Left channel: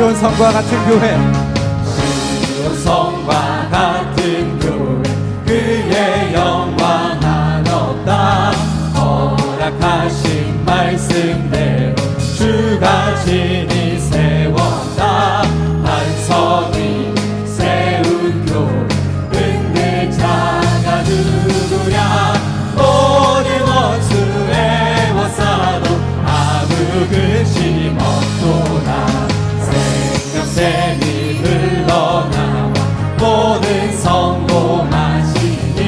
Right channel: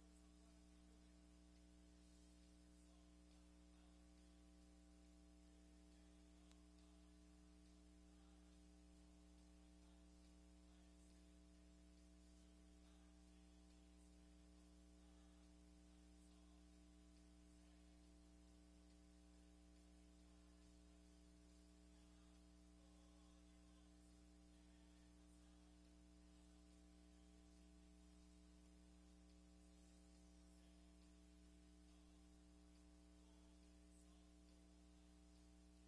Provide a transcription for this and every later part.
시온성과 같은 교회, 시온성과 같은 교회, 그의 영광 한없다. 허락하신 말씀대로 주가 진히 세웠다. 반석이 세운 교회, 흔들 자가 누구랴. 모든 원수 애워싸도 아무 근심 없도다. 생명샘이 흘러나와 모든 성공하시니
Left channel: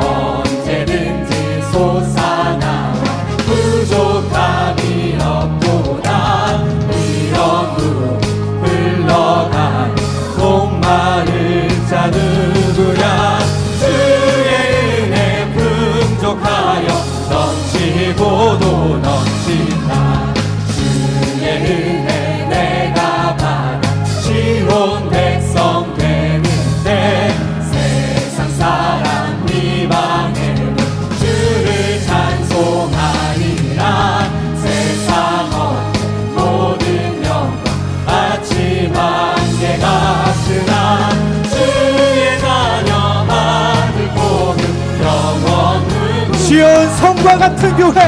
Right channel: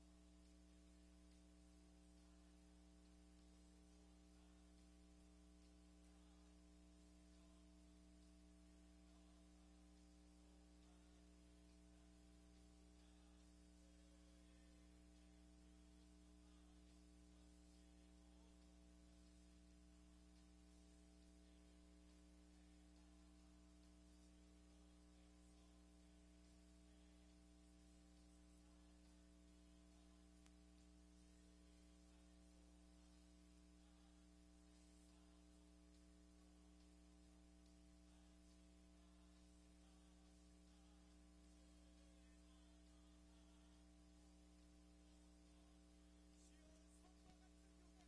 언제든지 솟아나와 부족함이 없도다. 이런 물 흘러가는 목마른 자 누구야. 주의 은혜 풍족하여 넘치고도 넘친다. 주의 은혜 내가 받아 시온 백성 되는데, 세상 사람 이방에도 주를 찬송하리라. 세상 어떤 모든 영광 아침 안개 같으나 주의 자녀 아들 보는 영원 누구. 시온성과 같은 교회,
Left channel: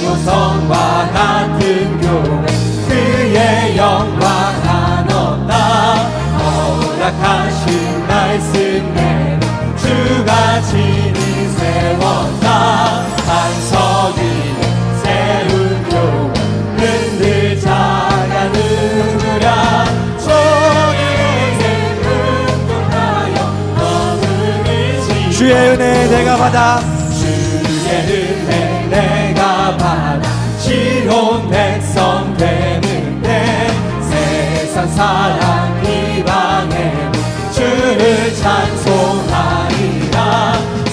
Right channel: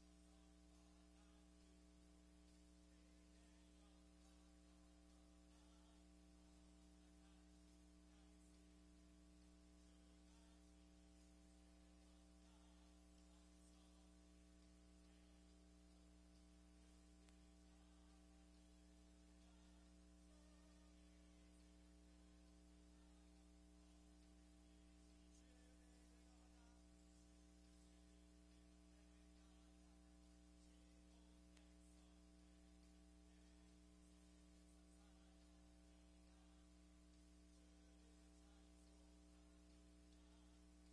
시온성과 같은 교회, 그의 영광 한없다. 허락하신 말씀대로 주가 진히 세웠다. 반석 위에 세운 교회, 흔들 자가 누구랴. 주의 풍족하여 너를 주의 은혜 내가 받아 주의 은혜 내가 받아 시온 백성 되는데, 세상 사람 이방에 주를 찬송하리라.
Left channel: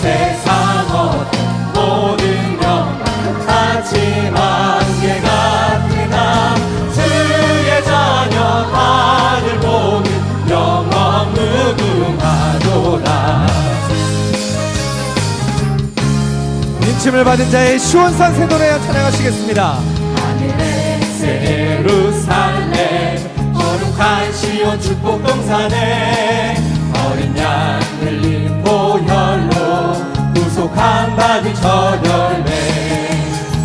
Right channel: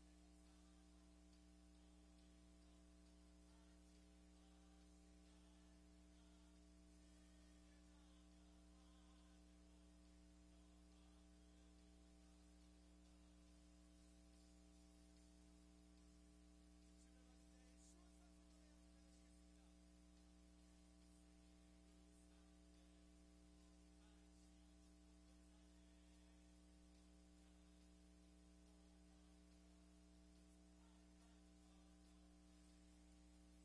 세상 어떤 모든 영광 아침 안개 같으나 주의 자녀 아들 보는 영원 무궁하도다. 인침을 받은 자의 시온산 새 노래 찬양하시겠습니다. 하늘의 새 예루살렘, 거룩한 시온 축복 동산에 어린 양 흘린 보혈로 구속함 받은 저 열매,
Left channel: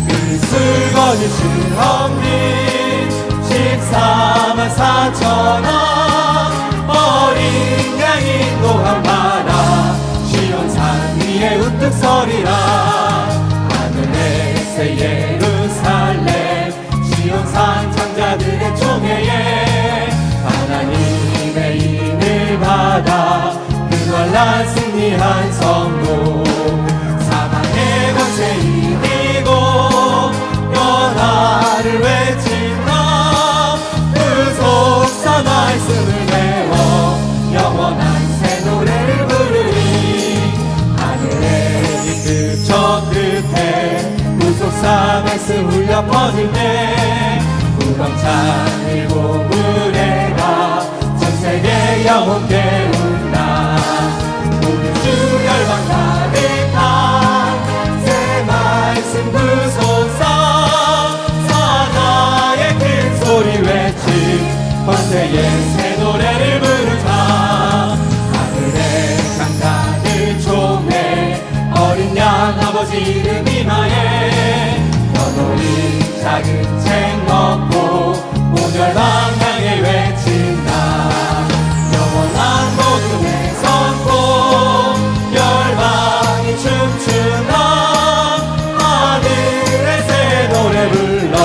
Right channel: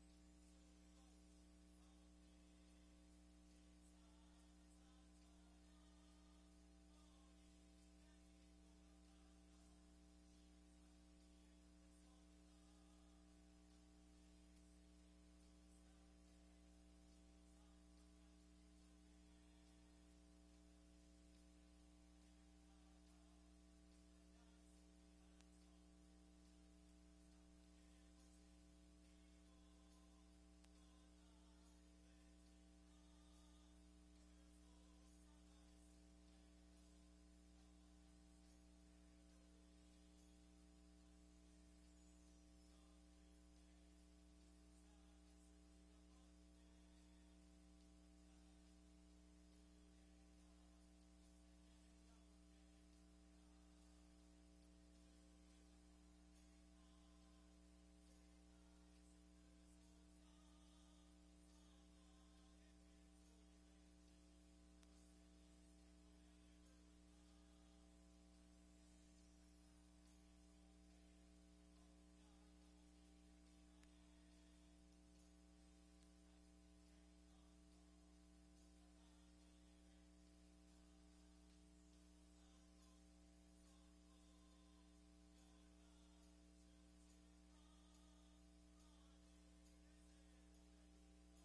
그 술거진 실험비 14만 4천원, 어린 양 인도함 받아 시온산 위에 우뚝 서리라. 새 예루살렘 시온산 창자들의 총회에 하나님의 인을 받아 그 환난 승리한 성도, 사망의 권세 이기고 변화를 외친다. 구속사 말씀을 배워 영원한 새 노래를 부르니, 하늘의 그 저 끝에 구속사 말씀 울려 퍼질 때 우렁찬 일곱 무례가 전 세계 영혼 깨운다. 모든 주 열방 가득한 새 말씀 구속사, 사자의 큰 소리 외친 권세의 새 노래를 부르자. 하늘의 강가들 총회 어린 양 아버지 이름 이마에 연호리 작은 책 먹고 오멸방 향해 외친다. 영원한 복음의 선포 열방이 춤추나. 하늘의 새 노래 불러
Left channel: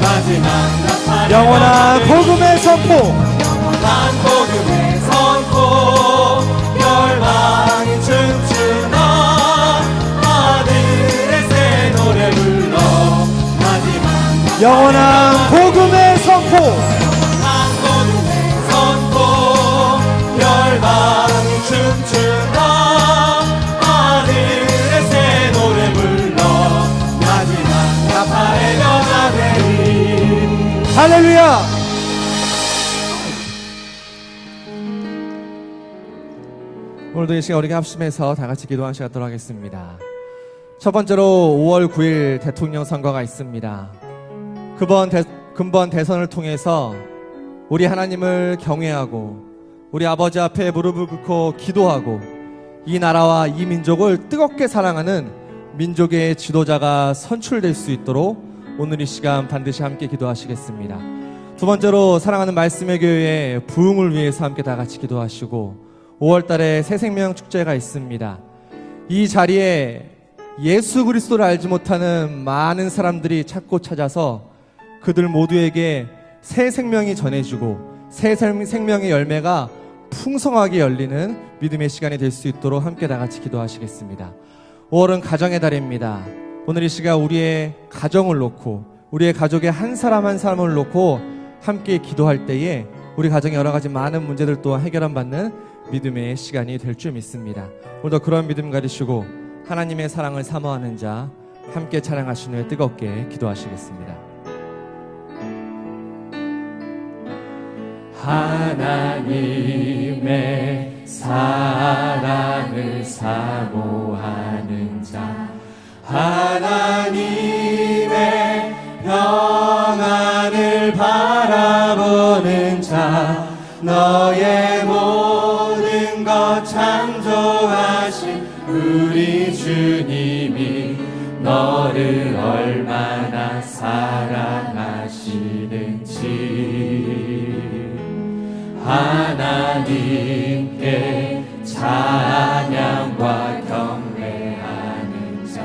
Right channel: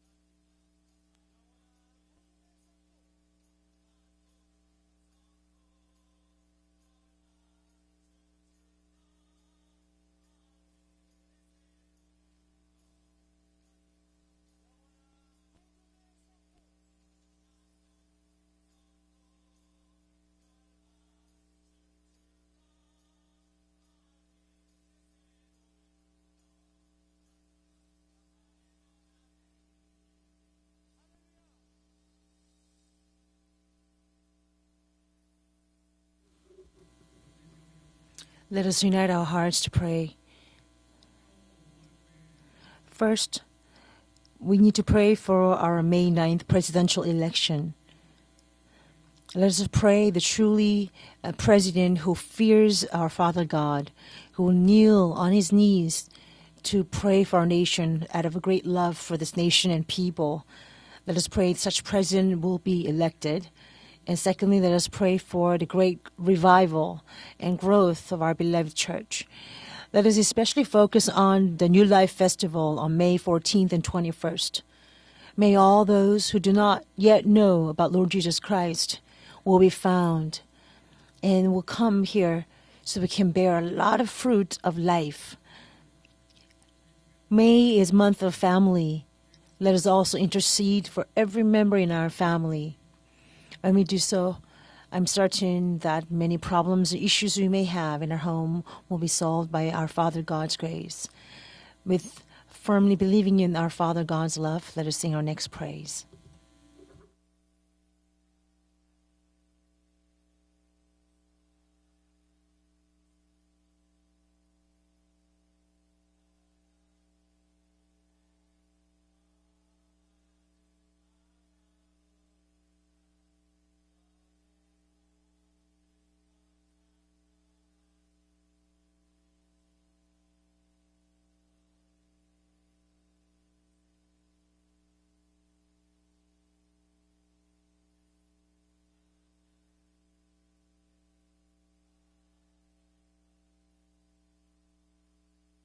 마지막 나팔 영원한 복음의 선포, 영원한 복음의 선포 열방이 춤추나. 하늘의 새 노래 불러 마지막 영원한 복음의 선포, 영원한 복음의 선포 열방이 춤추나. 하늘의 새 노래 불러 마지막 나팔의 변화되리. 할렐루야. 오늘도 이 시간 우리가 합심해서 다 같이 Let us unite 기도하시도록 our hearts to 하겠습니다. pray. 첫 번째로 5월 9일 대통령 선거가 First, 있습니다. We need to 그번 pray for our 근본 May 대선을 9th 통해서 presidential election. 우리 하나님을 경외하고 Let us pray 우리 that 아버지 앞에 truly 무릎을 a 꿇고 president 기도하고 who fears 이 our 나라와 Father 이 God, 민족을 who 뜨겁게 kneel on 사랑하는 his knees 민족의 지도자가 to pray for our 선출될 수 nation and 있도록 have a great love 오늘 이 for this 시간 nation 반드시 and 함께 people. 기도하시겠습니다. Let us pray 두 that such 번째로 president 사랑하는 will be 말씀의 elected. 교회의 부흥을 And 위해서 함께 secondly, 다 let us 같이 pray for the 기도하시고 great 5월 달에 revival 새 생명 and 축제가 growth of 있습니다. our beloved church. 이 자리에 Let us especially 예수 focus 그리스도를 on 알지 the New Life 못하는 Festival on 많은 May 사람들이 14th 찾고 and 찾아서 21st. 그들 May all 모두에게 those who do 새 not 생명이 yet know 전해지고 about Lord 새 Jesus Christ 생명의 will 열매가 be found 풍성하게 and 열리는 will 믿음의 come 시간이 될 here 수 있도록 so 함께 we 다 can 같이 bear a lot of 기도하시겠습니다. fruit of 5월은 life. 가정의 달입니다. 오늘 이 시간 May 우리의 is month 가정을 of 놓고 family. 우리의 가족의 Let us 한 also 사람 한 intercede 사람을 놓고 for every member in 함께 our 기도할 family. 때에 우리 가정의 여러 When 가지 we do 많은 so, 문제들 또한 I'm 해결받는 certain that 믿음의 many 시간이 될 problems 줄 and issues we may 믿습니다. have in 오늘도 our 그런 home 믿음 will be 가지시고 solved by our 하나님의 Father 사랑을 God's 사모하는 grace. 자 함께 With 찬양하신 후에 Firmly 뜨겁게 believing in our Father 기도하시겠습니다. God's love, let us sing our next praise. 하나님의 사랑을 사모하는 자 하나님의 평안을 바라보는 자 너의 모든 것 창조하신 우리 주님이 너를 얼마나 사랑하시는지 하나님께 찬양과 경배하는 자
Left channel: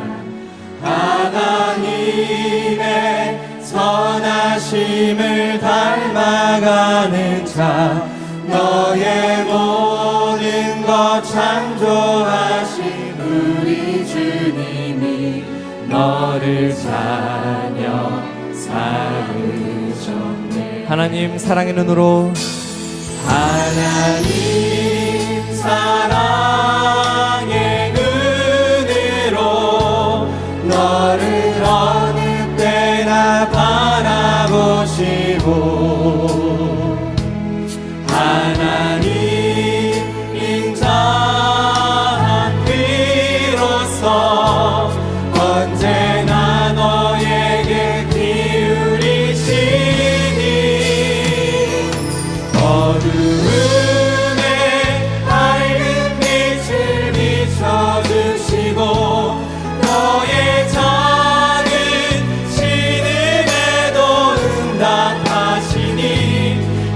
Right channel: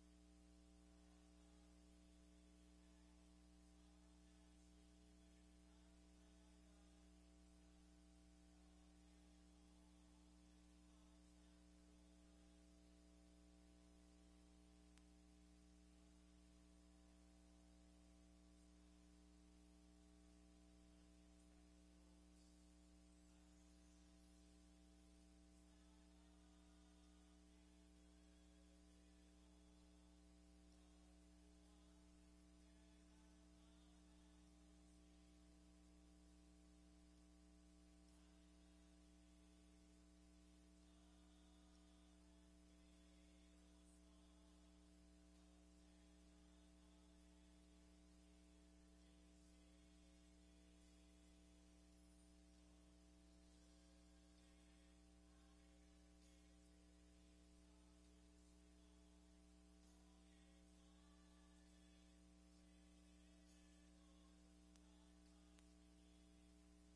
하나님의 선하심을 닮아가는 자 너의 모든 것 창조하신 우리 주님이 너를 자녀 삼으셨네 하나님 사랑의 눈으로 하나님 사랑의 눈으로 너를 어느 때나 바라보시고 하나님 인자한 귀로서 언제나 너에게 기울이시니 어두움에 밝은 빛을 비춰주시고 너의 작은 신음에도 응답하시니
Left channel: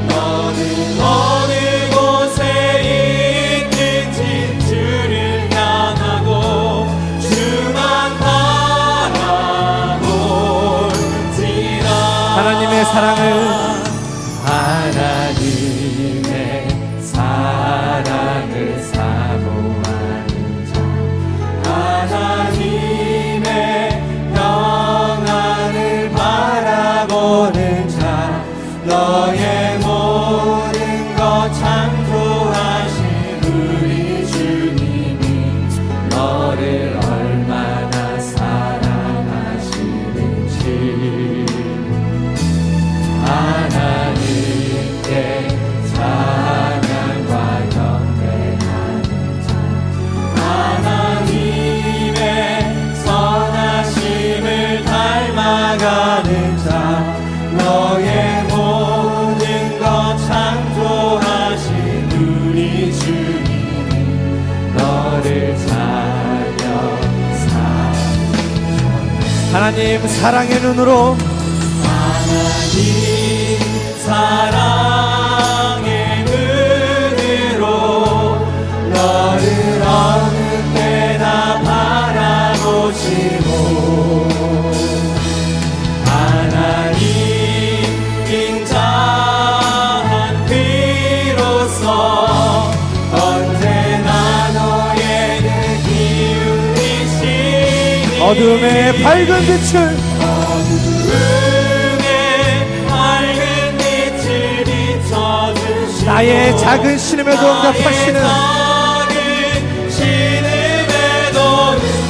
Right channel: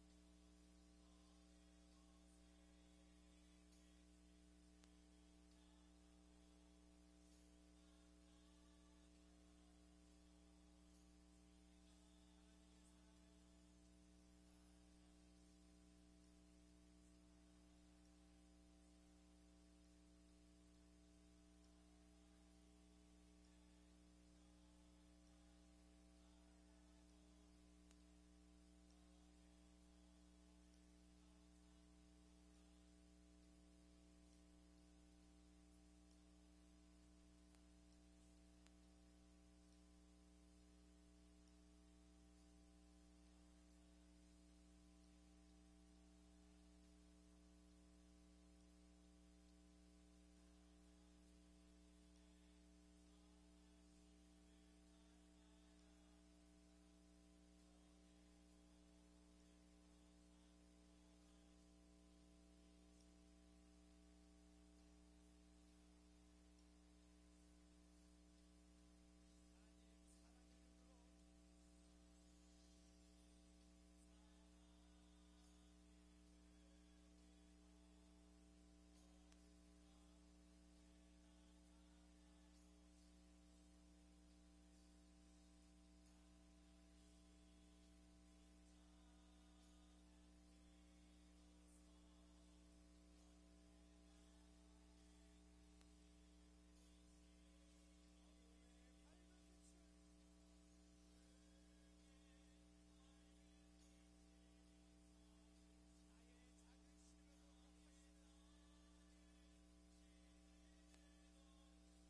너는 어느 곳에 있든지 주를 향하고 주만 바라볼지라 하나님의 사랑을 하나님의 사랑을 사모하는 자 하나님의 평안을 바라보는 자 너의 모든 것 창조하신 우리 주님이 너를 얼마나 사랑하시는지 하나님께 찬양과 경배하는 자 하나님의 선하심을 닮아가는 자 너의 모든 것 창조하신 우리 주님이 너를 자녀 삼으셨네 하나님 사랑의 눈으로 하나님 사랑의 눈으로 너를 어느 때나 바라보시고 하나님 인자한 귀로서 언제나 너에게 기울이시니 어둠의 밝은 빛을 어둠에 밝은 빛을 비춰주시고 나의 작은 신음에도 응답하시는 작은 신음에도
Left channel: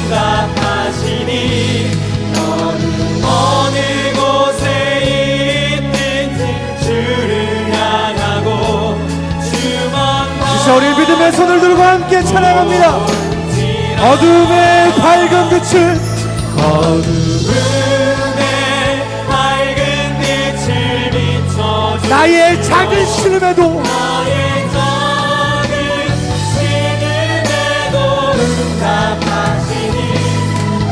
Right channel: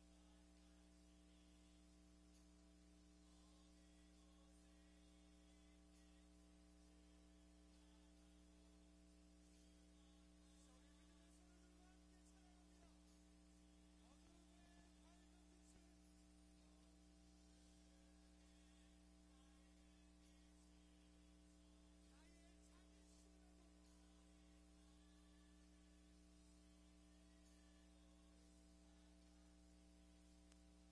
응답하시니 너는 어느 곳에 있든지 주를 향하고 주만 이제 우리 믿음의 손을 들고 함께 찬양합니다. 어둠의 밝은 빛을 어둠에 밝은 나의 작은 신음에도 응답하시니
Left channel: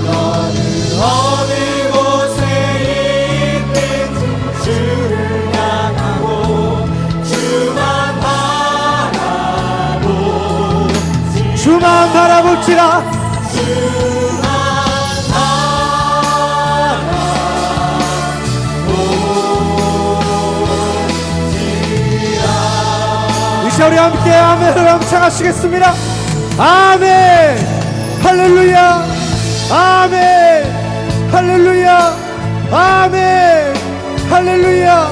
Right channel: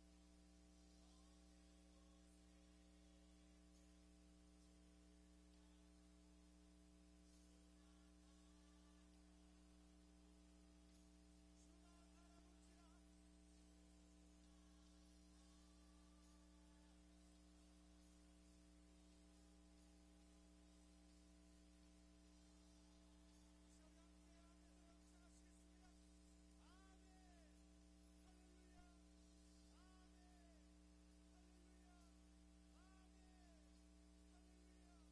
너는 어느 곳에 있든지 주를 향하고 주만 바라보지 주만 바라볼지라. 이제 우리 함께 아멘을 함창하시겠습니다. 아멘 할렐루야 아멘 할렐루야 아멘 할렐루야.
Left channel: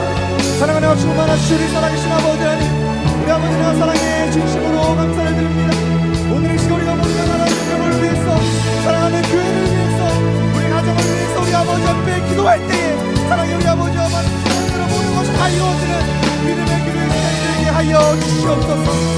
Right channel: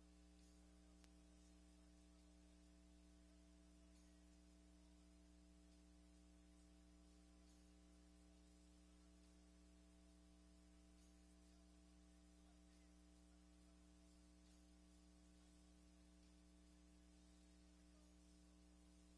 사랑하는 충만하신 우리 살아계신 아버지 하나님, 우리 아버지와 사랑에 진심으로 감사를 드립니다. 오늘 이 시간 우리가 모두가 나라의 영광을 위해서, 사랑하는 교회를 위해서, 우리 가정을 위해서 우리 아버지 앞에 기도할 때에 사랑의 우리 아버지와 많은 사랑으로 모든 것이 다 이루어지는 믿음의 교회의 시간이 되게 하여 주시옵소서.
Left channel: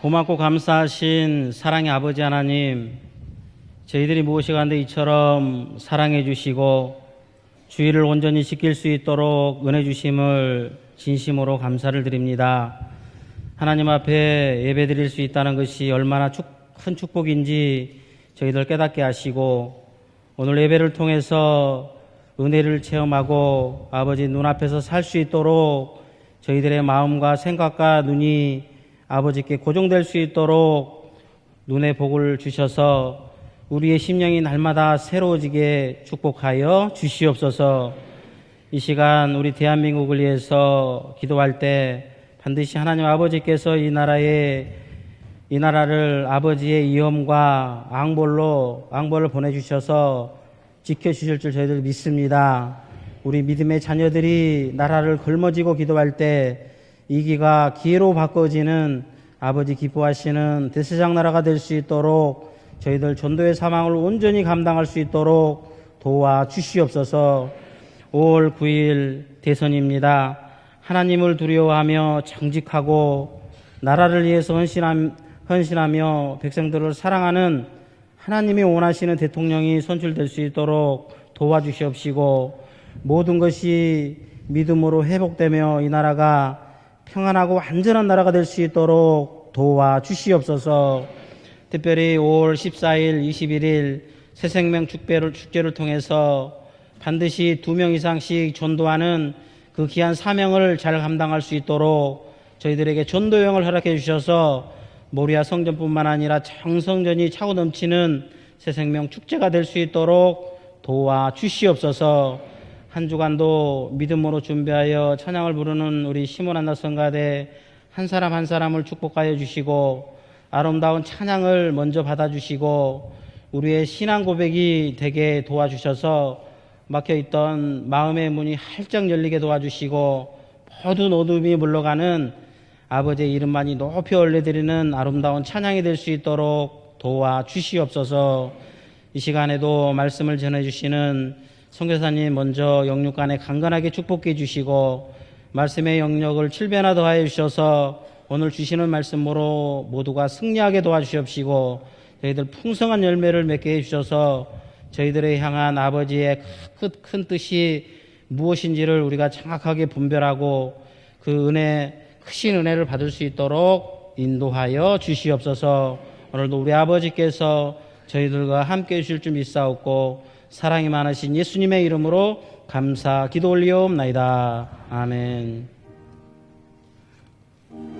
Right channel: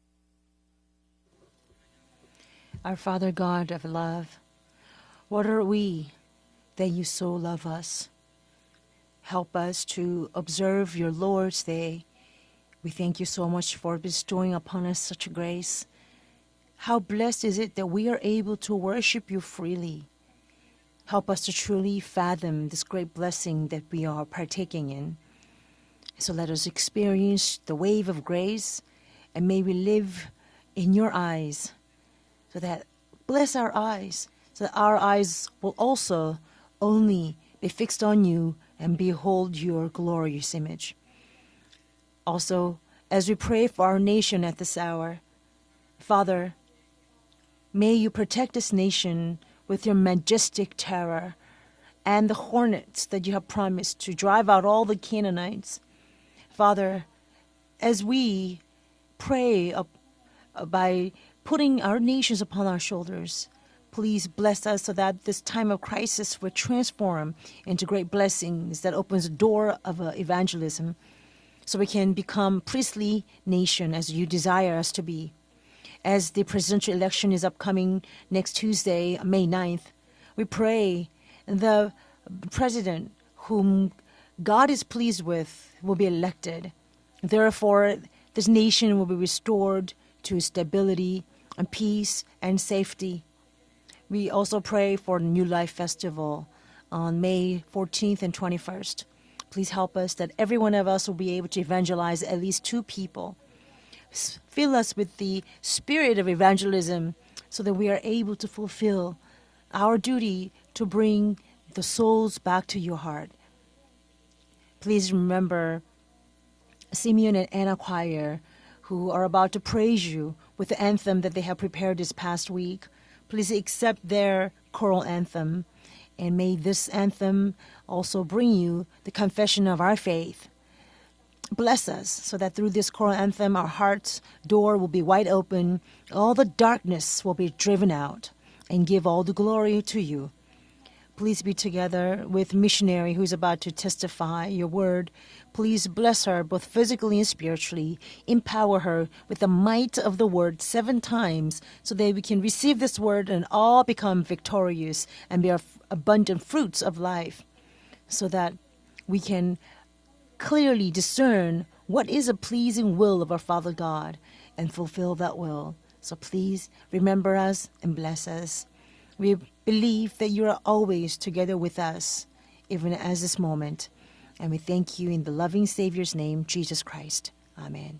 고맙고 감사하신 사랑의 아버지 하나님, Our Father God of 저희들이 love, 무엇이간데 What are 이처럼 we 사랑해 that 주시고 you so love us. 주의를 온전히 지킬 수 있도록 Help us 은혜 to 주심을 observe your 진심으로 Lord's day. 감사를 드립니다. We thank you so much 하나님 for bestowing 앞에 upon 예배 us 드릴 수 such 있다는 grace. 것이 얼마나 큰 How blessed is it 축복인지 that we are able 저희들 to 깨닫게 worship you 하시고 freely. 오늘 예배를 Help us to 통해서 truly fathom 은혜를 this great 체험하고 blessing that we 아버지 are 눈앞에서 살 수 있도록 So let us 저희들의 마음과 experience the 생각과 wave of 눈이 grace, and 아버지께 may we 고정될 live 수 있도록 in your eyes. 눈의 복을 주셔서 Bless our 우리의 eyes, 심령이 so that 날마다 our eyes 새로워지게 will also 축복하여 only be 주시옵소서. fixed on you 이 and 시간 behold 우리 your 대한민국을 glorious image. 위해서 기도할 때 Also, 반드시 하나님 as we pray 아버지께서 for 이 our nation at 나라에 this hour, 이 나라를 Father, 아버지의 위엄과 may you protect 앙볼로 this nation 앙볼을 with your 보내주셔서 majestic terror 지켜주실 줄 저희들 and the 믿습니다. hornets that you 우리 have 믿음의 promised to 자녀들이 drive out all the 나라를 굶어지고 Canaanites. 기도할 때 Father, 이 기가 기회로 as we 바꿔지는 pray 아버지 기뻐하시는 by 대세장 나라가 될 수 putting our 있도록 nations upon our 저희들 shoulders, 전도의 사망을 please 온전히 bless 감당할 us 수 so that 있도록 this time of crisis will 도와주시옵소서. transform into great 5월 blessings that 9일 opens the door of 대선입니다. evangelism. 하나님을 So we 두려워하며 can become 정직하고 priestly nation as 나라를 you 위해서 desire us to be. 헌신하며 As the presidential 백성들을 election is 사랑하는 upcoming 하나님이 next 원하시는 Tuesday, May 대통령이 9th, 선출될 수 we 있도록 pray 도와주시옵시고 the president 모든 것이 whom God is 믿음으로 pleased 회복되며 with 이 will be 나라가 elected. 평안하고 Therefore, 안전한 나라가 될 this 수 nation will be 있도록 restored to 도와주시옵소서. stability and 특별히 peace 5월 and 14일, safety. 21일 We also 새생명 pray for 축배를 New 축제를 Life 통해서 Festival, 반드시 May 2명 14th 이상씩 and 21st. 전도하는 Please 그 help 귀한 us that 사명을 every one of 잘 us will be 감당할 able 수 to 있도록 evangelize at least two 저희들에게 people. 전도 여행을 허락해 주셔서 Fill us with the 모리아 성전뿐만 spirit of 아니라 evangelism 창성전이 차고 so that we are 넘치는 able to fulfill 새생명 축제가 될 수 our 있도록 duty to bring the 도와주시옵소서. souls back to your 한 heart. 주간도 믿음으로 준비하여 Please 찬양을 remember 부르는 우리 시몬 안나 Simeon 성가대 and Anna 한 choir 사람 한 사람을 who are 축복하여 about to 주시고 praise you with the 아름다운 anthem that they have 찬양을 prepared 먼저 this past 받아주시고 week. Please 우리의 accept 신앙 their 고백이 choral 되게 anthem. 도와주셔서 And may this 막혀있던 anthem also 마음의 문이 bring 활짝 열리게 confession of our 도와주시고 faith. 모든 어둠이 Bless 물러가는 us so that through this choral 아버지의 anthem our 이름만이 hearts 높이 door will 올려드리는 be wide 아름다운 open, 찬양이 될 수 all the 있도록 darkness will 도와 be driven 주시옵소서. out, and give all 이 the glory 시간에도 to you. 말씀을 전해주시는 Please be together 선교사님 with 먼저 missionary 영육간에 who's about to 강건하게 축복해 testify your 주시고 word. Please 말씀의 bless her 영역을 both 7배나 더하여 physically and 주셔서 spiritually. 오늘 Empower 주시는 her 말씀으로 with the might of 모두가 the word 승리하게 7 도와주시옵시고 times so that we can 저희들 receive this 풍성한 word 열매를 and 맺게 all become 해주셔서 victorious 저희들의 and 향한 bear 아버지의 abundant fruits of 큰 life. 뜻이 So that 무엇인지를 우리가 we can 정확하게 분별하고 clearly 그 discern 은혜 what is a 크신 은혜를 pleasing 받을 수 will of our 있도록 Father God and 인도하여 fulfill that 주시옵소서. will. So 오늘도 please 우리 remember 아버지께서 us and bless 저희들과 us. 함께 해주실 줄 We 믿사옵고 believe that you are 사랑이 always 많으신 together 예수님의 with us, 이름으로 even 감사 as this 기도 moment. And we 올리옵나이다. thank you in the loving 아멘. Savior's name, Jesus Christ. Amen.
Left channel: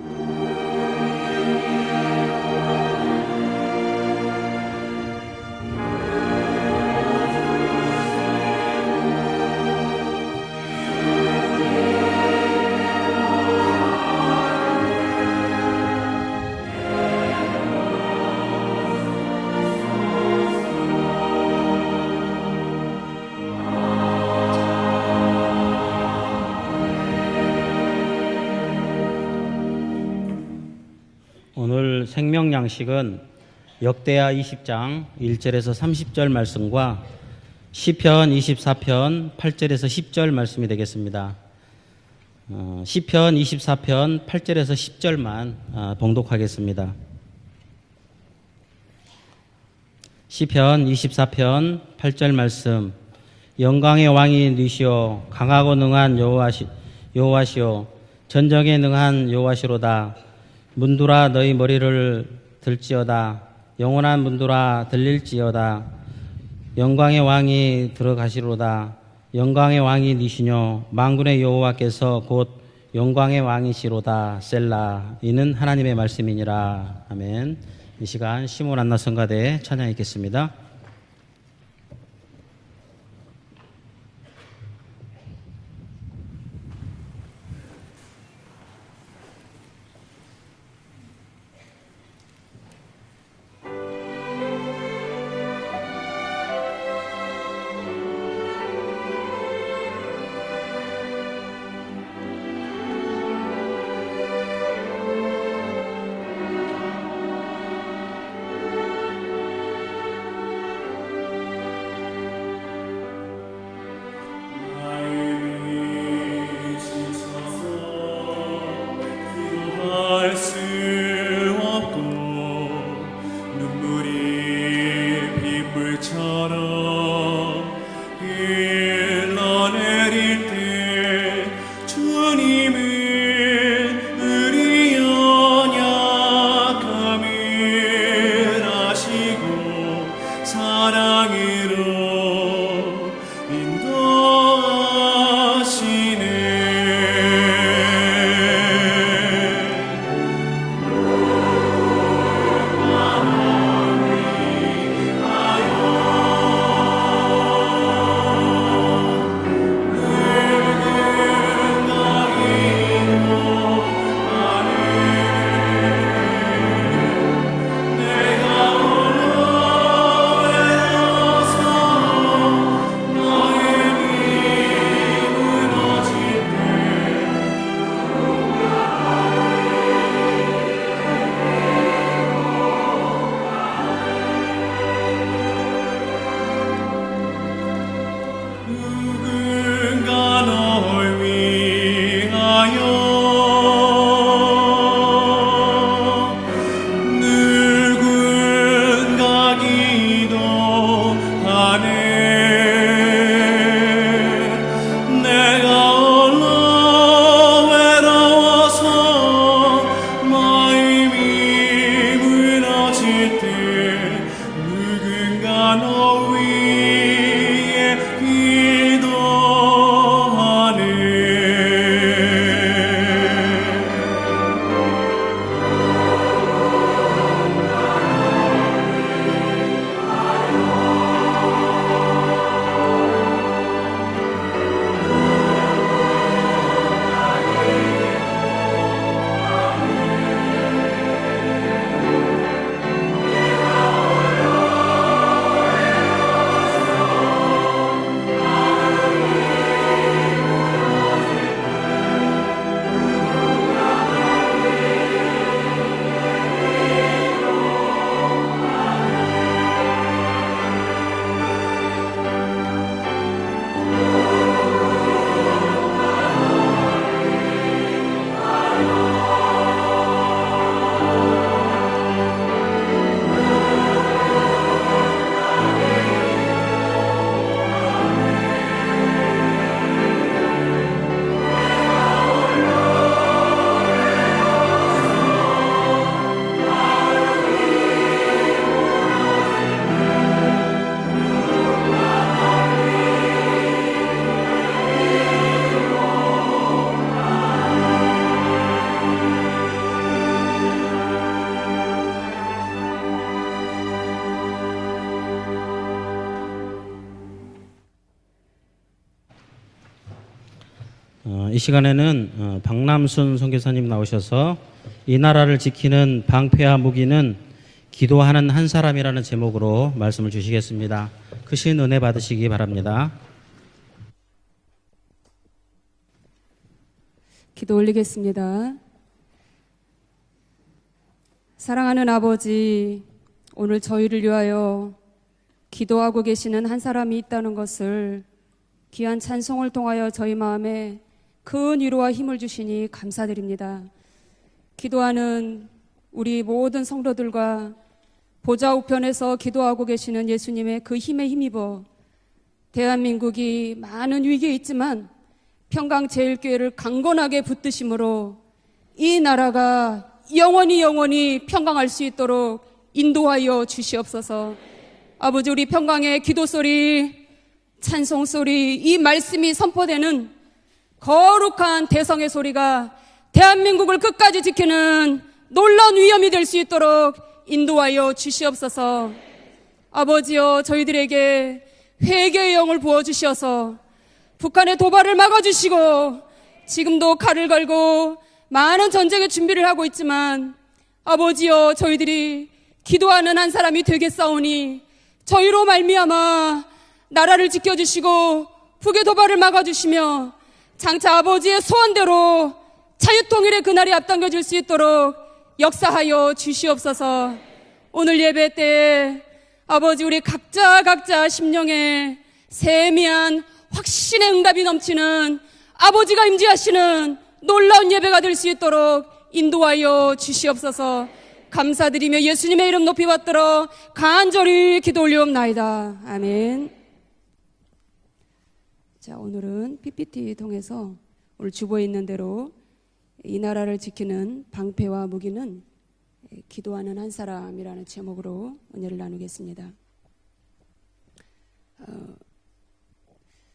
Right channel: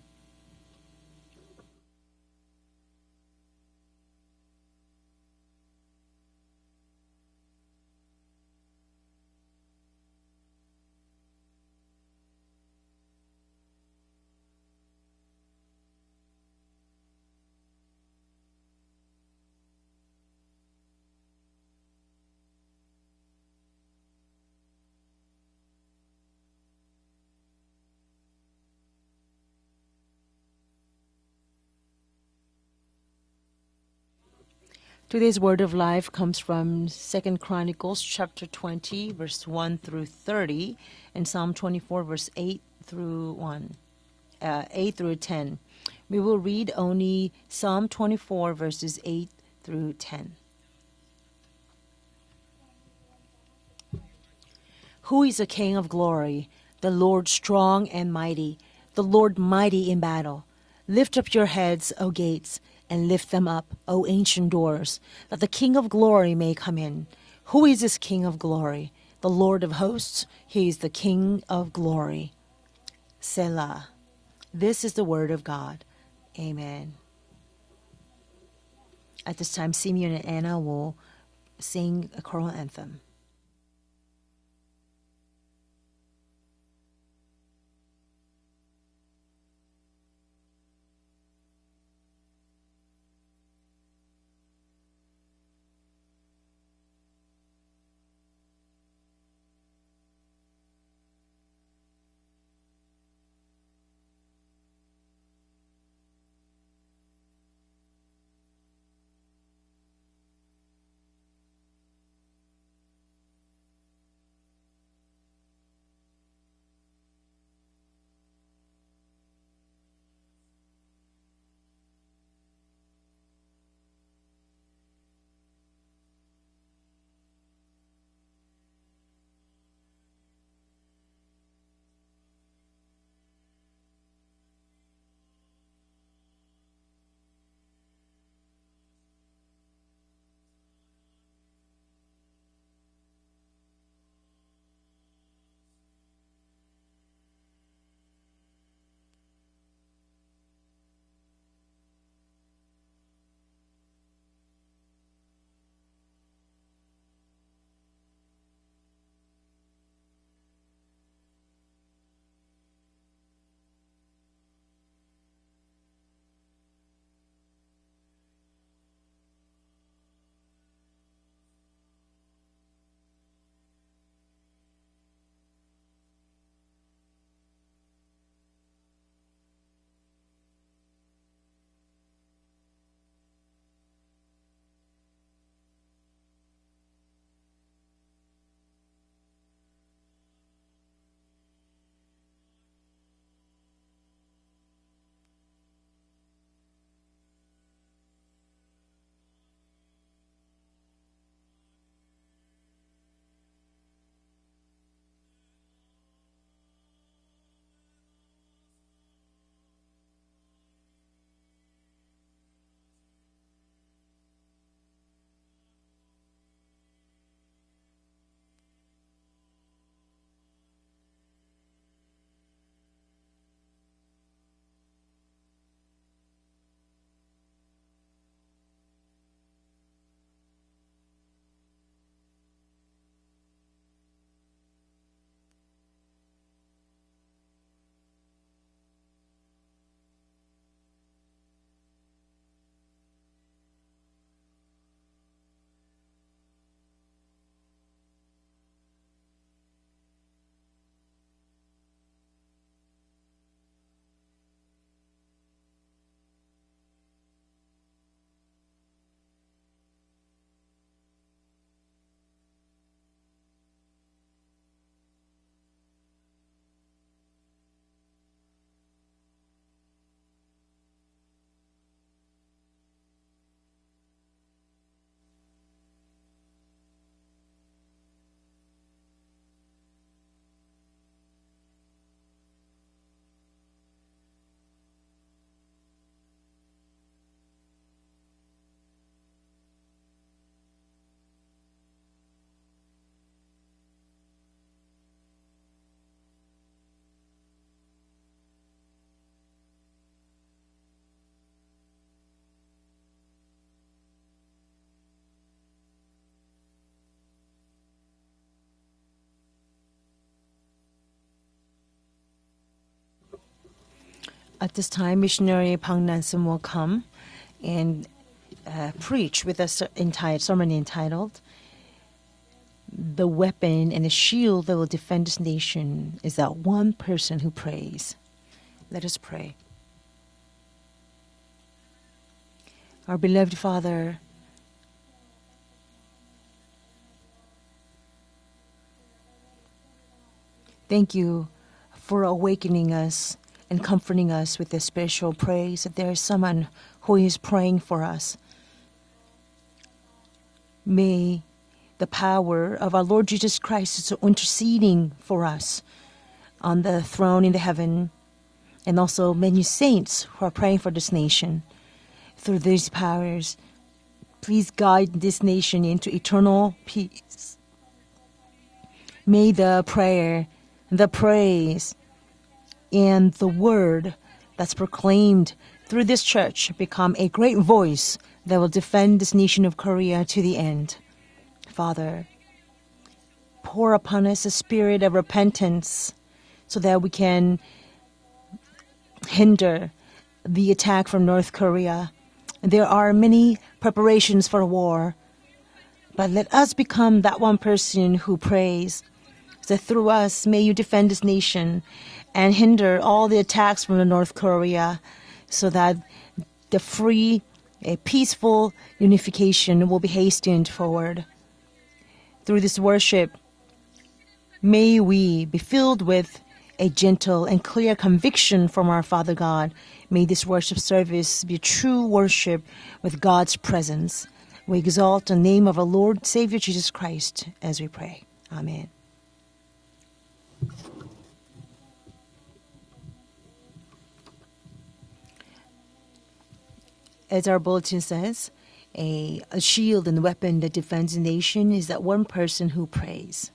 오늘 생명 양식은 역대하 20장 Today's word 1절에서 of life 30절 comes from 말씀과 2 Chronicles 시편 chapter 24편 20, verse 8절에서 1 10절 through 말씀이 30, 되겠습니다. and Psalm 24 verse 8 시편 through 24편 8절에서 8 through 10. 10절만 We will read 봉독하겠습니다. only Psalm 24 verses 8 through 10. 시편 24편 8절 말씀. 영광의 왕이 니시오 Who is the 강하고 King of 능한 glory? The Lord 여호와시오 strong and mighty, 전쟁에 the 능한 Lord mighty in 여호와시로다. battle. Lift 문들아 up your 너희 heads, O 머리를 gates, and 들지어다. lift them up, O 영원한 ancient 문들아 doors, that the King 들릴지어다. of glory may come in. 영광의 Who 왕이 is this King of glory? 들어가시로다. The Lord 영광의 of 왕이 hosts, 니시뇨 He is the 만군의 King of 여호와께서 glory. 곧 영광의 Selah. 왕이시로다. This is 셀라. the word of 이는 God. 하나님의 말씀이니라. 아멘. 이 시간 시몬 안나 At 성가대 this time, Simeon and 찬양하겠습니다. Anna will sing a choral anthem. 이 시간에는 박남순 선교사님 나오셔서 At this time, 이 나라를 missionary 지키는 Pang Nam-sun will 방패와 come 무기는 and 기도하는 한 사람이라는 preach with 제목으로 us 말씀을 entire sermon 주시겠습니다. entitled 크신 은혜 받으시기 바랍니다. The weapon and the shield that will defend this nation is that one person who 기도 prays. 올리겠습니다. Let us pray. 사랑하는 아버지, Our beloved 오늘 Father, 저희를 위하여 기도하고 계시는 한 사람이 있다는 것을 귀한 찬송을 통하여 저희 마음에 thank you 큰 위로와 for 힘을 주시니 awakening us 감사드립니다. and comforting us with this special 기도하는 praise that there is 우리 someone 모든 who is 성도들과 praying for us. 보좌 우편에서 기도하고 계시는 예수님의 그 힘에 May 힘입어 The power of our Lord Jesus 대한민국이 Christ is 많은 위기에 interceding 있지만 for us. 평강제일교회를 on the 강건하게 throne in the 붙드심으로 And 이 also many 나라가 saints who are praying for this nation. 평강할 수 있도록 through these powers. 인도하여 주시옵소서. Please guide this 아버지 우리 nation into 평강의 기도 eternal 소리, peace. 찬송 소리, 이 말씀이 May the 선포되는 prayer, the 거룩한 praise, 대성의 소리가 and the 대한민국을 word 끝까지 that's 지키는 proclaimed 놀라운 through this 위엄이 될 수 church 있도록 become a great 인도하여 voice that will 주시옵소서. defend this nation of Korea to 아버지여 the end. 저희들에게 Father, 회개의 영을 부어주셔서 pour upon us the 북한의 spirit 도발을 of 막아주시고 repentance 지금도 we can 칼을 걸고 많은 전쟁의 준비를 하고 있지만 the attack from North 아버지여 Korea. 저희들이 There are 기도하는 한 many 사람이 preparations for 되겠사오니 war. 저희로 But let 말미암아 us become that 나라를 one person 지켜주시고 who prays. 북의 도발을 That 막아주시며 through us may you defend 장차 this 아버지의 nation 소원대로 and hinder all the 자유통일의 attacks 그날이 from the North 앞당겨질 수 Korea 있도록 so that 역사하여 the 주시옵소서. free, 오늘 예배 peaceful 때 unification will 아버지 be 우리 hastened 각자 forward. 심령에 Through this 세미한 확신의 응답이 May 넘치는 we be filled 아버지가 with 임재하시는 a gentle and 놀라운 clear 예배가 될 수 conviction from our 있도록 Father God. 인도하여 May this worship 주시옵소서. service be true 감사드리며 worship 예수님의 이름 높이 with God's 받들어 presence. 간절히 We 기도 exalt the name of our 올리옵나이다. Lord Savior 아멘. Jesus Christ as we pray. Amen. 자, 오늘은 PPT 통해서 오늘 주보에 있는 대로 이 나라를 지키는 방패와 무기는 기도하는 한 사람. As our bulletin says, a shield and weapon that defends a nation is that one person who prays.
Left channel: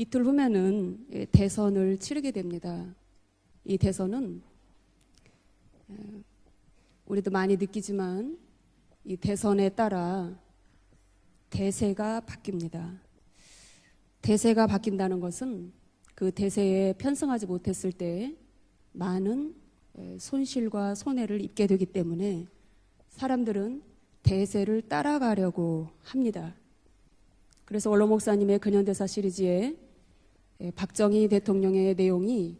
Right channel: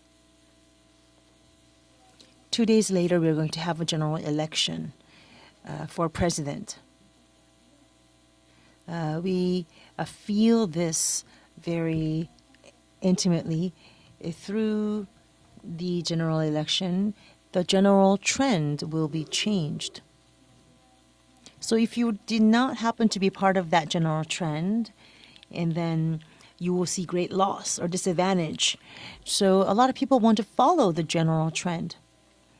이틀 후면은 대선을 치르게 됩니다. 2 days later, we're going to have 이 a general 대선은 election for president. 우리도 많이 느끼지만 이 We 대선에 따라 feel this very 대세가 바뀝니다. intimately. 대세가 Through 바뀐다는 것은 the 그 general 대세에 election, 편승하지 the 못했을 general 때 trend will be 많은 changed. 손실과 손해를 입게 So 되기 if you 때문에 did not happen to be part of 사람들은 that general 대세를 trend, 따라가려고 and then 합니다. you will see great loss 그래서 or 원로 목사님의 disadvantage. 근현대사 시리즈에 So a lot of people want to follow the 박정희 general 대통령의 trend. 내용이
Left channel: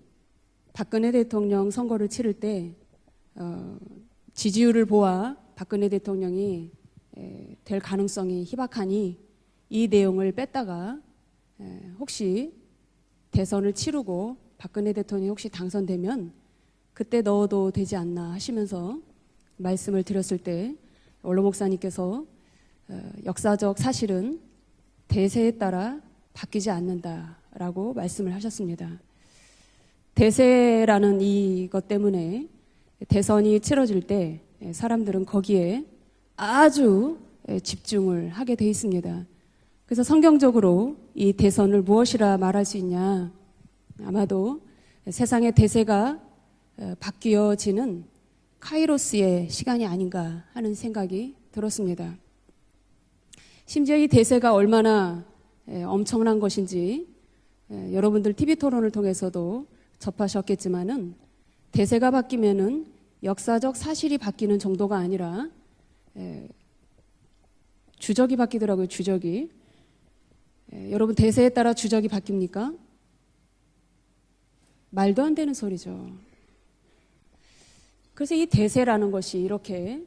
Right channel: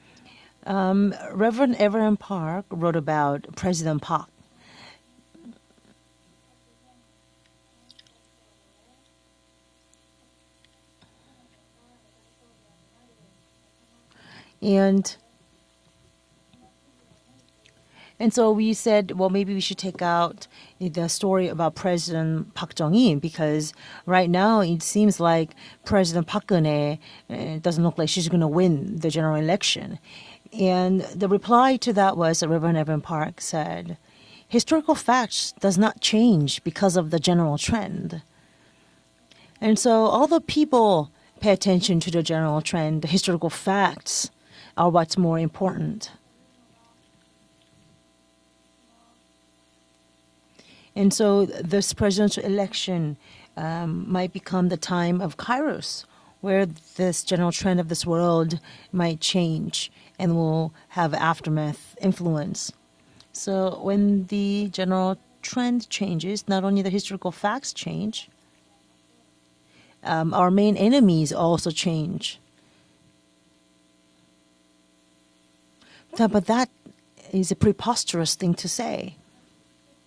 박근혜 대통령 Reverend 선거를 Evelyn 치를 때 Park wrote about President Park. 지지율을 보아 박근혜 대통령이 될 가능성이 희박하니 이 내용을 뺐다가 혹시 대선을 치르고 박근혜 And- 대통령이 혹시 당선되면 그때 넣어도 되지 않나 And so we 하시면서 said, well, maybe we should 말씀을 take out 들었을 때 the story about 목사님께서 President Park Jong-il because 역사적 사실은 right now it seems 대세에 like 따라 President Park 바뀌지 Geun-hye 않는다라고 doesn't look like she's going to win 말씀하셨습니다. the general election. 대세라는 And the reply 이것 to that 때문에 was Reverend Evelyn Park 대선이 said, 치러질 때 historical 사람들은 facts 거기에 does not change 아주 because of the general trend. 집중을 하게 돼 있습니다. And so 그래서 all the 성경적으로 people 이 pay 대선을 attention to the 무엇이라 general 말하지 trend. The 않냐. historical facts 아마도 are what's more 세상의 important. 대세가 바뀌어지는 카이로스의 시간이 아닌가 하는 생각이 And so this 들었습니다. presidential election 심지어 이 might 대세가 become the 얼마나 time of Kairos, 엄청난 where 것인지 this general trend of this 여러분들 world TV 토론을 might 통해서도 change and will 접하셨겠지만은 have aftermath 대세가 influence. 바뀌면은 So 역사적 사실이 when 바뀌는 the 정도가 general 아니라 trend changes, not only the historical facts change, 주적이 바뀌더라고요. 주적이. our main 여러분 enemies 대세에 also 따라 주적이 change. 바뀝니까? 말도 안 되는 소리죠. But that is a preposterous 그래서 이 thing to 대세라는 say. 것이 이렇게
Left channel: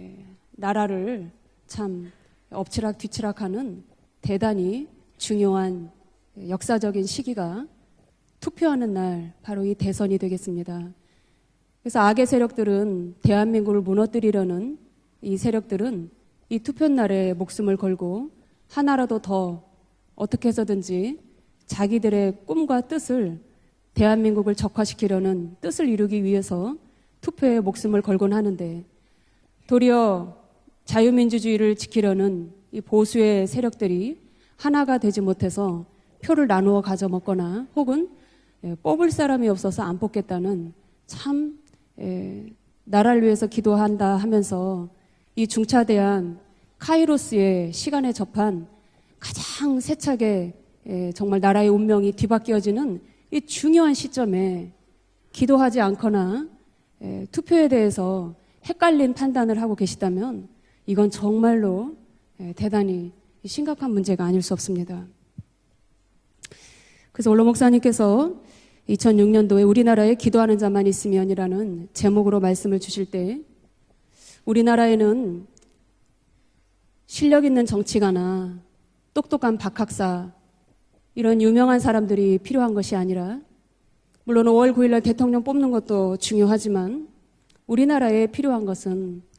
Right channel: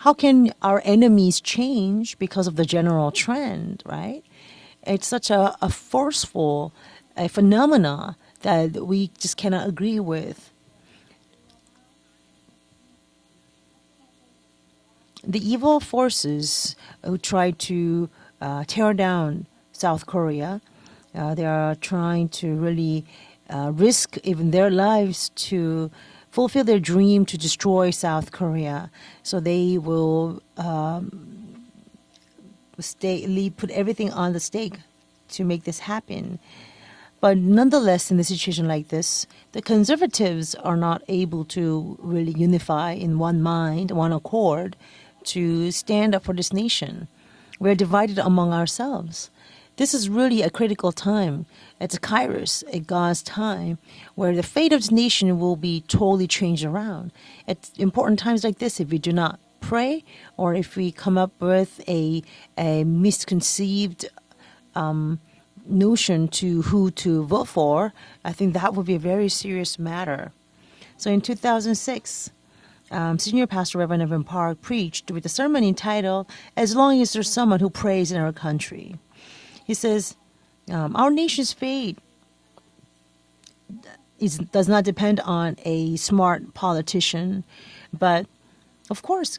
How can our 나라를 enemies 참 change because of the general 엎치락뒤치락하는 trend, right? 대단히 It's such a 중요한 forceful 역사적인 시기가 phenomena that 투표하는 we 날 just cannot 이 agree 대선이 with. 되겠습니다. 그래서 악의 세력들은 대한민국을 무너뜨리려는 이 The evil 세력들은 이 forces 투표 날에 who try 목숨을 to 걸고 tear 하나라도 down 더 South 어떻게 Korea, 해서든지 they are 자기들의 trying to 꿈과 really 뜻을 risk even 대한민국을 their lives 적화시키려는 to 뜻을 이루기 위해서 fulfill their dream to 투표에 destroy 목숨을 South 걸곤 하는데 Korea. So they 도리어 will 자유민주주의를 지키려는 이 보수의 put everything 세력들이 on the stake 하나가 되지 to make 못해서 this happen. 표를 나누어 But 가져먹거나 nonetheless, 혹은 in a situation like 뽑을 this, 사람이 the 없어서 안 conservatives 뽑겠다는 are not able 참, to really unify in 나라를 one 위해서 mind, 기도한다 one accord 하면서 to 중차대한 stand up for this nation. 카이로스의 We're 시간에 divided among 접한 ourselves. 가장 This is really a 세차게 critical time. 정말 나라의 It's 운명이 Kairos, 뒤바뀌어지는 God's 이 time, 중요한 where the fate 시점에 of this nation will be 기도하지 않거나 totally changed around. 투표에 At 대해서 important times like this, if we do 헷갈린 not 판단을 하고 pray, 계시다면 or if we 이건 come up 정말로 with a 대단히 심각한 misconceived 문제가 아닐 수 없습니다. notion to who to 그래서 올로 vote for, 목사님께서 I think that would be a very 2006년도에 serious 우리나라에 matter. 기도하는 자만 So in 있으면이라는 2006, 제목으로 말씀을 주실 때 Senior Pastor Reverend Evan Parr 우리나라에는 preached with the sermon entitled "As long as there's 실력 someone 있는 who prays in our 정치가나 country." 똑똑한 He says, 박학사 Our 이런 nation's 유명한 fate 사람들이 필요한 것이 아니라 does 물론 not 월구일날 depend 대통령 on 뽑는 a 것도 smart 중요하지만 politician. 우리나라에 But 필요한 것은 Of course,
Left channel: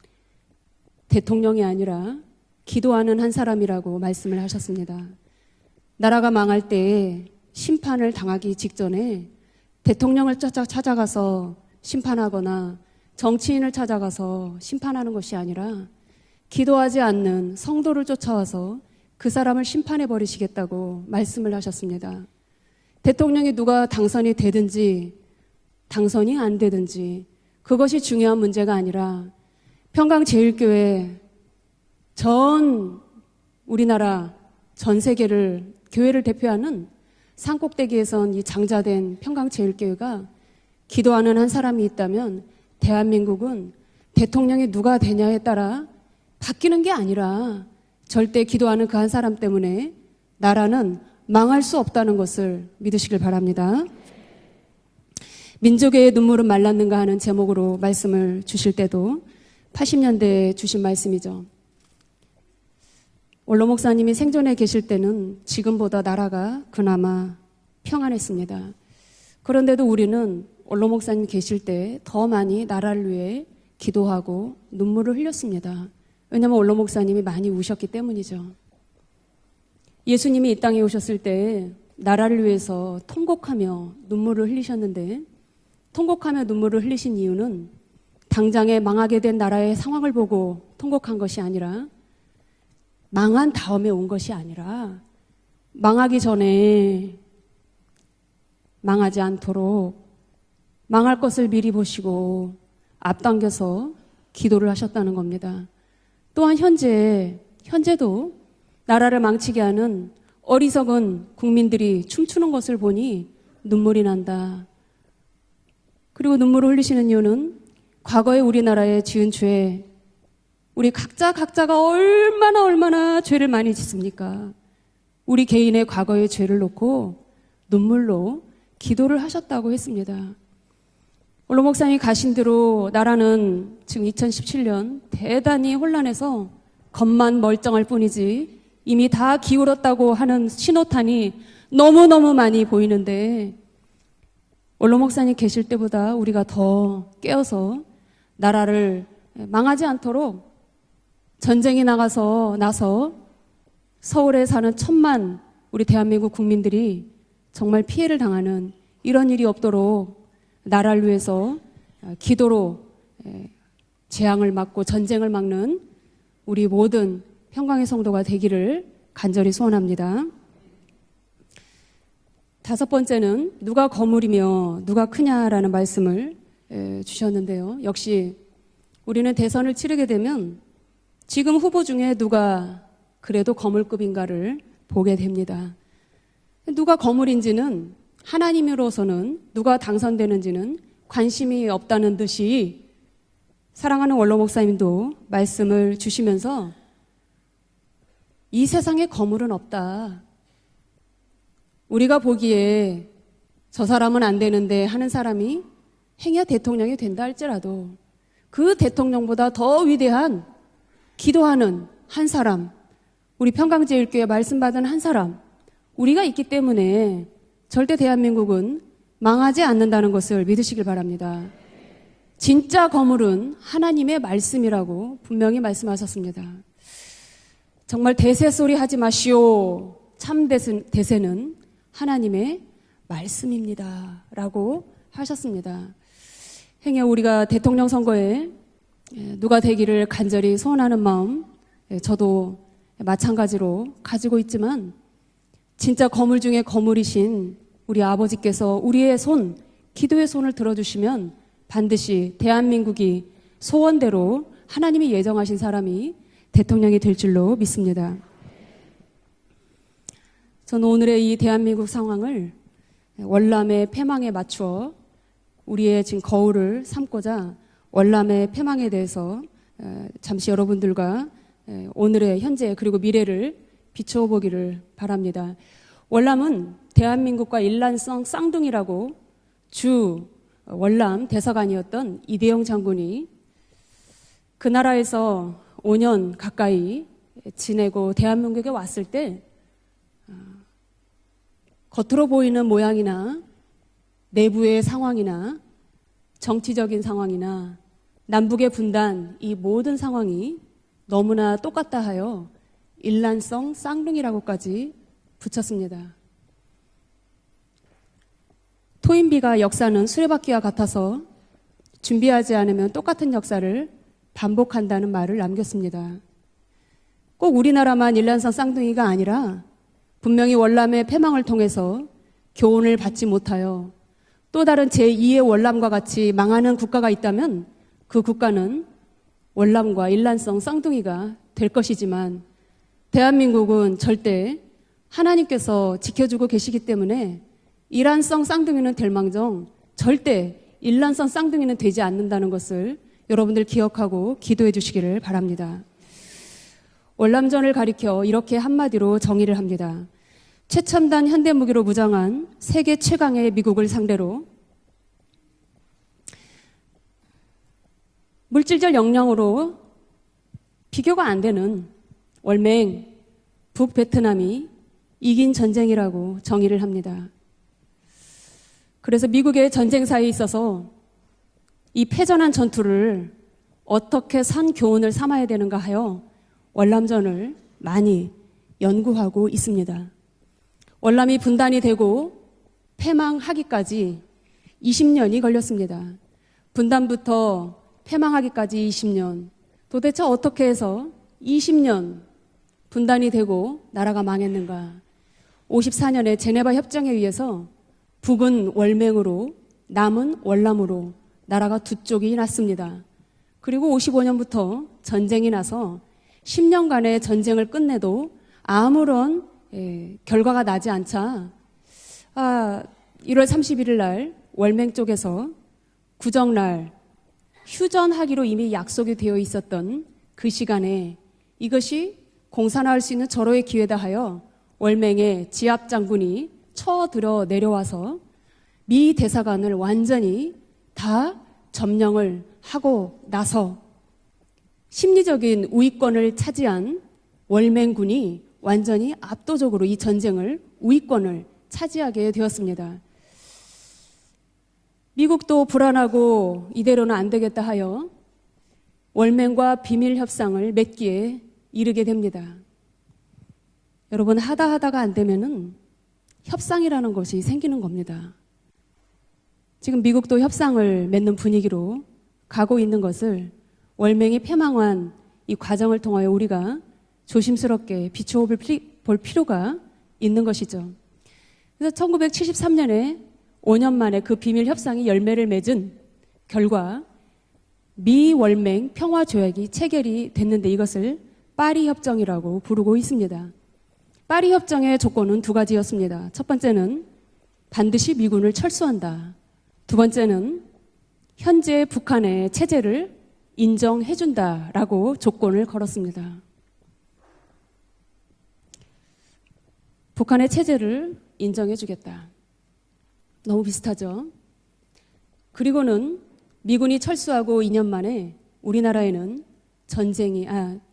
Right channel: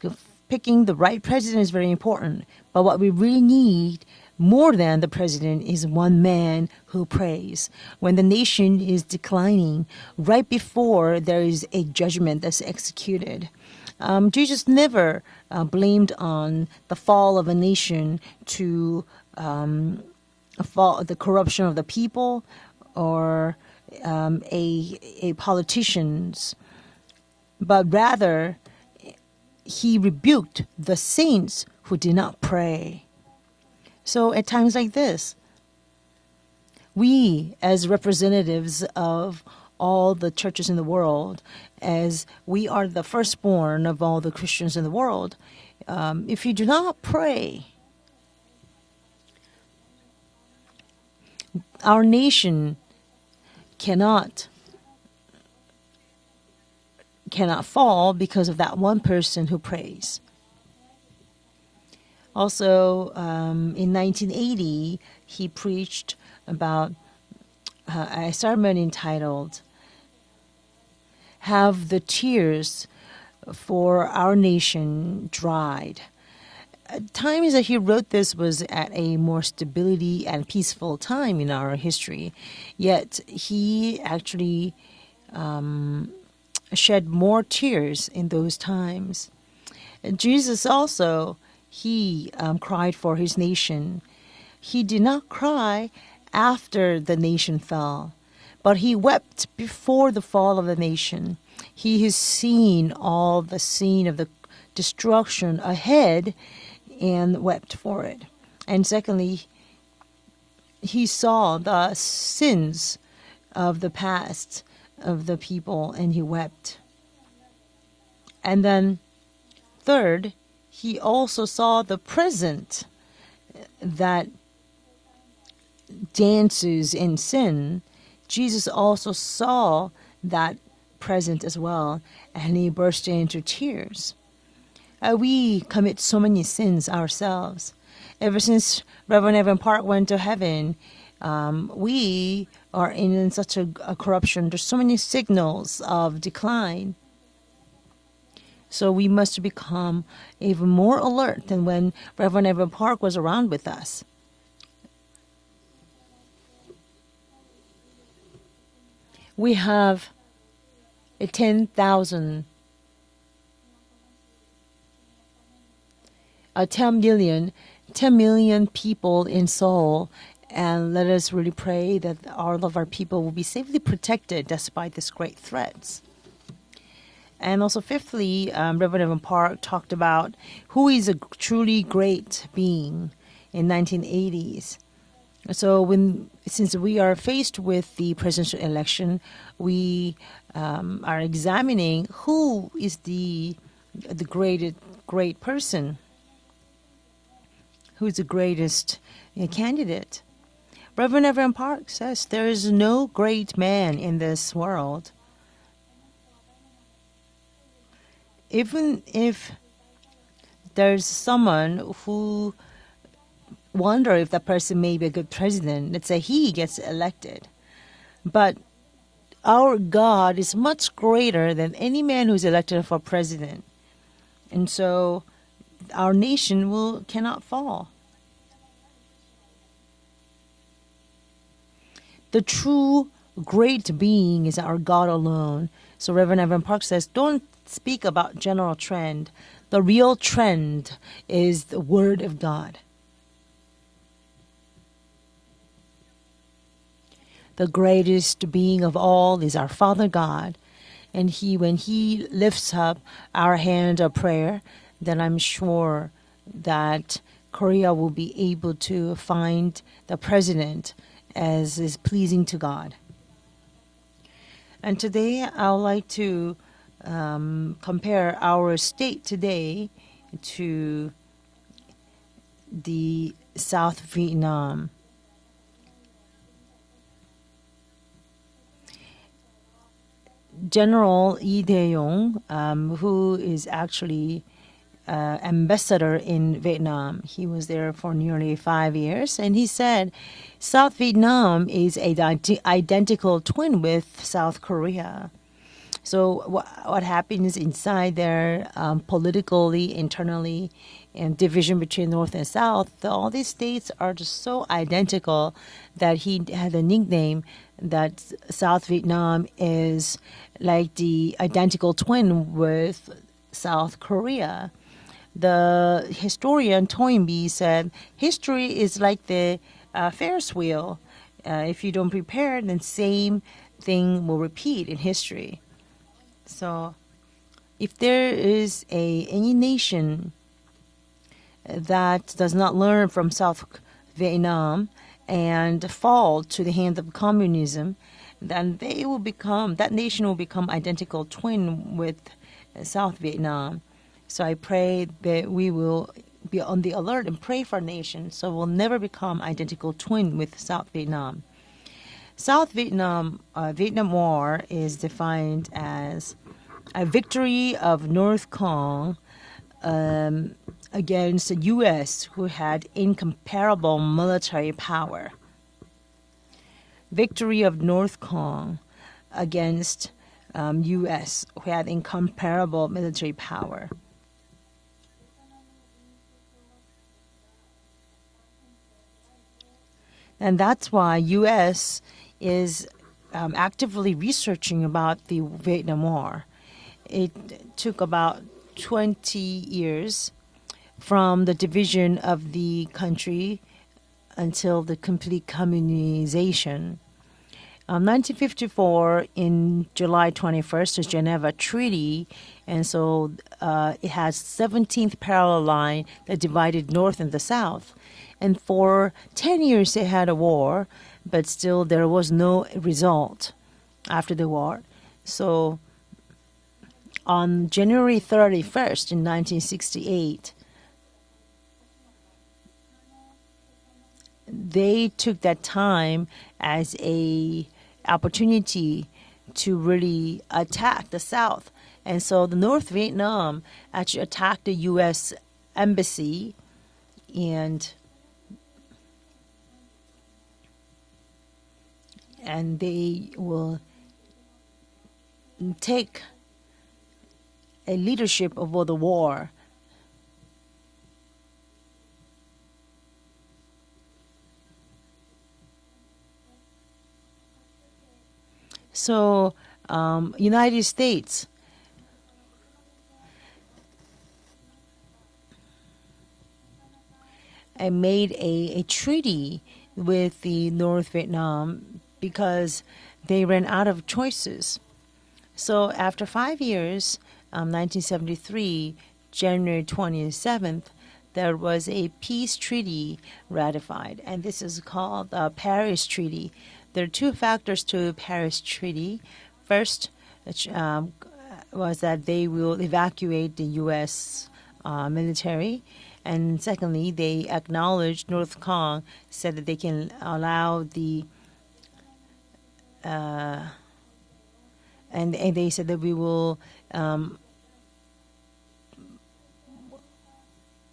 picking the right president 대통령이 is very 아니라 important. But what we 기도하는 한 really 사람이라고 need 말씀을 more 하셨습니다. than the president is one 나라가 man 망할 who 때 prays. 심판을 When the 당하기 nation is 직전에 declining, 대통령을 right before 찾아가서 there is a judgment 심판하거나 that's executed, 정치인을 찾아가서 Jesus 심판하는 never 것이 아니라 blamed on the 기도하지 fall of a 않는 성도를 nation 쫓아와서 to 그 사람을 심판해 버리시겠다고 the 말씀을 corruption of the 하셨습니다. people. 대통령이 누가 당선이 a 되든지 politician. 당선이 안 되든지 But 그것이 중요한 rather, 문제가 아니라 He 평강제일교회 rebuked the saints who did not 전 pray. 우리나라 So at times like 전 this, 세계를 교회를 대표하는 we as 산꼭대기에서 representatives 장자된 of all 평강제일교회가 the churches in the world, 기도하는 한 사람이 as 있다면 we are the 대한민국은 firstborn of all the 대통령이 Christians in 누가 the world, 되냐에 따라 if you do 바뀌는 게 not 아니라 pray, 절대 기도하는 그 한 사람 때문에 나라는 망할 수 없다는 Our 것을 nation 믿으시길 바랍니다. cannot 민족의 눈물은 말랐는가 하는 cannot 제목으로 fall 말씀을 because of 주실 that one 때도 person who prays. 80년대에 주신 말씀이죠. Also, 원로 in 목사님이 생존해 계실 1980, 때는 he 지금보다 preached 나라가 about 그나마 a 평안했습니다. sermon entitled 그런데도 우리는 원로 목사님 계실 Have the 때 더 많이 tears 나라를 위해 for our 기도하고 nation 눈물을 흘렸습니다. dried. 왜냐하면 원로 The 목사님이 많이 times that he 오셨기 wrote this 때문이죠. was at a more stability and 예수님이 이 땅에 peaceful 오셨을 time in 때 our history. 나라를 위해서 Yet 통곡하며 he 눈물을 actually 흘리셨는데 통곡하며 눈물을 shed 흘리신 more 이유는 tears in those 당장에 times. 망하게 된 나라의 상황을 보고 Jesus 통곡한 also 것이 아니라 he cried for his 망한 다음에 nation. 온 것이 아니라 He did not cry 망하기 전에 after the nation fell, but he 망하지 wept 않도록 before the fall of the nation. 망할 것을 미리 He 보시고 has seen all the 앞당겨서 scene of the 기도를 하셨다는 destruction 겁니다. ahead 또한 and wept for 현재도 it. And 나라를 secondly, 망치게 하는 어리석은 he saw 국민들이 the 춤추는 것을 sins 보니 of the 눈물이 난다. past of the people, and he 그리고 눈물을 wept. 흘리시는 이유는 과거에 And 우리나라에 지은 죄 Third, 우리 he 각자 also 각자가 saw the 얼마나 죄를 많이 짓습니까? 우리 개인의 과거의 죄를 dances in 놓고 sin. 눈물로 Jesus also 기도를 하셨다고 saw 했습니다. that present as 원로 well, 목사님 가신 and he 대로 burst 나라는 into tears. 지금 2017년 We 대단히 commit so 혼란해서 many sins 겉만 ourselves. 멀쩡할 뿐이지 Ever since 이미 다 Reverend Evan Park 기울었다고 went to 하는 heaven, 신호탄이 we 너무너무 많이 are 보이는데 in such a corruption. There's so many 원로 목사님 계실 signals 때보다 of 우리가 decline. 더 깨어서 나라를 So we must 망하지 become 않도록 even more alert than 전쟁이 when 나가서 Reverend Evan 나서 Park was around with us. 서울에 사는 1,000만 우리 대한민국 국민들이 정말 피해를 당하는 이런 일이 We 없도록 have 나라를 위해서 10,000 기도로 재앙을 막고 전쟁을 막는 우리 10 모든 million 평강의 10 성도가 million 되기를 people in 간절히 Seoul, 소원합니다. and let us really pray that all of our 다섯 people will 번째는 be safely 누가 protected 거물이며 despite 누가 this great 크냐라는 threat. 말씀을 And 주셨는데요. also 역시 fifthly, Reverend Evan 우리는 Park 대선을 talked 치르게 about 되면 who is a 지금 truly 후보 중에 great 누가 being 그래도 in 거물급인가를 1980s. 보게 됩니다. So since we 누가 are faced 거물인지는 with the presidential election, 하나님으로서는 누가 we 당선되는지는 are 관심이 examining 없다는 who 듯이 is the 사랑하는 the 원로 great- 목사님도 great 말씀을 person. 주시면서 who's the 이 greatest 세상에 거물은 없다. candidate. Reverend Evan Park 우리가 says there is 보기에 no great man 저 사람은 in 안 this 되는데 world. 하는 사람이 행여 대통령이 된다 할지라도 그 Even 대통령보다 더 위대한 There's someone 기도하는 who 한 사람 우리 wonder 평강제일교회 if that person 말씀받은 may 한 be a 사람 good president. Let's 우리가 say 있기 he gets 때문에 elected. 절대 대한민국은 망하지 Our 않는다는 God 것을 is 믿으시기 much greater 바랍니다. than any man who's elected 진짜 for 거물은 president. 하나님의 말씀이라고 And so 분명히 Our 말씀하셨습니다. nation cannot fall. 정말 대세 소리 하지 마시오. 참 대세는 하나님의 The true great being is our God 말씀입니다. alone. 하셨습니다. So Reverend Evan Park says, 행여 우리가 don't 대통령 speak 선거에 about general trend. 누가 The 되기를 real 간절히 trend 소원하는 마음 is the word of 저도 God. 마찬가지로 가지고 있지만 진짜 거물 중에 거물이신 The 우리 greatest 아버지께서 being of 우리의 all 손, is our Father 기도의 God. 손을 들어주시면 And when 반드시 he lifts up 대한민국이 our hand of 소원대로 prayer, 하나님이 then I'm 예정하신 sure 사람이 대통령이 that 될 줄로 Korea will 믿습니다. be able to find the president 저는 오늘의 이 as 대한민국 is 상황을 pleasing to God. 월남의 패망에 맞추어 And today I would 우리의 like 지금 to 거울을 삼고자 compare 월남의 our 패망에 state 대해서 today 잠시 to 여러분들과 오늘의 현재 그리고 the 미래를 South 비춰보기를 Vietnam. 바랍니다. 월남은 대한민국과 일란성 쌍둥이라고 주 General 월남 대사관이었던 이대용 장군이 who is actually 그 나라에서 ambassador 5년 in 가까이 Vietnam. He was there 지내고 for nearly 대한민국에 5 왔을 때 years, and he said South Vietnam is 겉으로 보이는 identical 모양이나 twin with South 내부의 Korea. 상황이나 So 정치적인 what happens 상황이나 inside there, 남북의 분단, 이 politically, 모든 internally, 상황이 너무나 and division 똑같다 between North 하여 and South, all these 일란성 states are so 쌍둥이라고까지 identical 붙였습니다. that he had a nickname that South Vietnam 토인비가 역사는 is 수레바퀴와 like 같아서 the identical twin 준비하지 않으면 with 똑같은 역사를 South Korea. 반복한다는 말을 The 남겼습니다. historian Toynbee 꼭 said 우리나라만 일란성 history is 쌍둥이가 like 아니라 the 분명히 Ferris wheel. 월남의 패망을 If 통해서 you don't prepare, 교훈을 the 받지 same 못하여 thing will repeat 또 다른 in history. 제2의 월남과 같이 망하는 So, 국가가 있다면 If there 그 국가는 is any 월남과 nation 일란성 쌍둥이가 될 것이지만 that does not learn from South 대한민국은 절대 Vietnam 하나님께서 and 지켜주고 fall to the 계시기 hand of 때문에 communism, 일란성 쌍둥이는 then they will become- 될망정 that nation will 절대 become identical 일란성 쌍둥이는 twin 되지 with 않는다는 것을 South Vietnam. 여러분들 기억하고 So I 기도해 pray 주시기를 that we 바랍니다. will be on the alert and pray 월남전을 for 가리켜 nations, 이렇게 so we'll never 한마디로 become 정의를 identical 합니다. twin with South 최첨단 Vietnam. 현대 무기로 무장한 South 세계 Vietnam, 최강의 미국을 Vietnam 상대로 War is defined as a victory of North 물질적 Korea 역량으로 비교가 안 against 되는 the U.S. who had 월맹, incomparable 북베트남이 military power. 이긴 전쟁이라고 정의를 합니다. Victory of North Korea 그래서 미국의 against, 전쟁사에 있어서 U.S. who had 이 패전한 incomparable 전투를 military power. 어떻게 산 교훈을 삼아야 되는가 하여 월남전을 많이 연구하고 있습니다. And that's why 월남이 분단이 U.S. 되고 is 패망하기까지 actively researching about 20년이 the 걸렸습니다. Vietnam War. 분단부터 It took about 패망하기까지 20년. 20 years 도대체 어떻게 해서 from the division 20년 of the 분단이 country 되고 나라가 until 망했는가? the complete 54년에 제네바 communization. 협정에 의해서 1954 월맹으로 in July 남은 21st, 월남으로 the Geneva 나라가 Treaty, 북쪽이 났습니다. and so 그리고 it has 55년부터 17th 전쟁이 parallel 나서 line that divided 10년간의 North and the 전쟁을 South. 끝내도 And for 아무런 10 years they had a 결과가 war, 나지 않자 but still there was no result 1월 31일 날 after the war. 월맹 쪽에서 So 구정날 on January 휴전하기로 이미 31st 약속이 in 되어 있었던 1968, 그 시간에 이것이 공산화할 수 있는 절호의 기회다 하여 they took 월맹의 that 지압 time 장군이 as 쳐들어 a 내려와서 opportunity 미 대사관을 to 완전히 really attack the 다 South. And 점령을 so the North 하고 Vietnam 나서 actually attacked the U.S. 심리적인 우위권을 embassy 차지한 and 월맹군이 완전히 압도적으로 이 전쟁을 우위권을 차지하게 and 되었습니다. they were 미국도 불안하고 이대로는 안 되겠다 하여 a leadership over the war. 월맹과 비밀 협상을 맺기에 이르게 됩니다. 여러분 하다가 안 되면은 협상이라는 것이 생기는 겁니다. So 지금 미국도 협상을 United 맺는 States 분위기로 가고 있는 것을 월맹이 패망한 이 과정을 통하여 우리가 조심스럽게 made 비춰볼 a 볼 treaty 필요가 with 있는 the 것이죠. North Vietnam. 그래서 1973년에 They ran out 5년 of 만에 그 비밀 choices. 협상이 열매를 맺은 So after 5 결과 years, 미 월맹 1973, 평화 조약이 January 체결이 됐는데 27, 이것을 there 파리 was a 협정이라고 peace 부르고 treaty 있습니다. ratified. And 파리 this is 협정의 called 조건은 the 두 Paris 가지였습니다. Treaty. 첫 번째는 There are two factors 반드시 to 미군을 Paris Treaty. 철수한다. First, 두 번째는 현재 was that they 북한의 will 체제를 evacuate the US, 인정해준다라고 조건을 military. 걸었습니다. And secondly, they acknowledged North Korea said that they can 북한의 allow 체제를 the 인정해주겠다. 너무 비슷하죠. and they said that we 그리고는 will 미군이 철수하고 2년 만에 우리나라에는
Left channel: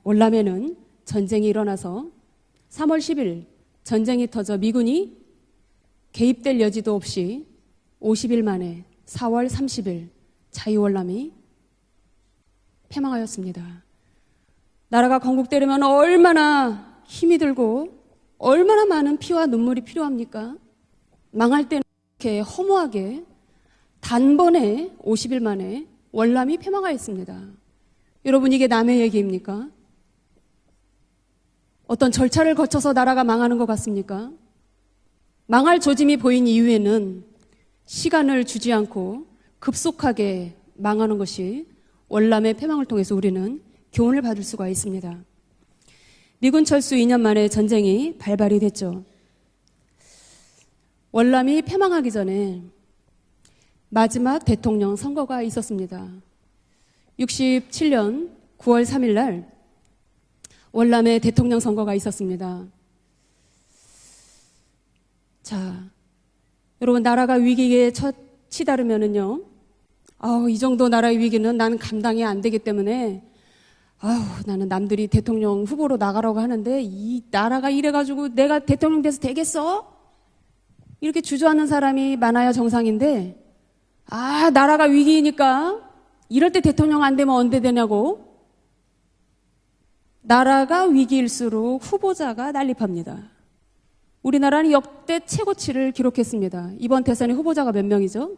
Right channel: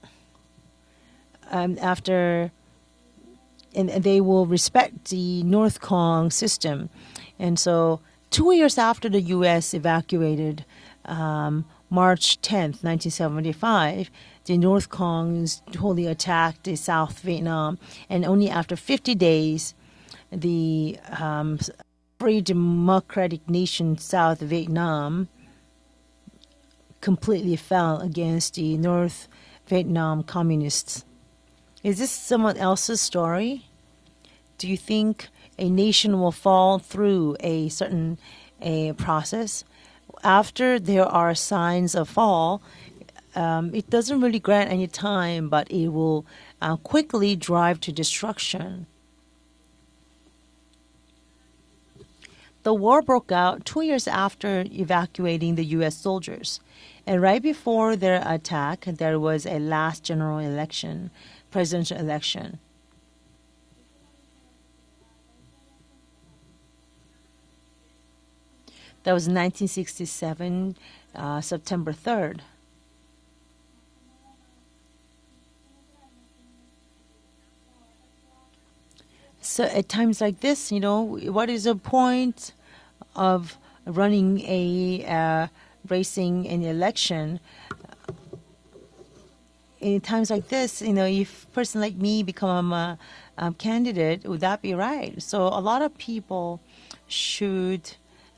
월남에는 전쟁이 일어나서 after 3월 10일 and 전쟁이 they will 터져 미군이 respect the North Korean 개입될 system. 여지도 없이 And so 50일 2 만에 years after the 4월 US 30일 evacuated 자유월남이 March 10th, 1975, the North 나라가 Koreans 건국되려면 totally 얼마나 attacked the South 힘이 Vietnam. 들고 And only after 얼마나 50 많은 피와 days, 눈물이 필요합니까? the 망할 때는 free 이렇게 허무하게 democratic nation South 단번에 Vietnam 50일 만에 월남이 패망하였습니다. completely fell against 여러분 이게 the 남의 North 얘기입니까? Vietnam communists. Is 어떤 this 절차를 someone 거쳐서 else's 나라가 story? 망하는 것 같습니까? Do you think a 망할 조짐이 nation will 보인 fall 이후에는 through a certain 시간을 주지 a 않고 process? 급속하게 After there 망하는 are 것이 signs of 월남의 fall, 패망을 통해서 우리는 it doesn't 교훈을 really 받을 수가 grant any 있습니다. time, but it will 미군 철수 2년 quickly 만에 drive to 전쟁이 destruction. 발발이 됐죠. 월남이 패망하기 전에 The war broke out 2 years 마지막 after 대통령 선거가 evacuating the U.S. 있었습니다. soldiers. And right before 67년 their attack, 9월 3일 there 날 was a last general election, 월남의 대통령 선거가 presidential 있었습니다. election. 자, 여러분 나라가 위기에 치다르면은요. That was 1967. 이 정도 나라의 위기는 나는 September 감당이 3rd. 안 되기 때문에 나는 남들이 대통령 후보로 나가라고 하는데 이 나라가 이래가지고 내가 대통령 돼서 So 되겠어? at times like this, you know, 이렇게 what 주저하는 is the 사람이 point 많아야 정상인데 of running 나라가 a, 위기니까 racing 이럴 때 an 대통령 안 되면 election? 언제 되냐고 In times like this, 나라가 you know, if a 위기일수록 person like me 후보자가 become 난립합니다. a candidate, would that 우리나라는 be 역대 right? So a lot 최고치를 of people 기록했습니다. 이번 대선에 후보자가 몇 should, 명이죠?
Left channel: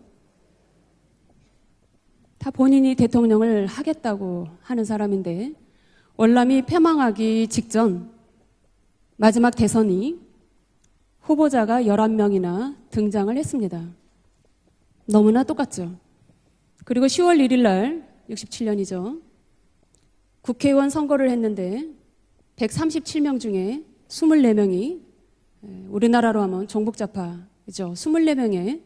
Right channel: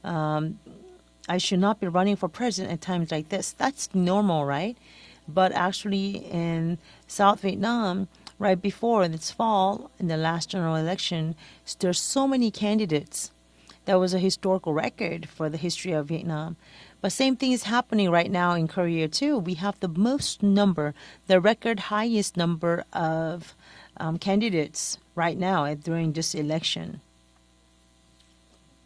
I should not be running for 다 president 본인이 at times like this. 대통령을 That's normal, 하겠다고 right? 하는 사람인데 But actually, 월남이 in 패망하기 South 직전 Vietnam, right before this 마지막 fall, 대선이 in the last general election, 후보자가 there were so many 11명이나 candidates. 등장을 했습니다. That was a historical record 너무나 for the 똑같죠. history of Vietnam. 그리고 The same 10월 thing 1일 is 날 happening right now in Korea 67년이죠. too. We have the most 국회의원 number, 선거를 the 했는데 record highest number 137명 of 중에 candidates 24명이 right now during this 우리나라로 하면 election. 정북좌파이죠. 24명의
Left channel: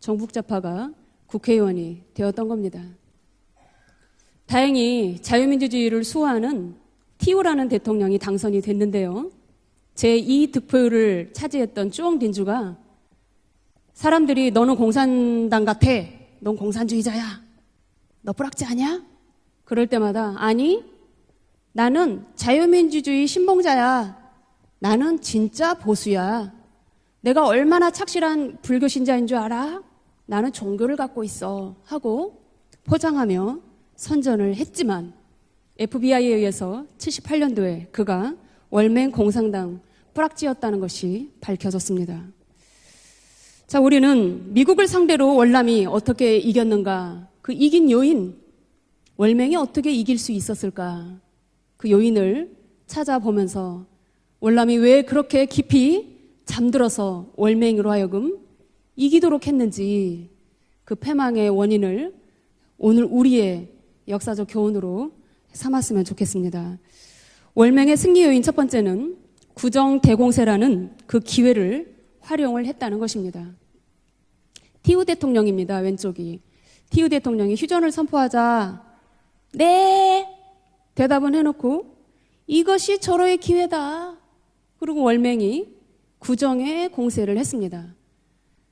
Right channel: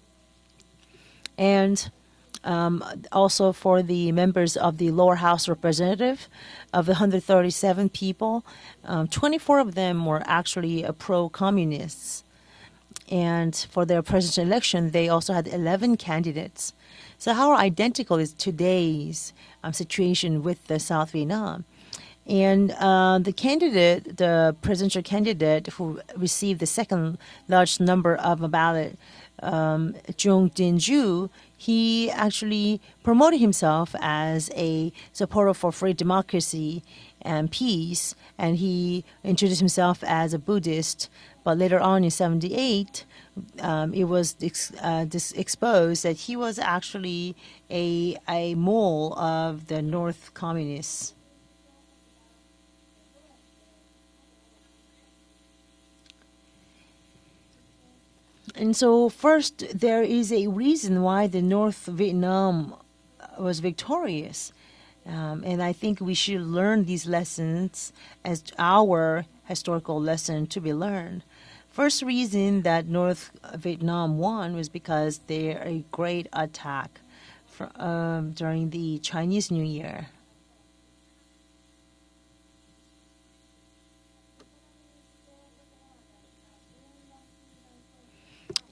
정북좌파가 국회의원이 되었던 겁니다. Also for the members of the 다행히 lower house 자유민주주의를 representative 수호하는 of the 티오라는 137 대통령이 people, 당선이 됐는데요. 24 of them were 제2 actually 득표율을 차지했던 pro-communist. 쭈엉딘주가 And for their 사람들이 presidential 너는 election, they also had 공산당 11 같아. 넌 candidates. 공산주의자야. So how identical is 너 불합치 아니야? today's 그럴 때마다 situation with 아니, the South Vietnam? 나는 And 자유민주주의 the 신봉자야. candidate, the presidential 나는 candidate 진짜 who 보수야. received the second 내가 largest 얼마나 number of 착실한 the ballot, 불교 신자인 줄 알아? Jung 나는 종교를 갖고 Jin-ju, 있어. he 하고 actually 포장하며 promoted himself as 선전을 a 했지만 supporter for free FBI에 democracy 의해서 and 78년도에 peace, 그가 and he 월맹 introduced 공산당 himself as a 프락지였다는 Buddhist. 것이 But later on in 밝혀졌습니다. 78, 자, 우리는 미국을 상대로 월남이 어떻게 이겼는가? 그 이긴 요인, 월맹이 어떻게 이길 수 있었을까? 그 요인을 찾아보면서 월남이 왜 그렇게 깊이 잠들어서 월맹으로 하여금 And so 이기도록 first, 했는지 there is a reason 그 why the 패망의 North 원인을 Vietnam 오늘 우리의 was victorious. 역사적 교훈으로 And I 삼았으면 think we should 좋겠습니다. learn these lessons 월맹의 승리 요인 as 첫 번째는 our historical 구정 lesson to be 대공세라는 learned. 그 기회를 First reason 활용을 that 했다는 North 것입니다. Vietnam won was 티우 because 대통령입니다. their 왼쪽이. great attack 티우 대통령이 휴전을 선포하자 during the Chinese New Year. 네 대답은 해놓고 이것이 절호의 기회다. 그리고 월맹이 구정의 공세를 했습니다.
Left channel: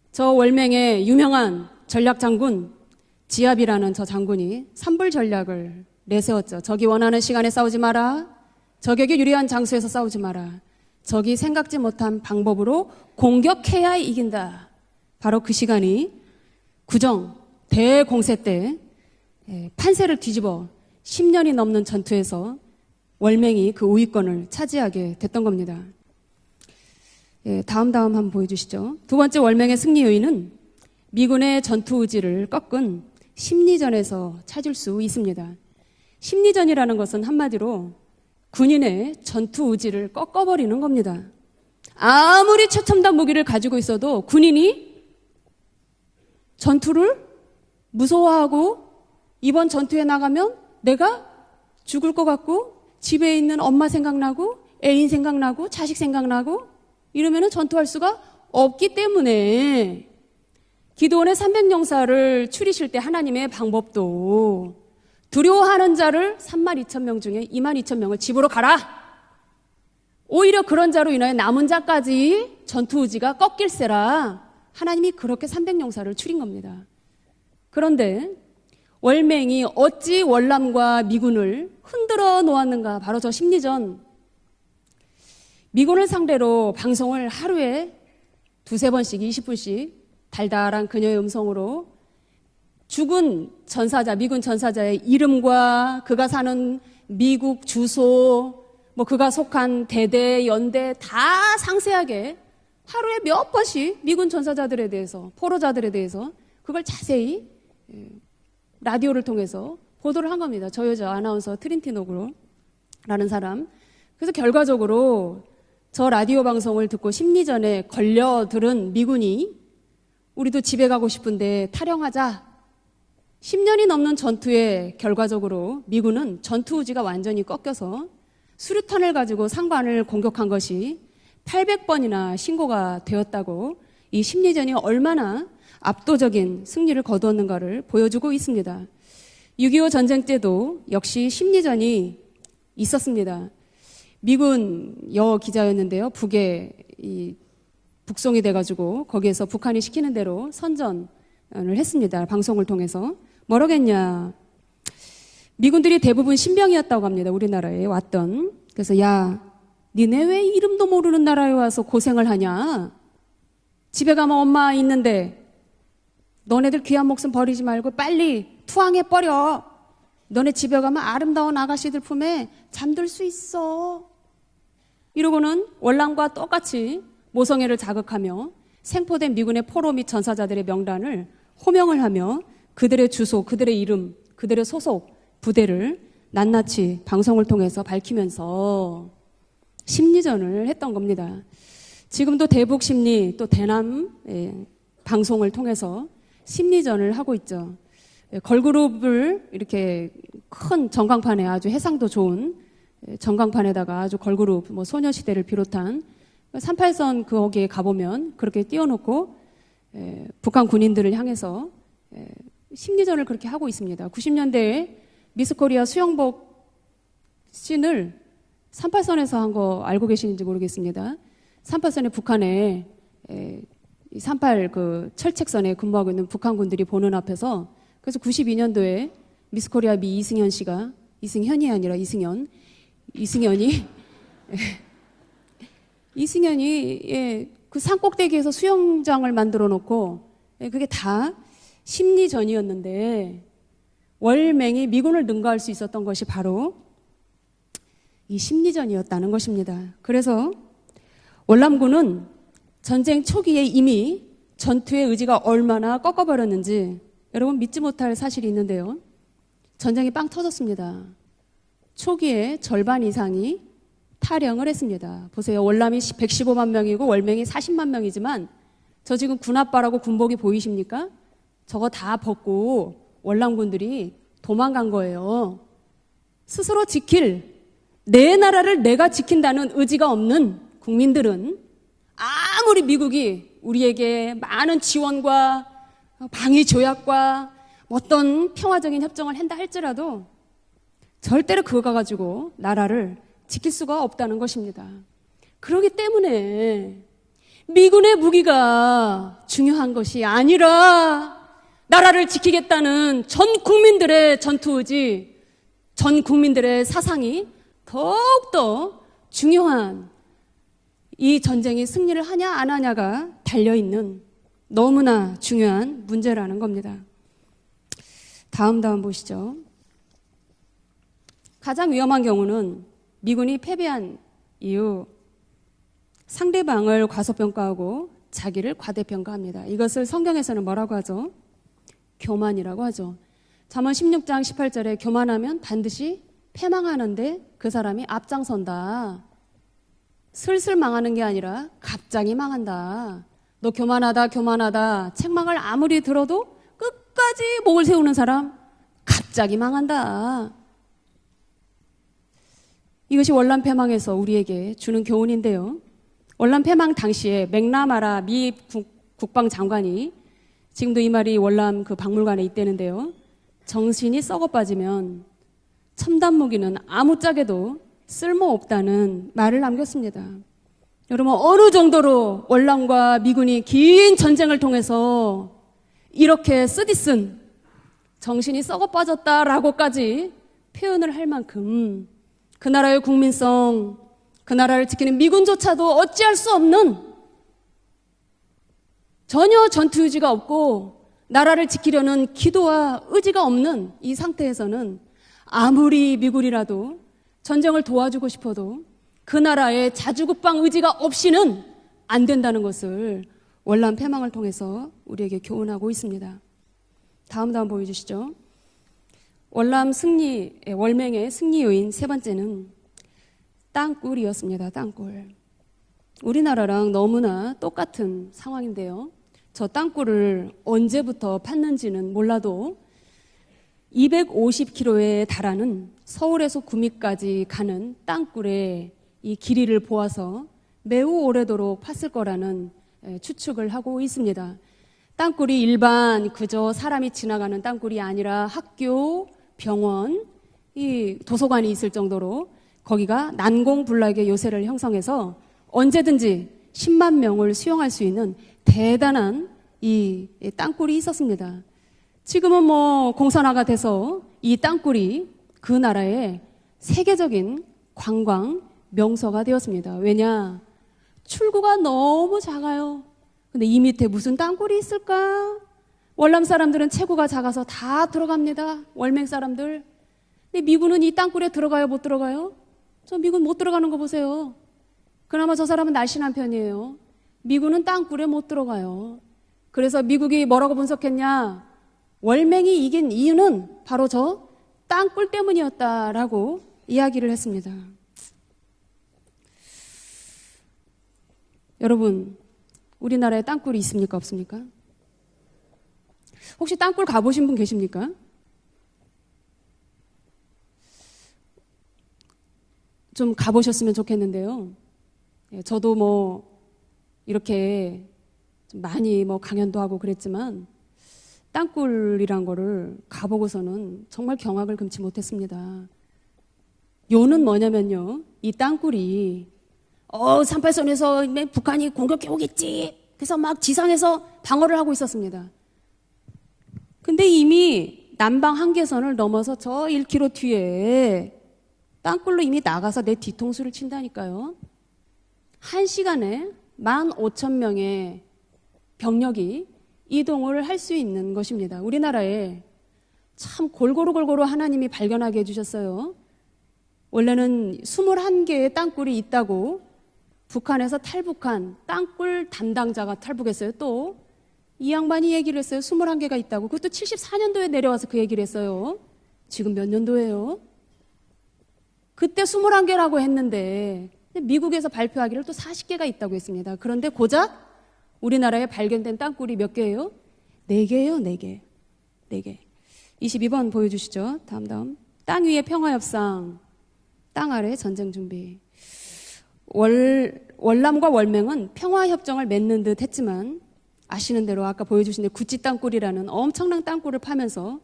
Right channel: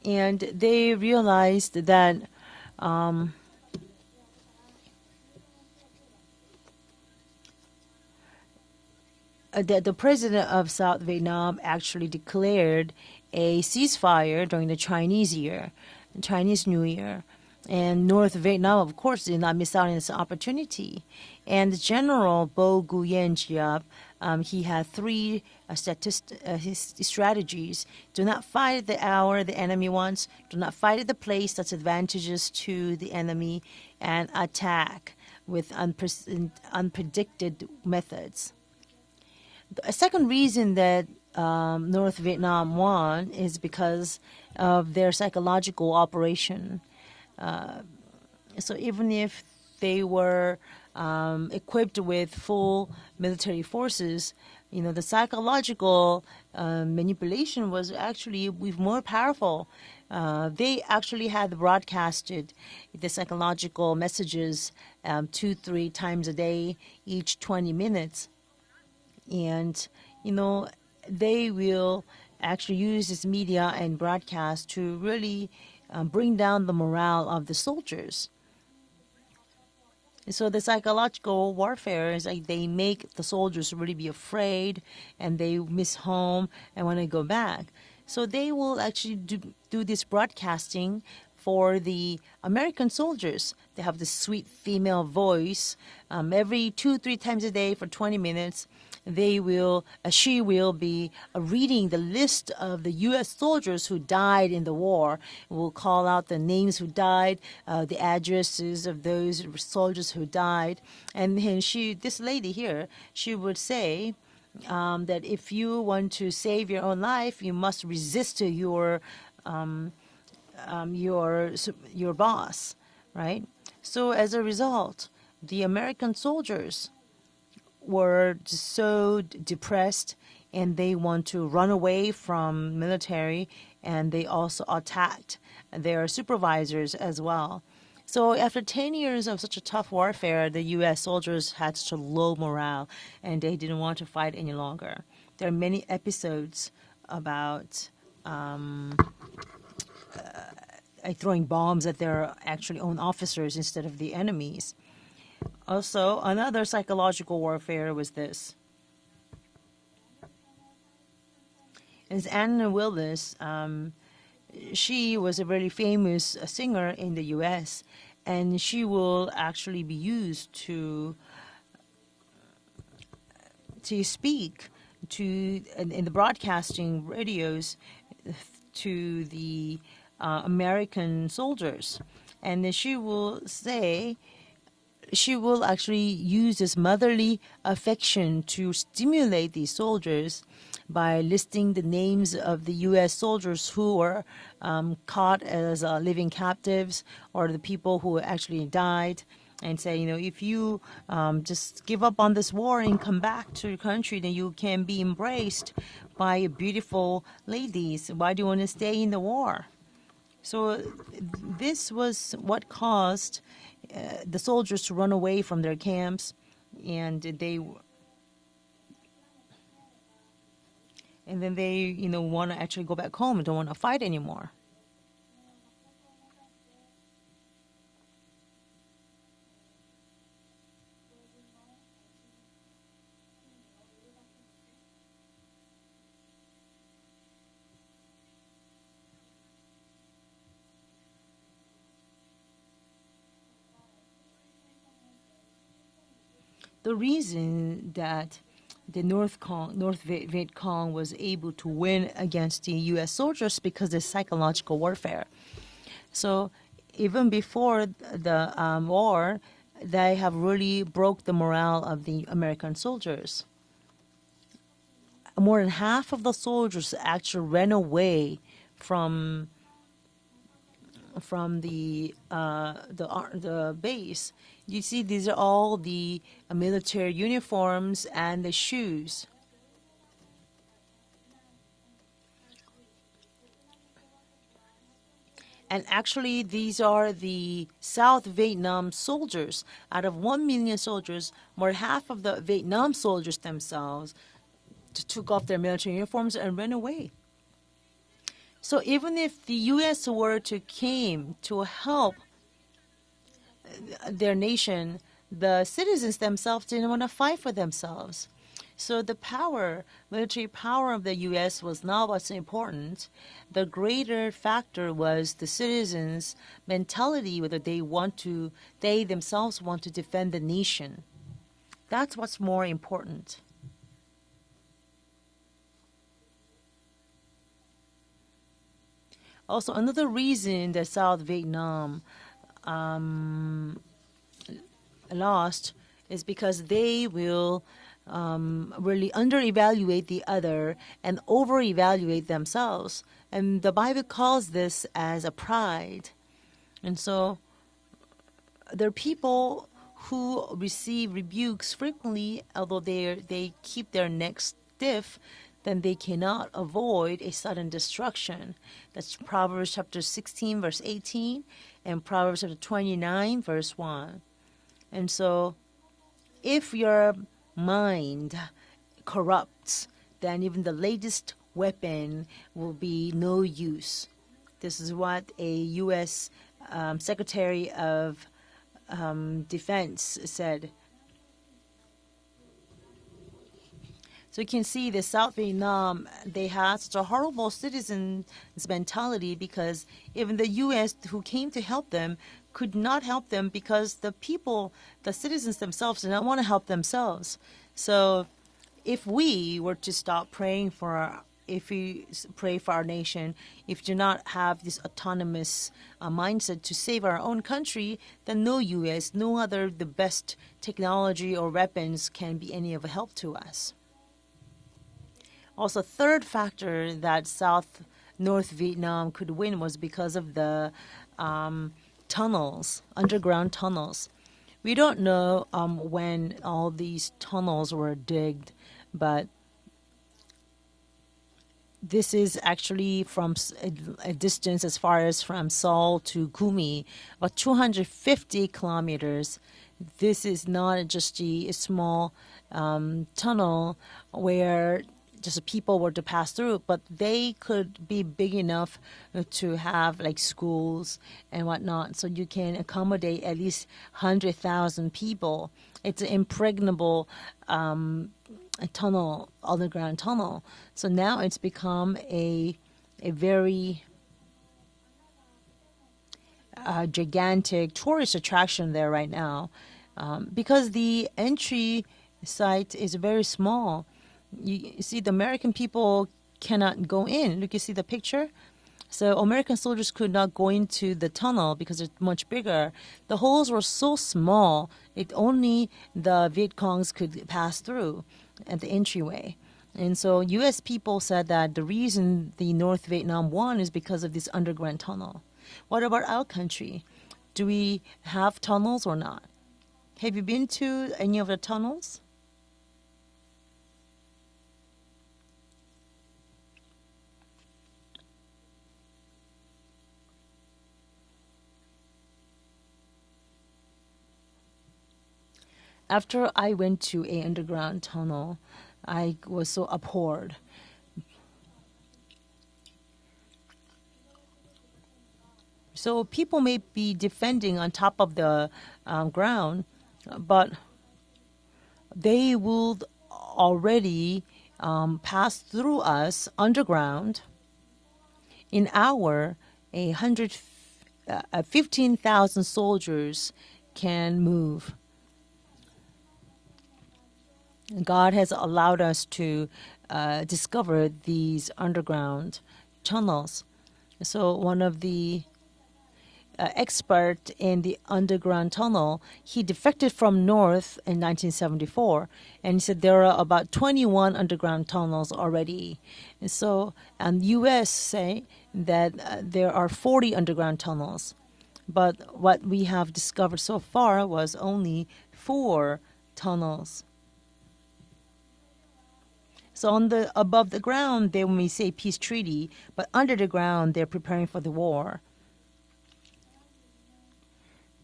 저 And 월맹의 they 유명한 realized that, 전략 장군 지압이라는 저 장군이 산불 전략을 내세웠죠. 적이 원하는 시간에 싸우지 마라. 적에게 유리한 장소에서 the 싸우지 president 마라. of South 적이 Vietnam 생각지 actually 못한 declared 방법으로 a 공격해야 ceasefire 이긴다. during the Chinese 바로 Year, 그 시간이 Chinese New Year. 구정 And North 대공세 때 Vietnam, of course, did not miss out on this 판세를 뒤집어 opportunity. 10년이 And 넘는 General 전투에서 Bo Guyen 월맹이 Giap, 그 우위권을 he had 차지하게 three 됐던 겁니다. his strategies. 다음 Do 한번 not fight 보여주시죠. the 두 번째 hour, 월맹의 the 승리 enemy 요인은 wants. Do not fight at the 미군의 place that's 전투 의지를 advantageous to 꺾은 the enemy 심리전에서 and 찾을 수 attack 있습니다. with 심리전이라는 것은 unpredicted 한마디로 methods. 군인의 전투 A 의지를 second 꺾어버리는 reason that 겁니다. North 아무리 Vietnam 최첨단 won 무기를 is 가지고 because 있어도 군인이 of their psychological operation. 전투를 무서워하고 So even if 이번 they 전투에 were, 나가면 내가 equipped 죽을 것 with 같고 full 집에 있는 military 엄마 forces, 생각나고 you know, 애인 the 생각나고 자식 psychological, 생각나고 manipulation 이러면 전투할 was 수가 actually 없기 more 때문에 powerful. They actually 기도원의 had 300용사를 broadcasted 추리실 때 the 하나님의 psychological 방법도 messages, 2-3 두려워하는 times 자를 a day, 32,000명 each 중에 20 22,000명을 minutes. 집으로 가라. And, you know, 오히려 그런 자로 인하여 they 남은 will 자까지 actually 전투 use this 의지가 media and 꺾일세라. broadcast to 하나님이 really, 그렇게 300용사를 bring 추린 down the 겁니다. morale of the soldiers. 그런데 월맹이 어찌 So the 월남과 psychological 미군을 warfare is 흔들어 like they 놓았는가? make 바로 저 the soldiers 심리전. really be afraid, and they miss 미군을 home 상대로 and wanna go 방송을 back. 하루에 So they will 두세 번씩 actually 20분씩 do this 달달한 broadcasting 그녀의 for 음성으로 the American 죽은 soldiers. 전사자, They have 미군 the sweet 전사자의 female 이름과 voice. 그가 사는 Every 2-3 times a 미국 day for 주소, 20 minutes. 뭐 그가 they 속한 will- 대대, she will 연대 be 다 reading the 상세하게 list of the 하루에 US 몇 soldiers 번씩 who 미군 died in 전사자들에 the war. 대해서, 포로자들에 Will call 대해서 out the names 그걸 who 자세히 died, the addresses of 라디오를 those 통해서 soldiers who 보도를 한 겁니다. died. 저 여자 아나운서 트린티 this 노브 lady here, 라는 she 사람. would say 그래서 결과적으로 that if you want 저 to 라디오 save 방송을 your 듣고 life, you 심리전에 must 걸려 resist 들은 your, 미군이 우리도 집에 가고 싶은데 your 탈영하자. boss, right? 10년이 넘는 So as a 전투에 result, 결과적으로 the American 미군은 soldiers 전투 의지가 완전히 꺾여서 were 수류탄을 so 가지고 상반을 depressed 공격한 것이 and they want to run away 800번이나 from 신고가 military, 되었다고 and 이 they 심리전이 also 얼마나 attacked their 압도적인 supervisors 승리를 as 거두었는가를 well. 보여주고 So after 있습니다. 10 years of such a 6.25 tough 전쟁 warfare, 때도 the US 역시 soldiers had 심리전이 such low morale, 있었습니다. and they didn't want to fight any 미군 longer. 여 There are many 기자였는데요. 북에 episodes 이 about 북송이 돼가지고 거기에서 북한이 시키는 대로 선전을 throwing bombs at 했습니다. their 방송을 actual own 통해서 officers instead of the 뭐라겠냐. enemies. 미군들이 Also, 대부분 another 신병이었다고 합니다. psychological 우리나라에 warfare was 왔던. this. 그래서 야, 니네 왜 이름도 모르는 나라에 와서 고생을 Anna 하냐? Willis, 집에 가면 엄마 she 있는데 was a really famous 너네들 singer 귀한 in 목숨 the 버리지 US, 말고 빨리 and she 투항해 will 버려. actually be used 너네 집에 to- 가면 아름다운 아가씨들 품에 잠들 수 있어. to speak to 이러고는 월남과 broadcasting 똑같이 radios 모성애를 자극하며 to 생포된 미군의 the, 포로 및 전사자들의 American 명단을 soldiers. 호명을 하며 And then she 그들의 will 주소, 그들의 say 이름, 그들의 소속, she will actually 부대를 use 낱낱이 this motherly 방송을 통해서 affection to 밝히면서 stimulate these soldiers 심리전을 했던 by 겁니다. listing the names 지금도 of the 대북 US 심리 또 soldiers 대남 who were 방송을 caught as 통해서 living captives 심리전을 하고 or 있죠. the people who actually 걸그룹을 died and say, 이렇게 if you 큰 전광판에 just 아주 give 해상도 up on 좋은 this war and come back to your 전광판에다가 아주 country, then you 걸그룹 can 뭐 be 소녀시대를 embraced 비롯한 by a 38선 beautiful 거기에 ladies. 가보면 Why do you want 그렇게 to stay in the 띄워놓고 war? 북한 So 군인들을 향해서 This was what 심리전을 caused 그렇게 하고 있습니다. the 90년대에 soldiers to run away 미스 from their 코리아 camps, 수영복 and they 씬을 38선에서 한 거 알고 계시는지 모르겠습니다. and then they 38선에 want to 북한에 actually go back home and don't want to fight anymore. 38 그 철책선에 근무하고 있는 북한 군들이 보는 앞에서 그래서 92년도에 미스 코리아 미 이승현 씨가 이승현이 아니라 이승현이 이승현이 그 산꼭대기에서 수영장을 만들어 놓고 그게 다 심리전이었는데 월맹이 미군을 능가할 수 있었던 것이 바로 The reason that 이 심리전이었다는 North 것입니다. North 그래서 Vietcong was able to 월남군은 win against the US 전쟁 soldiers 초기에 because of 이미 psychological 전투의 warfare. 의지가 얼마나 꺾어버렸는지 Even 여러분 믿지 before 못할 사실이 the 있는데요. war, 전쟁이 they 빵 have really 터졌습니다. broke the morale of the 초기에 American 절반 soldiers. 이상이 탈영을 했습니다. 보세요. More than 월남이 half of the 115만 soldiers 명이고 월맹이 actually ran 40만 away 명이지만 from 저 지금 군합바라고 군복이 보이십니까? from the, 저거 다 벗고 the 월남군들이 base. 도망간 You see, these are 거예요. all the 스스로 military 지킬 uniforms 내 and 나라를 shoes. 내가 지킨다는 의지가 없는 국민들은 아무리 미국이 우리에게 많은 지원과 And actually, 방위 these are 조약과 the 어떤 South Vietnam 평화적인 협정을 한다 soldiers. 할지라도 Out of 1 million soldiers, 절대로 more 그거 half of 가지고 the Vietnam 나라를 soldiers 지킬 수가 themselves 없다는 것입니다. took off their 그렇기 military uniforms and ran 때문에 away. 미군의 So 무기가 even if the 중요한 US 것이 were to 아니라 came to help 나라를 지키겠다는 전 국민들의 their 전투 nation, 의지, the citizens 전 themselves 국민들의 didn't want to 사상이 fight for themselves. 더욱더 So the power, 중요한 military power of the 이 US 전쟁이 was not 승리를 what's 하냐 안 important. 하냐가 The 달려있는 greater factor 너무나 was the 중요한 citizens' 문제라는 겁니다. mentality, whether they want to, 다음 they 보시죠. themselves want to defend the nation. 가장 That's 위험한 what's more 경우는 important. 미군이 패배한 이후 상대방을 과소평가하고 자기를 과대평가합니다. Also, 이것을 another 성경에서는 reason that 뭐라고 하죠? South Vietnam 교만이라고 하죠. 잠언 16장 18절에 교만하면 lost 반드시 is because they 패망하는데 will, 그 사람이 앞장선다. really under-evaluate the other 슬슬 망하는 게 and 아니라 over-evaluate 갑자기 themselves. 망한다. And 너 the Bible 교만하다 calls this 교만하다 as a 책망을 pride. 아무리 들어도 And so 끝까지 목을 세우는 사람 There are people 갑자기 망한다. who receive rebukes frequently, although they 이것이 they 월남 keep 패망에서 their necks 우리에게 주는 stiff, 교훈인데요. then they cannot 월남 패망 avoid 당시에 sudden 맥나마라 destruction. 미 That's 국방 Proverbs 장관이 chapter 16, verse 지금도 이 말이 18, 월남 그 and 박물관에 Proverbs 있다는데요. 29, verse 1. 정신이 썩어 빠지면 And so 첨단 무기는 if your 아무짝에도 mind 쓸모없다는 corrupts, 말을 남겼습니다. then even the latest 여러분 weapon 어느 정도로 will 월남과 be no 미군이 use. 긴 전쟁을 This is 통해서 what a US 이렇게 쓰디쓴 Secretary of 정신이 썩어 빠졌다라고까지 Defense said. 표현을 할 만큼 그 나라의 국민성, So you 그 can 나라를 see the 지키는 South 미군조차도 Vietnam, 어찌할 수 they have 없는 such a horrible citizens mentality 전혀 because 전투 의지가 even the 없고 US who came to 나라를 help them 지키려는 could 기도와 not help 의지가 them 없는 because the 이 상태에서는 people, the citizens 아무리 themselves do not want to help 미군이라도 themselves. 전쟁을 So 도와주고 싶어도 if we 그 나라의 were to stop 자주국방 praying 의지가 for our- 없이는 if we 안 된다는 pray for our 것을 nation, if 월남 we do not 패망을 have 통해서 this 우리에게 autonomous 교훈하고 있습니다. mindset to save our own 다음 장 country, 보여주시죠. then no US, no other 월남 the best 승리, technology 월맹의 or 승리 요인 weapons 세 can be 번째는 any of help to us. 땅굴이었습니다. 땅굴. Also, third 우리나라랑 factor that 너무나 South 똑같은 North 상황인데요. Vietnam could win 저 was because of 땅굴을 the 언제부터 팠는지는 몰라도 tunnels, underground tunnels. 250km에 know, 달하는 when 서울에서 all these 구미까지 tunnels were 가는 땅굴의 but 이 길이를 보아서 매우 오래도록 팠을 This is 거라는 actually from 추측을 하고 a 있습니다. distance as far as from 땅굴이 Seoul 일반 to 그저 Gumi, 사람이 but 지나가는 땅굴이 아니라 250 학교, kilometers. 병원, This is not just 이 a 도서관이 있을 small, 정도로 거기가 tunnel 난공불락의 요새를 where 형성해서 just people were to pass 언제든지 through, but 10만 they 명을 could 수용할 수 be 있는 big enough 대단한 to have 이 like schools 땅굴이 있었습니다. and whatnot. So you can 지금은 뭐 accommodate at 공산화가 least 돼서 이 100,000 땅굴이 people. 그 It's 나라의 impregnable, 세계적인 관광 tunnel, 명소가 되었습니다. underground 왜냐? tunnel. So now it's 출구가 become 너무 작아요. a very 근데 이 밑에 무슨 땅굴이 있을까? 월남 사람들은 체구가 작아서 gigantic 다 tourist attraction 들어갑니다. there right 월맹 now. 사람들. Because 미군은 the 이 땅굴에 entry 들어가요, 못 들어가요? site is 저 very 미군 못 small. 들어가는 거 보세요. You see, the American 그나마 저 사람은 people 날씬한 편이에요. cannot go in. Look, you see 미군은 the picture. 땅굴에 못 들어가요. So American soldiers 그래서 could not 미국이 go 뭐라고 into the tunnel 분석했냐? because it's much bigger. 월맹이 이긴 The holes 이유는 were so 바로 저 small that 땅굴 only the 때문이었다라고 Vietcongs 이야기를 could pass 했습니다. through at the entryway. And so U.S. people said that the 여러분, reason the North Vietnam 우리나라에 won is 땅굴이 because of 있습니까, this 없습니까? underground tunnel. What about our country? 혹시 땅굴 가보신 Do 분 we 계십니까? have tunnels or not? Have you been to any of the tunnels? 좀 가보셨으면 좋겠는데요. 예, 저도 뭐 이렇게 좀 많이 뭐 강연도 하고 그랬지만 땅굴이란 거를 가보고서는 정말 경악을 금치 못했습니다. After I went to a 요는 underground tunnel, 뭐냐면요, 이 I 땅굴이 was so abhorred. 38선에서 북한이 공격해 오겠지. 그래서 막 지상에서 방어를 하고 있었습니다. So people may be 근데 defending on 이미 top of the 남방 한계선을 넘어서 ground, 저 1km but 뒤에 they 땅굴로 이미 will 나가서 내 뒤통수를 already 친다니까요. pass through 한 us 시간에 underground 15,000명의 in hour. 병력이 A hundred, 이동을 할 수 있는 것입니다. 우리나라에 15,000 soldiers. 참 골고루 move. 하나님이 발견하게 해주셨어요. 원래는 God has 21개의 allowed us 땅굴이 to 있다고 discover 북한에서 these 탈북한 underground 땅굴 담당자가 tunnels. 탈북했어요. 또 So one of 이 the 양반이 얘기를 했어요. 21개가 있다고. 그것도 experts in 74년도에 the 내려와서 그 얘기를 underground tunnel, 했어요. he 지금 몇 defected from 년도예요? north in 1974. 그때 And so there 21개라고 are about 했는데 21 underground 미국에서 tunnels 발표하기로 또 already. 40개가 있다고 So 했습니다. 그런데 the 고작 US say 우리나라에 that 발견된 땅굴이 there 몇 are 40 개예요? underground 4개예요, tunnels. 4개. But what 네 개. we have discovered so 22번 far 보여주시죠. was 다음. only 땅 위의 4 평화협상, tunnels. 땅 아래 전쟁 준비. So on the, above the ground, 월남과 they may 월맹은 say peace 평화 treaty, 협정을 맺는 but 듯 under the 했지만 ground, they're preparing for 아시는 the 대로 아까 war. 보여주신 구찌 땅굴이라는 엄청난 땅굴을 파면서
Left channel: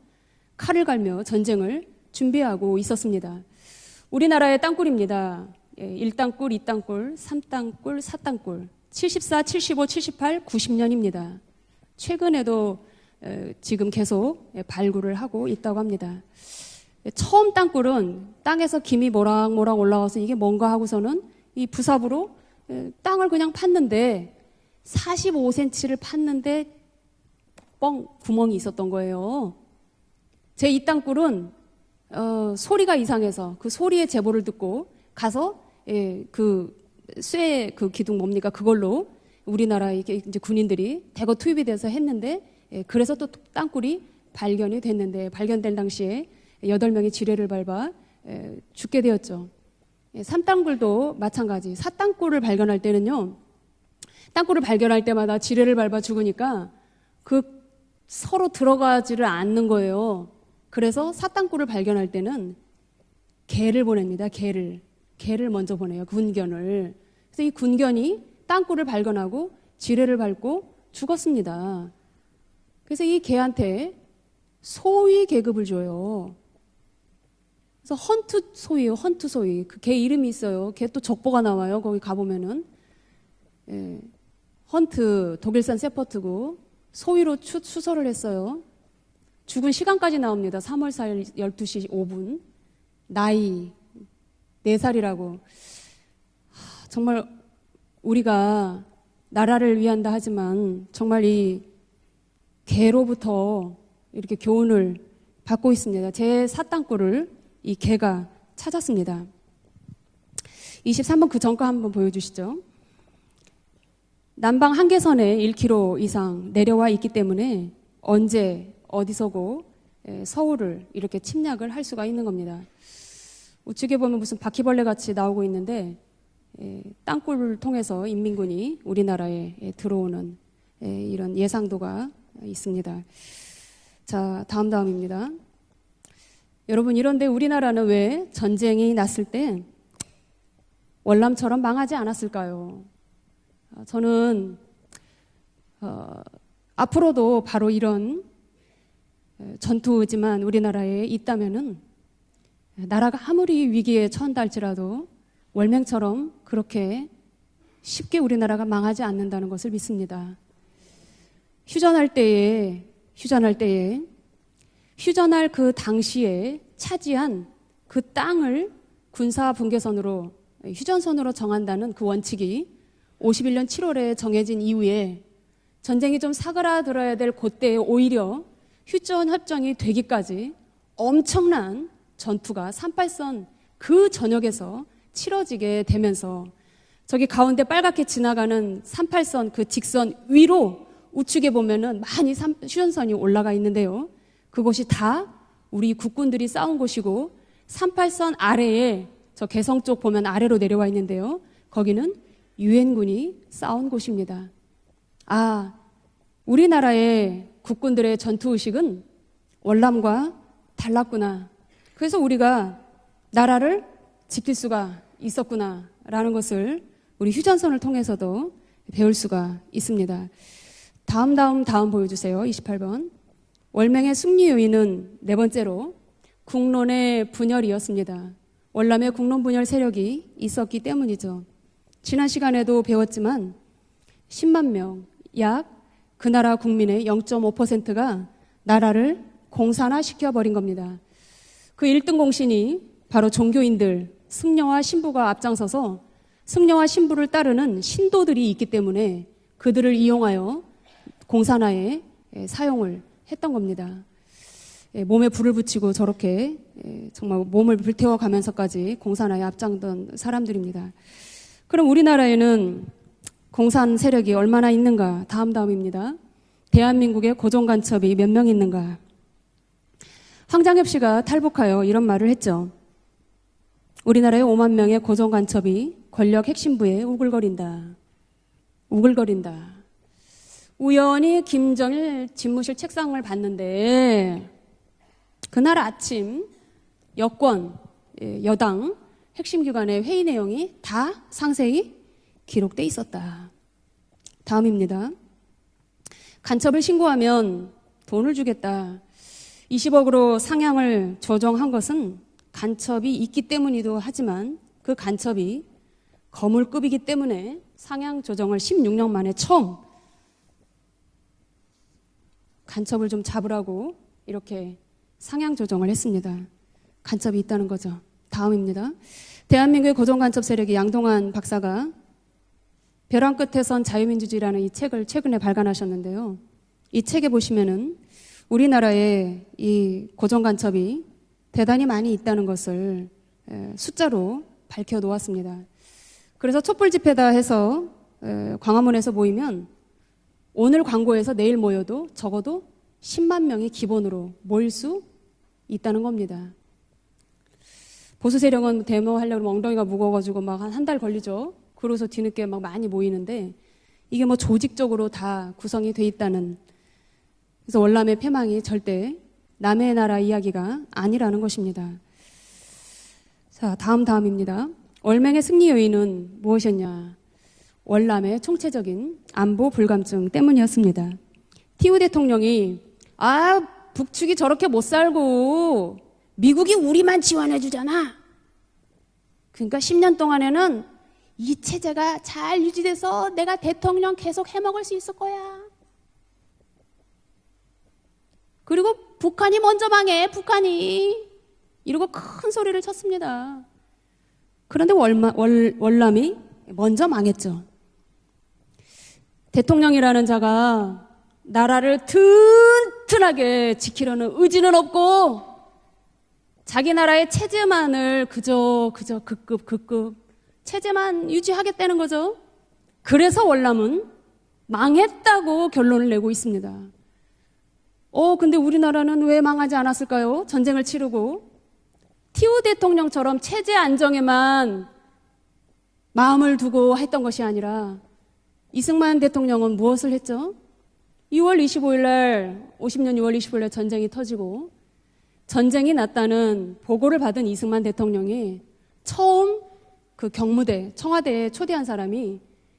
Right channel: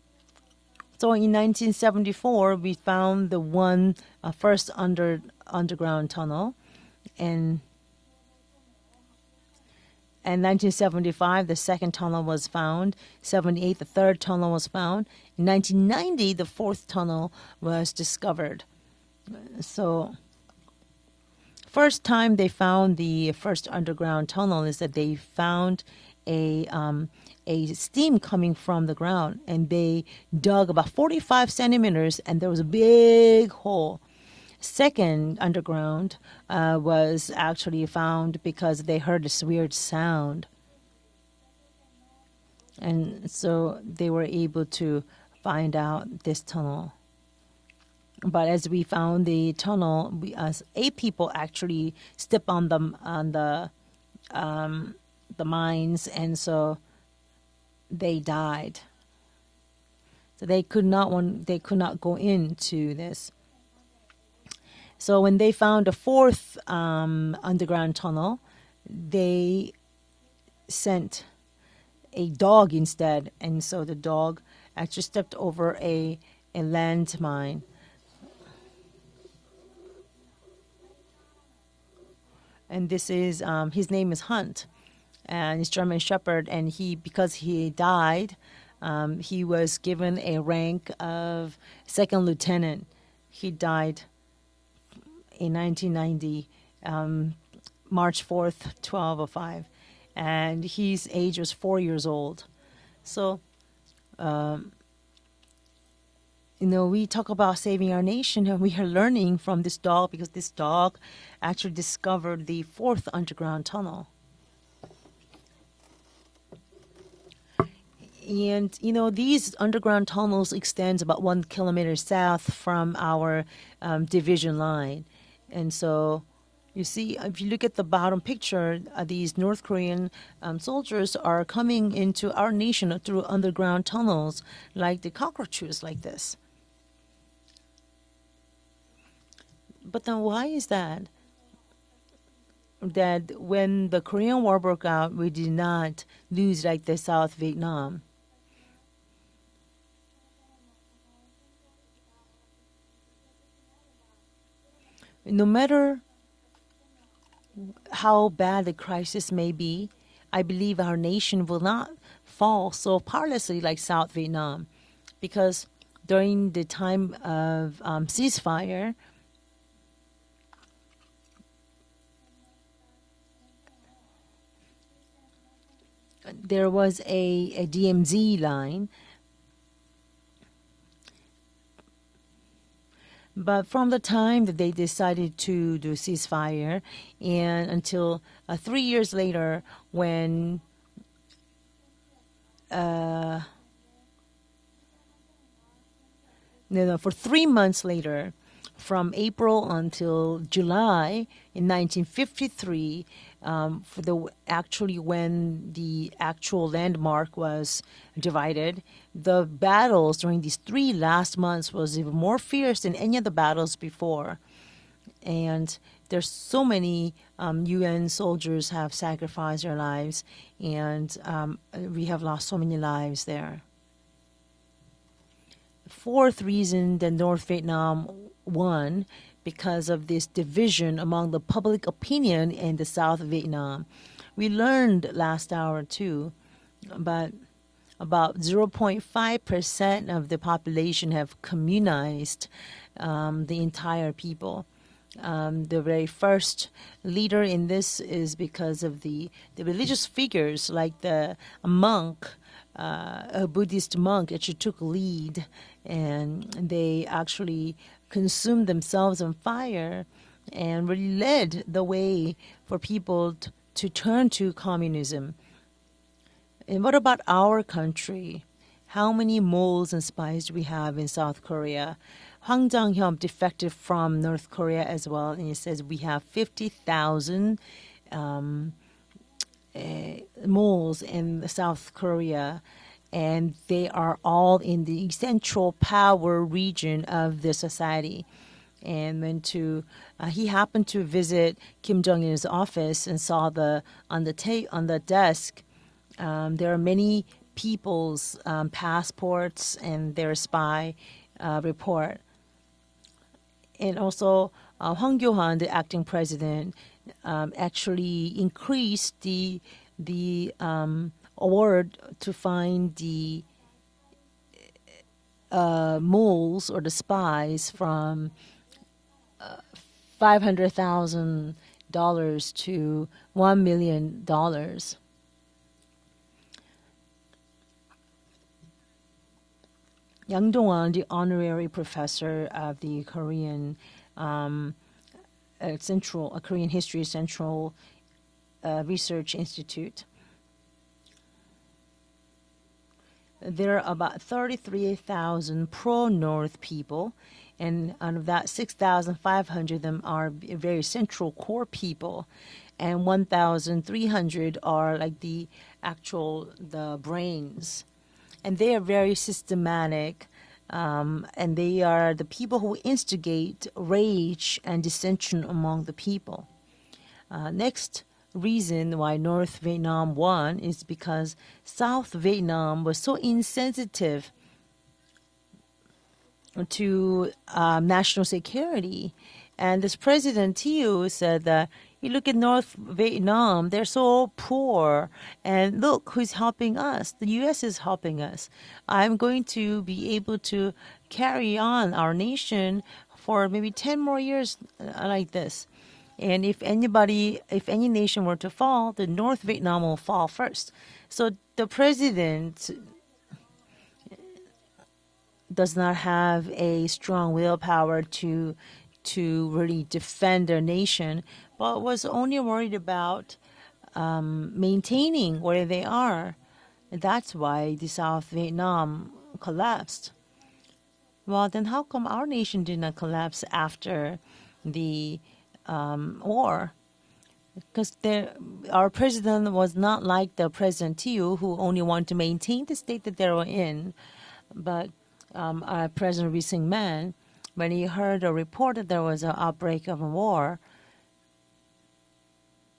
칼을 갈며 So in 전쟁을 1974, 준비하고 we found 있었습니다. the one 우리나라의 first 땅굴입니다. underground 1땅굴, tunnel. 2땅굴, And 3땅굴, 4땅굴. 74, 75, 78, In 90년입니다. 1975, the second tunnel was 최근에도 found. 78, 지금 the third 계속 tunnel was found. 발굴을 하고 In 있다고 합니다. 1990, the fourth tunnel 처음 was 땅굴은 discovered. 땅에서 김이 모락모락 So, 올라와서 이게 뭔가 하고서는 이 First 부삽으로 time they found the 땅을 그냥 first 팠는데 underground tunnel is that they found 45cm를 팠는데 a steam 구멍이 coming from 있었던 the ground, 거예요. and they dug 제 이 about 땅굴은 45 centimeters, and there was a 소리가 big 이상해서 그 hole. 소리의 제보를 듣고 Second 가서 underground 그 was 쇠 actually 그 기둥 found 뭡니까 because 그걸로 they heard this weird 우리나라 이렇게 sound. 이제 군인들이 대거 투입이 돼서 했는데 And 그래서 또 so 땅굴이 they were able 발견이 to 됐는데 발견된 find out 당시에 this tunnel. 8명이 지뢰를 밟아 But as we 죽게 found 되었죠. the tunnel, 3땅굴도 8 people 마찬가지. actually 4땅굴을 stepped on 발견할 them 때는요. on the 땅굴을 발견할 때마다 the 지뢰를 밟아 mines, and 죽으니까 so 그 they 서로 died. 들어가지를 않는 거예요. So they could 그래서 not want, they 사땅굴을 could not 발견할 go 때는 into this. 개를 보냅니다. 개를. So when 개를 they 먼저 found the 보내요. fourth 군견을. 그래서 이 underground 군견이 tunnel, 땅굴을 발견하고 they 지뢰를 밟고 sent 죽었습니다. a dog 이 instead, and 개한테 so the dog 소위 actually stepped 계급을 over 줘요. a landmine. 그래서 헌트 소위예요. 헌트 소위. 그 개 이름이 있어요. 걔 또 족보가 나와요. 거기 가 보면은 And this is his name is Hunt, 헌트 and 독일산 German Shepherd, 세퍼트고 and he 소위로 because he 수설을 died, 했어요. he 죽을 was 시간까지 given a 나옵니다. rank 3월 4일 of 12시 second 5분. lieutenant. 나이 He died 4살이라고 in 1990. 정말 March 우리가 4th, 1205. 나라를 위한다 하지만 And his 정말 age was 이 4 years old. 개로부터 이렇게 교훈을 받고 있습니다. 제 We 사땅굴을 talk about 이 saving our 개가 nation. We are 찾았습니다. learning from this dog because this dog 23번 그 정가 actually 한번 discovered 보여주시죠. the fourth underground tunnel. 남방 한계선에 1km 이상 내려와 있기 때문에 언제 And you know these 어디서도 underground tunnels 서울을 extend 이렇게 about 1 침략을 할 kilometer 수가 있는 south 겁니다. from our 우측에 보면 무슨 division 바퀴벌레 line. 같이 나오고 And 있는데 so you see, if you 땅굴을 look at the 통해서 bottom 인민군이 picture, 우리나라에 these North Korean 들어오는 soldiers 이런 are coming 예상도가 into our nation 있습니다. through underground tunnels, 다음 like the 다음입니다. cockroaches, like this. 여러분 이런데 우리나라는 왜 전쟁이 났을 때 But then why is that? 월남처럼 망하지 않았을까요? That when the 저는, Korean War broke out, we did not lose like the 앞으로도 South 바로 Vietnam. 이런 전투지만 우리나라에 있다면은 나라가 아무리 위기에 처한다 할지라도 No matter 월남처럼 그렇게 쉽게 how 우리나라가 bad the 망하지 crisis 않는다는 may 것을 be, 믿습니다. I believe our nation will not 휴전할 때에 fall so 휴전할 partially like 때에 South Vietnam. 휴전할 Because 그 during 당시에 the time 차지한 of 그 땅을 ceasefire, 군사 분계선으로 휴전선으로 정한다는 그 원칙이 51년 7월에 정해진 이후에 전쟁이 좀 there was 사그라들어야 될 a 그때 DMZ 오히려 line. 휴전 협정이 되기까지 엄청난 전투가 38선 But from 그 the time that 전역에서 they decided 치러지게 to 되면서 ceasefire, 저기 가운데 and 빨갛게 until, 지나가는 3 years 38선 later, 그 직선 when, 위로 우측에 보면은 많이 휴전선이 올라가 있는데요. 그곳이 다 우리 국군들이 싸운 no, 곳이고 for 3 months later, 38선 아래에 from 저 April 개성 쪽 보면 until 아래로 내려가 July, 있는데요. in 거기는 1953, 유엔군이 싸운 곳입니다. actually when 아, the actual 우리나라의 landmark was 국군들의 전투 divided, 의식은 the battles 월남과 during these 3 달랐구나. last months was 그래서 more 우리가 fierce than any of the battles 나라를 before. 지킬 수가 And 있었구나라는 there's 것을 so many 우리 휴전선을 UN 통해서도 soldiers have 배울 수가 sacrificed their 있습니다. lives, and 다음 we have 보여주세요. lost so many 28번. lives there. 월맹의 승리 요인은 네 번째로 Fourth reason 국론의 the North 분열이었습니다. Vietnam won 월남의 국론 분열 because of 세력이 this 있었기 division among the 때문이죠. public 지난 opinion in 시간에도 the South 배웠지만 Vietnam. We 10만 learned 명, last 약 hour too. 그 나라 국민의 about 0.5%가 About 나라를 0.5% of 공산화시켜버린 the 겁니다. population have 그 communized 1등 공신이 바로 the entire 종교인들, people. 승려와 신부가 The 앞장서서 very first 승려와 신부를 leader in 따르는 this is 신도들이 있기 because of 때문에 the 그들을 religious 이용하여 figures like the 공산화에 monk, 사용을 a 했던 겁니다. Buddhist monk actually took 네, lead. 몸에 불을 붙이고 저렇게 and they 정말 actually 몸을 불태워 consumed 가면서까지 themselves on 공산화에 fire 앞장던 사람들입니다. and were led the 그럼 way 우리나라에는 for people to 공산 turn 세력이 to 얼마나 있는가? communism. 다음입니다. And what about 대한민국의 our 고정 간첩이 몇 명 있는가? How many moles and spies do we have 황장엽 in 씨가 South 탈북하여 Korea? 이런 말을 했죠. 황장엽 defected from 우리나라에 North 5만 Korea 명의 as 고정 well. He says 간첩이 we have 권력 핵심부에 50,000 우글거린다. 우글거린다. moles 우연히 in South 김정일 Korea. 집무실 책상을 And they 봤는데 are all in the central 그날 아침 power region of 여권, the society. 여당 And when 핵심 기관의 회의 he 내용이 happened to 다 visit 상세히 Kim Jong-il's 기록돼 office and 있었다. saw on the 다음입니다. desk. 간첩을 신고하면 people's 돈을 주겠다. passports 20억으로 and their 상향을 조정한 것은 report. 간첩이 있기 때문이기도 And also, 하지만 그 황교안, 간첩이 the acting president, 거물급이기 때문에 actually 상향 조정을 increased 16년 만에 처음 the award to find 간첩을 좀 the 잡으라고 이렇게 상향 조정을 했습니다. moles or the 간첩이 있다는 spies 거죠. from 다음입니다. 대한민국의 고정 간첩 세력이 양동환 $500,000 박사가 to 벼랑 $1 끝에선 million. 자유민주주의라는 이 책을 최근에 발간하셨는데요. 이 책에 보시면은 우리나라의 이 고정 양동환, 간첩이 the honorary 대단히 많이 professor 있다는 at the 것을 Korean, 숫자로 밝혀 놓았습니다. Central, 그래서 Korean 촛불 History 집회다 Central, 해서 광화문에서 Research 모이면 Institute. 오늘 광고에서 내일 모여도 적어도 10만 명이 There are 기본으로 about 모일 수 33,000 있다는 겁니다. pro-North people, and out of 보수 that, 세력은 대노하려면 6,500 엉덩이가 of them are 무거워가지고 막 very 한 달 central 걸리죠. core 그래서 people, 뒤늦게 막 많이 and 모이는데 1,300 이게 뭐 are 조직적으로 like 다 the 구성이 돼 actual 있다는 the brains. 그래서 월남의 And 패망이 they are very 절대 남의 나라 systematic. 이야기가 아니라는 And they 것입니다. are the people who instigate 자, rage 다음입니다. and dissension 월맹의 승리 among the 요인은 people. 무엇이었냐? Next 월남의 reason 총체적인 why North 안보 Vietnam 불감증 won is 때문이었습니다. because 티우 South 대통령이 Vietnam was so 아 insensitive 북측이 저렇게 못 살고 미국이 to 우리만 지원해 주잖아. national security. 그러니까 And this 10년 President 동안에는 Thieu said 이 that 체제가 you look at 잘 North 유지돼서 내가 Vietnam, they're 대통령 so 계속 해먹을 수 poor. 있을 거야. And look who's helping us. The U.S. is helping us. 그리고 I'm going 북한이 to 먼저 be 망해. able to 북한이 carry on 이러고 our 큰 nation 소리를 쳤습니다. for maybe 10 more years. 그런데 like this. 월남이 And if 먼저 anybody, 망했죠. if any nation were to fall, the North Vietnam will 대통령이라는 fall 자가 first. So the 나라를 president 튼튼하게 지키려는 의지는 없고 does not have a 자기 나라의 strong 체제만을 willpower 그저 to really 급급급급 defend their nation. 체제만 유지하겠다는 Was 거죠. only worried about 그래서 월남은 maintaining 망했다고 where they 결론을 are. 내고 있습니다. That's why the South 근데 Vietnam 우리나라는 왜 망하지 collapsed. 않았을까요? 전쟁을 치르고 Well, then how come our nation 티우 did not 대통령처럼 collapse 체제 after 안정에만 the 마음을 war? 두고 했던 것이 아니라 Because our 이승만 president 대통령은 was not 무엇을 like 했죠? the President Thieu, who 6월 only 25일 wanted to 날 maintain the state 50년 that they 6월 were 25일 날 in. 전쟁이 터지고 But 전쟁이 our President Lee 났다는 Sing-man, 보고를 받은 when 이승만 he heard a 대통령이 report that there was an 처음 outbreak of a 그 war, 경무대 청와대에 초대한 사람이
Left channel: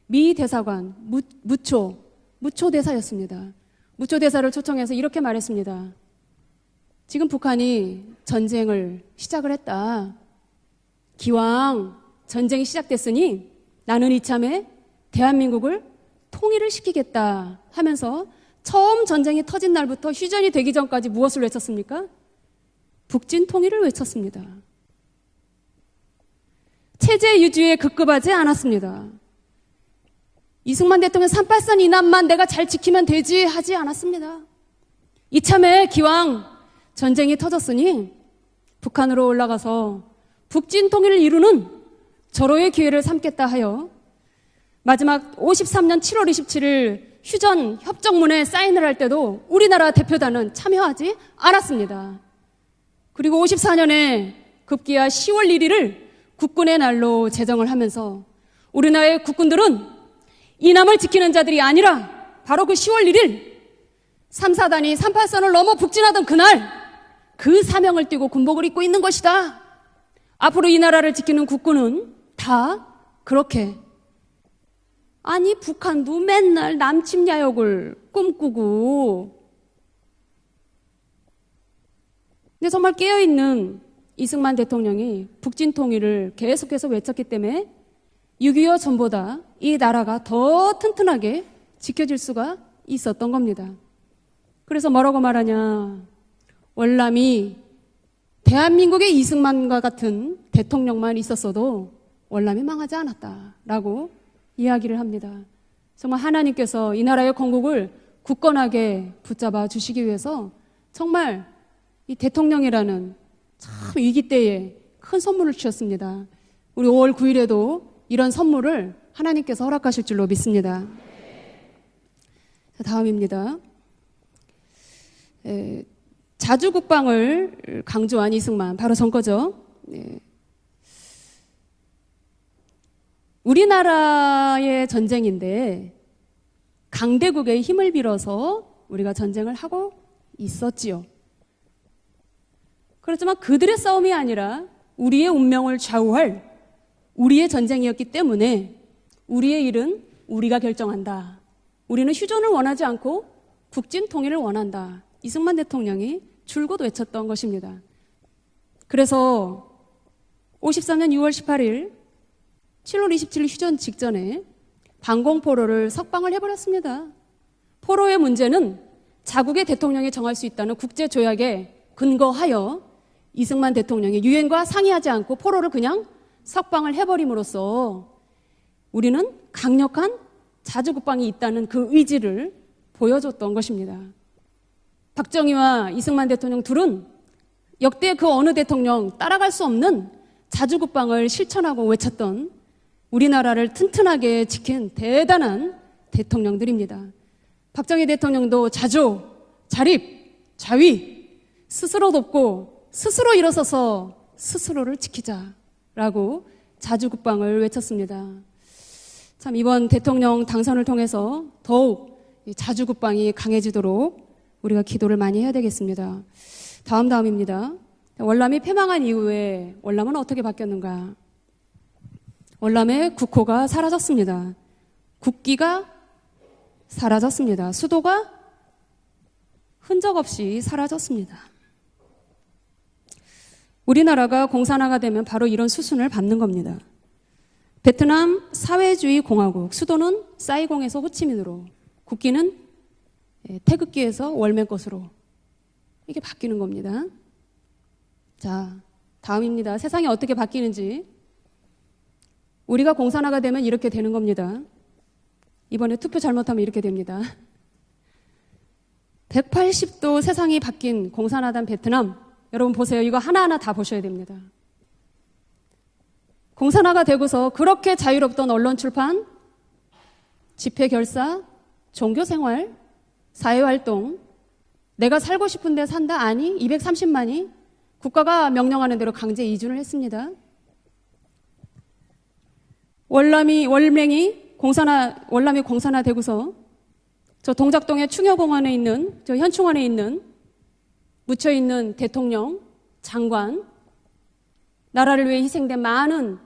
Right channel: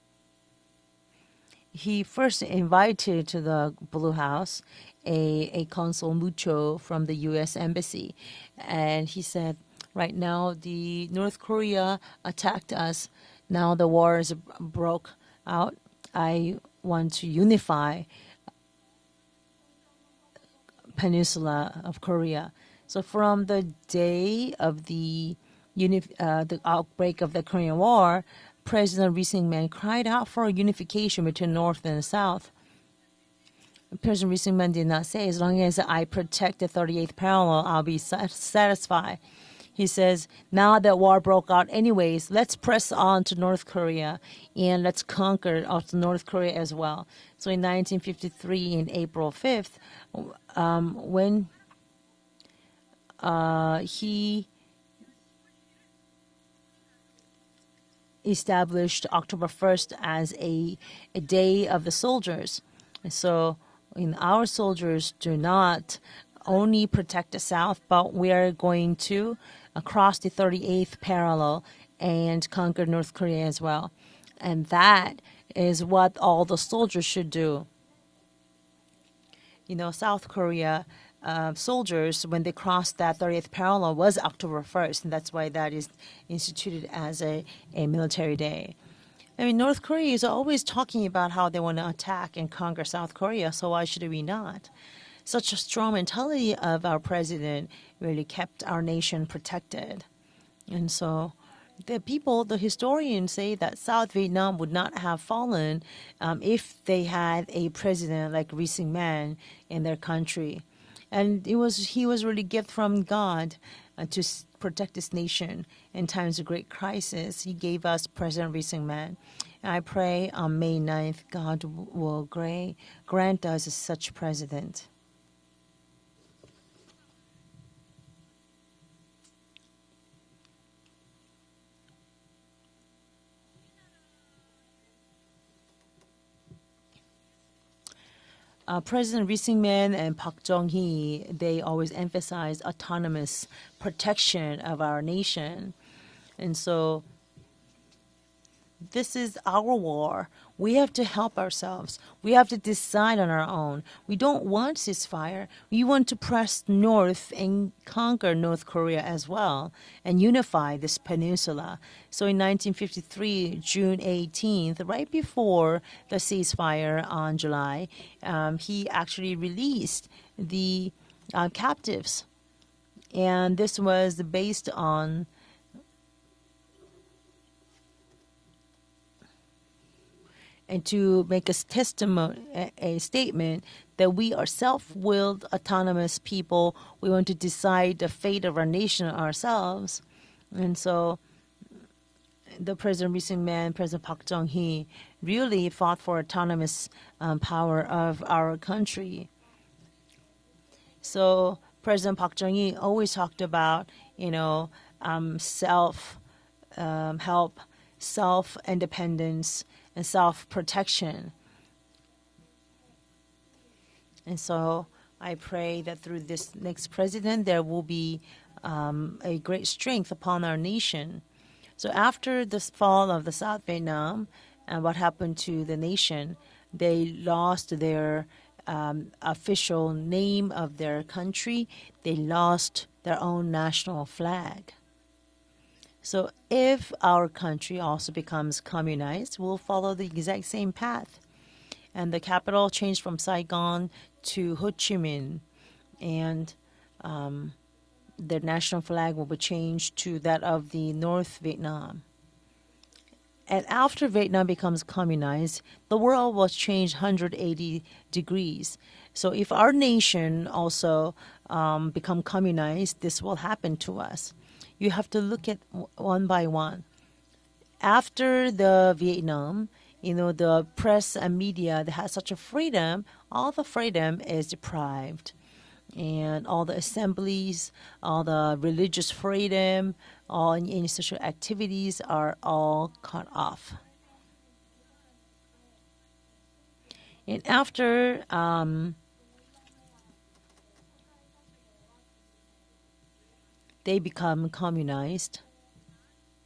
미 대사관 무초 he first 무초 invited to 대사였습니다. the Blue 무초 대사를 House 초청해서 이렇게 a 말했습니다. consul Mucho from the 지금 U.S. 북한이 embassy. 전쟁을 And he 시작을 said, 했다. right now the North 기왕 Korea 전쟁이 attacked us. 시작됐으니 Now the 나는 war is 이참에 broke 대한민국을 out. I 통일을 want to 시키겠다 unify 하면서 처음 전쟁이 터진 날부터 휴전이 되기 전까지 무엇을 peninsula 외쳤습니까? of Korea. So from 북진 the 통일을 day 외쳤습니다. of the outbreak of 체제 the 유지에 Korean War, 급급하지 않았습니다. President Lee Sing-man cried out for 이승만 unification 대통령 between 383 North and 이남만 South. 내가 잘 지키면 되지 하지 President 않았습니다. Lee Sing-man did not say as long 이참에 as I 기왕 protect the 38th 전쟁이 parallel, I'll 터졌으니 be satisfied. 북한으로 올라가서 He says, now 북진 that 통일을 war broke 이루는 out anyways, let's 절호의 press 기회를 on to 삼겠다 North 하여 Korea and let's 마지막 conquer up to 53년 North 7월 Korea as 27일 well. 휴전 In 협정문에 1953, 사인을 할 때도 April 5th, 우리나라 대표단은 참여하지 when 않았습니다. 그리고 54년에 급기야 10월 1일을 국군의 날로 제정을 하면서 established 우리나라의 October 국군들은 1st as a 이남을 지키는 day 자들이 of 아니라 the soldiers. 바로 그 10월 1일 So in our 3사단이 soldiers 383선을 do 넘어 not 북진하던 그날 only protect the 그 South, 사명을 but 띠고 we are 군복을 입고 going 있는 to 것이다. across the 앞으로 이 38th 나라를 지키는 parallel 국군은 and 다 conquer North Korea 그렇게 as well. And that 아니 is what 북한도 all the 맨날 soldiers should do. 남측야욕을 꿈꾸고 You know, South Korea soldiers when they 그래서 crossed 정말 that 38th 깨어있는 parallel was 이승만 October 1st. 대통령이 And that's why that 북진 is 통일을 계속해서 instituted 외쳤기 as 때문에 a military day. 6.25 전보다 I mean, 이 North Korea 나라가 is always 더 talking 튼튼하게 about how they want to 지켜줄 attack 수가 and conquer South 있었던 Korea. 겁니다. So why should we not? 그래서 뭐라고 Such 말하냐? a strong mentality of our 월남이 president really kept our 대한민국의 nation 이승만과 protected. 같은 대통령만 And so 있었어도 The people, the 월남이 historians say that 망하지 South Vietnam would not 이야기를 have 합니다. fallen 정말 if 하나님께서 they 이 나라의 had a 건국을 president like Lee 굳건하게 Sing-man 붙잡아 in 주시기 their 위해서 country. 정말 And he was 이 really gift from 대통령이라는 God 위기 to 때에 protect this 큰 선물을 nation 주셨습니다. in times of great 우리 5월 crisis. 9일에도 He gave us 이런 President Lee 선물을 Sing-man. 하나님께서 I 허락하실 pray 줄로 on 믿습니다. May 9th, God will grant 다음입니다. us such president. 자주 국방을 강조한 이승만 바로 전 거죠. 우리나라의 전쟁인데 강대국의 힘을 빌어서 우리가 President Lee 전쟁을 Sing-man 하고 and Park 있었지요. Jong-hee, they always emphasized autonomous 그렇지만 그들의 싸움이 protection 아니라 of our 우리의 nation. 운명을 좌우할 And so 우리의 전쟁이었기 때문에 this is 우리의 our 일은 war. 우리가 We have to 결정한다. help ourselves. 우리는 We have 휴전을 to 원하지 decide 않고 on our own. 북진 We 통일을 don't want 원한다. ceasefire. 이승만 We want 대통령이 to press 줄곧 north 외쳤던 것입니다. and conquer North Korea as 그래서 well and unify this 54년 6월 peninsula. 18일 So in 7월 27일 1953, 휴전 June 직전에 18th, right 방공포로를 before the 석방을 ceasefire 해버렸습니다. on July, 포로의 문제는 he actually 자국의 released 대통령이 정할 수 있다는 the 국제 조약에 captives. 근거하여 And 이승만 this was 대통령이 유엔과 based 상의하지 on 않고 포로를 그냥 석방을 해버림으로써 우리는 강력한 자주 to 국방이 make a 있다는 그 testimony, 의지를 a 보여줬던 statement 것입니다. that we are self-willed, 박정희와 autonomous 이승만 대통령 people. 둘은 We want to decide 역대 the 그 fate 어느 of our 대통령 nation 따라갈 수 ourselves. 없는 자주 And so 국방을 실천하고 외쳤던 the President 우리나라를 Lee Sing-man, 튼튼하게 President 지킨 Park Jong-hee 대단한 really fought for autonomous, 대통령들입니다. power 박정희 of our 대통령도 country. 자조, 자립, 자위 So 스스로 President Park 돕고 Jong-hee always 스스로 talked 일어서서 about, you know, 스스로를 지키자라고 self, 자주 국방을 help, 외쳤습니다. self-independence, 참 이번 대통령 and 당선을 self-protection. 통해서 더욱 이 자주 국방이 강해지도록 And so 우리가 기도를 많이 I 해야 pray 되겠습니다. that through this next 다음 president there 다음입니다. will be 월남이 패망한 a 이후에 great strength 월남은 어떻게 upon our 바뀌었는가? nation. So after the 월남의 fall of the 국호가 South Vietnam, 사라졌습니다. and what happened to 국기가 the nation, they 사라졌습니다. lost 수도가 their official 흔적 없이 name of their 사라졌습니다. country. They lost their own national 우리나라가 flag. 공산화가 되면 바로 이런 수순을 So 밟는 겁니다. if our country also 베트남 becomes 사회주의 communized, we'll 공화국 follow 수도는 the exact same 사이공에서 path. 호치민으로 And the 국기는 capital changed from Saigon 태극기에서 to 월매 Ho Chi 꽃으로 Minh. 이게 And 바뀌는 겁니다. the 자, national flag will be 다음입니다. changed 세상이 to 어떻게 that of 바뀌는지. the North Vietnam. 우리가 공산화가 되면 And 이렇게 after 되는 겁니다. Vietnam becomes communized, 이번에 the 투표 world was 잘못하면 이렇게 changed 됩니다. 180 degrees. So if our 180도 nation 세상이 바뀐 also 공산화된 베트남, become communized, 여러분 보세요. 이거 this will 하나하나 다 happen 보셔야 to us. 됩니다. You have to look at one by one. 공산화가 되고서 그렇게 After 자유롭던 언론 the 출판, Vietnam, the 집회 press 결사, and media, they have 종교 such a 생활, freedom. All 사회 the 활동, freedom is deprived. 내가 살고 싶은데 산다 아니 And all the 230만이 assemblies, 국가가 all the 명령하는 religious 대로 강제 이주를 freedom, 했습니다. all in social activities are all cut 월남이 공산화 되고서 off. 저 동작동의 충여공원에 um, 있는 저 현충원에 있는 묻혀 있는 대통령, 장관, they become communized. 나라를 위해 희생된 많은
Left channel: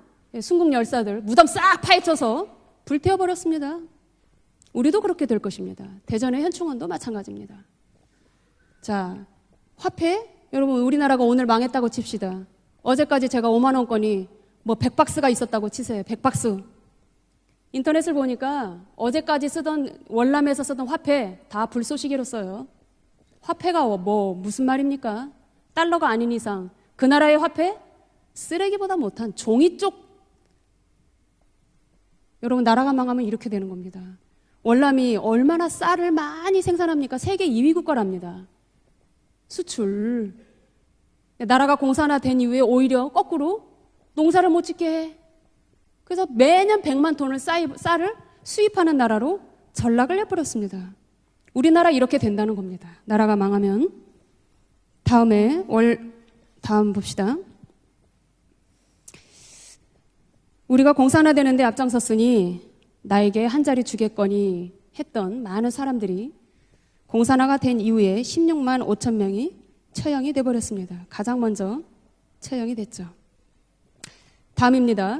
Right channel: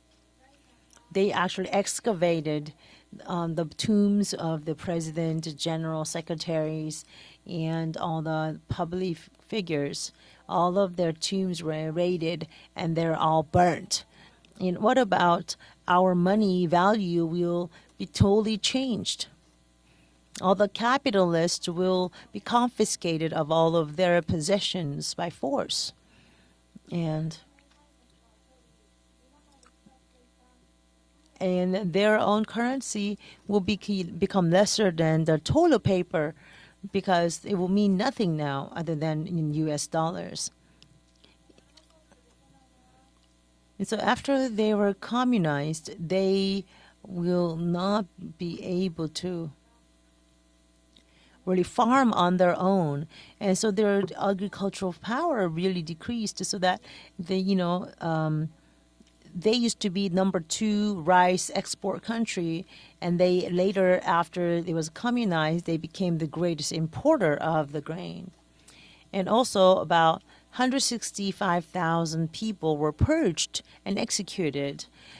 순국 열사들 They 무덤 actually 싹 파헤쳐서 excavated 불태워버렸습니다. the tombs of the 우리도 그렇게 될 president, 것입니다. general 대전의 현충원도 secretaries, 마찬가지입니다. and all the 자, public figures. 화폐 all 여러분 of 우리나라가 their 오늘 tombs 망했다고 were 칩시다. raided, and 어제까지 they're 제가 all 5만 burnt. 원권이 뭐 And what 100박스가 about 있었다고 치세요. our 100박스. money value will 인터넷을 be totally 보니까 changed. 어제까지 쓰던 All 월남에서 the 쓰던 화폐 capitalists 다 will 불쏘시개로 be 써요. confiscated of all 화폐가 of their 뭐 무슨 possessions 말입니까? by force. 달러가 아닌 이상 그 And- 나라의 화폐 쓰레기보다 못한 종이 쪽 And their own 여러분, 나라가 currency 망하면 이렇게 will 되는 become lesser 월남이 than the 얼마나 toilet 쌀을 paper 많이 생산합니까? because 세계 it 2위 will mean nothing 국가랍니다. now other than in US 수출. dollars. 나라가 공산화된 이후에 오히려 거꾸로 And so after 농사를 못 they 짓게 were 해. communized, 그래서 they 매년 100만 톤을 will 쌀을 not be 수입하는 able 나라로 to 전락을 해버렸습니다. really 우리나라 farm 이렇게 on their 된다는 겁니다. own. 나라가 And so 망하면 their agricultural 다음에 power really 월- decreased so that 다음 봅시다. they, they used to be number 2 우리가 rice 공산화되는데 export 앞장섰으니 country. And 나에게 they 한 자리 later, 주겠거니 after it was 했던 communized, 많은 they became the 사람들이 greatest importer 공산화가 of 된 the 이후에 grain. 16만 5천 And 명이 also about 처형이 돼버렸습니다. 가장 먼저 165,000 people 처형이 were 됐죠. purged and executed. 다음입니다.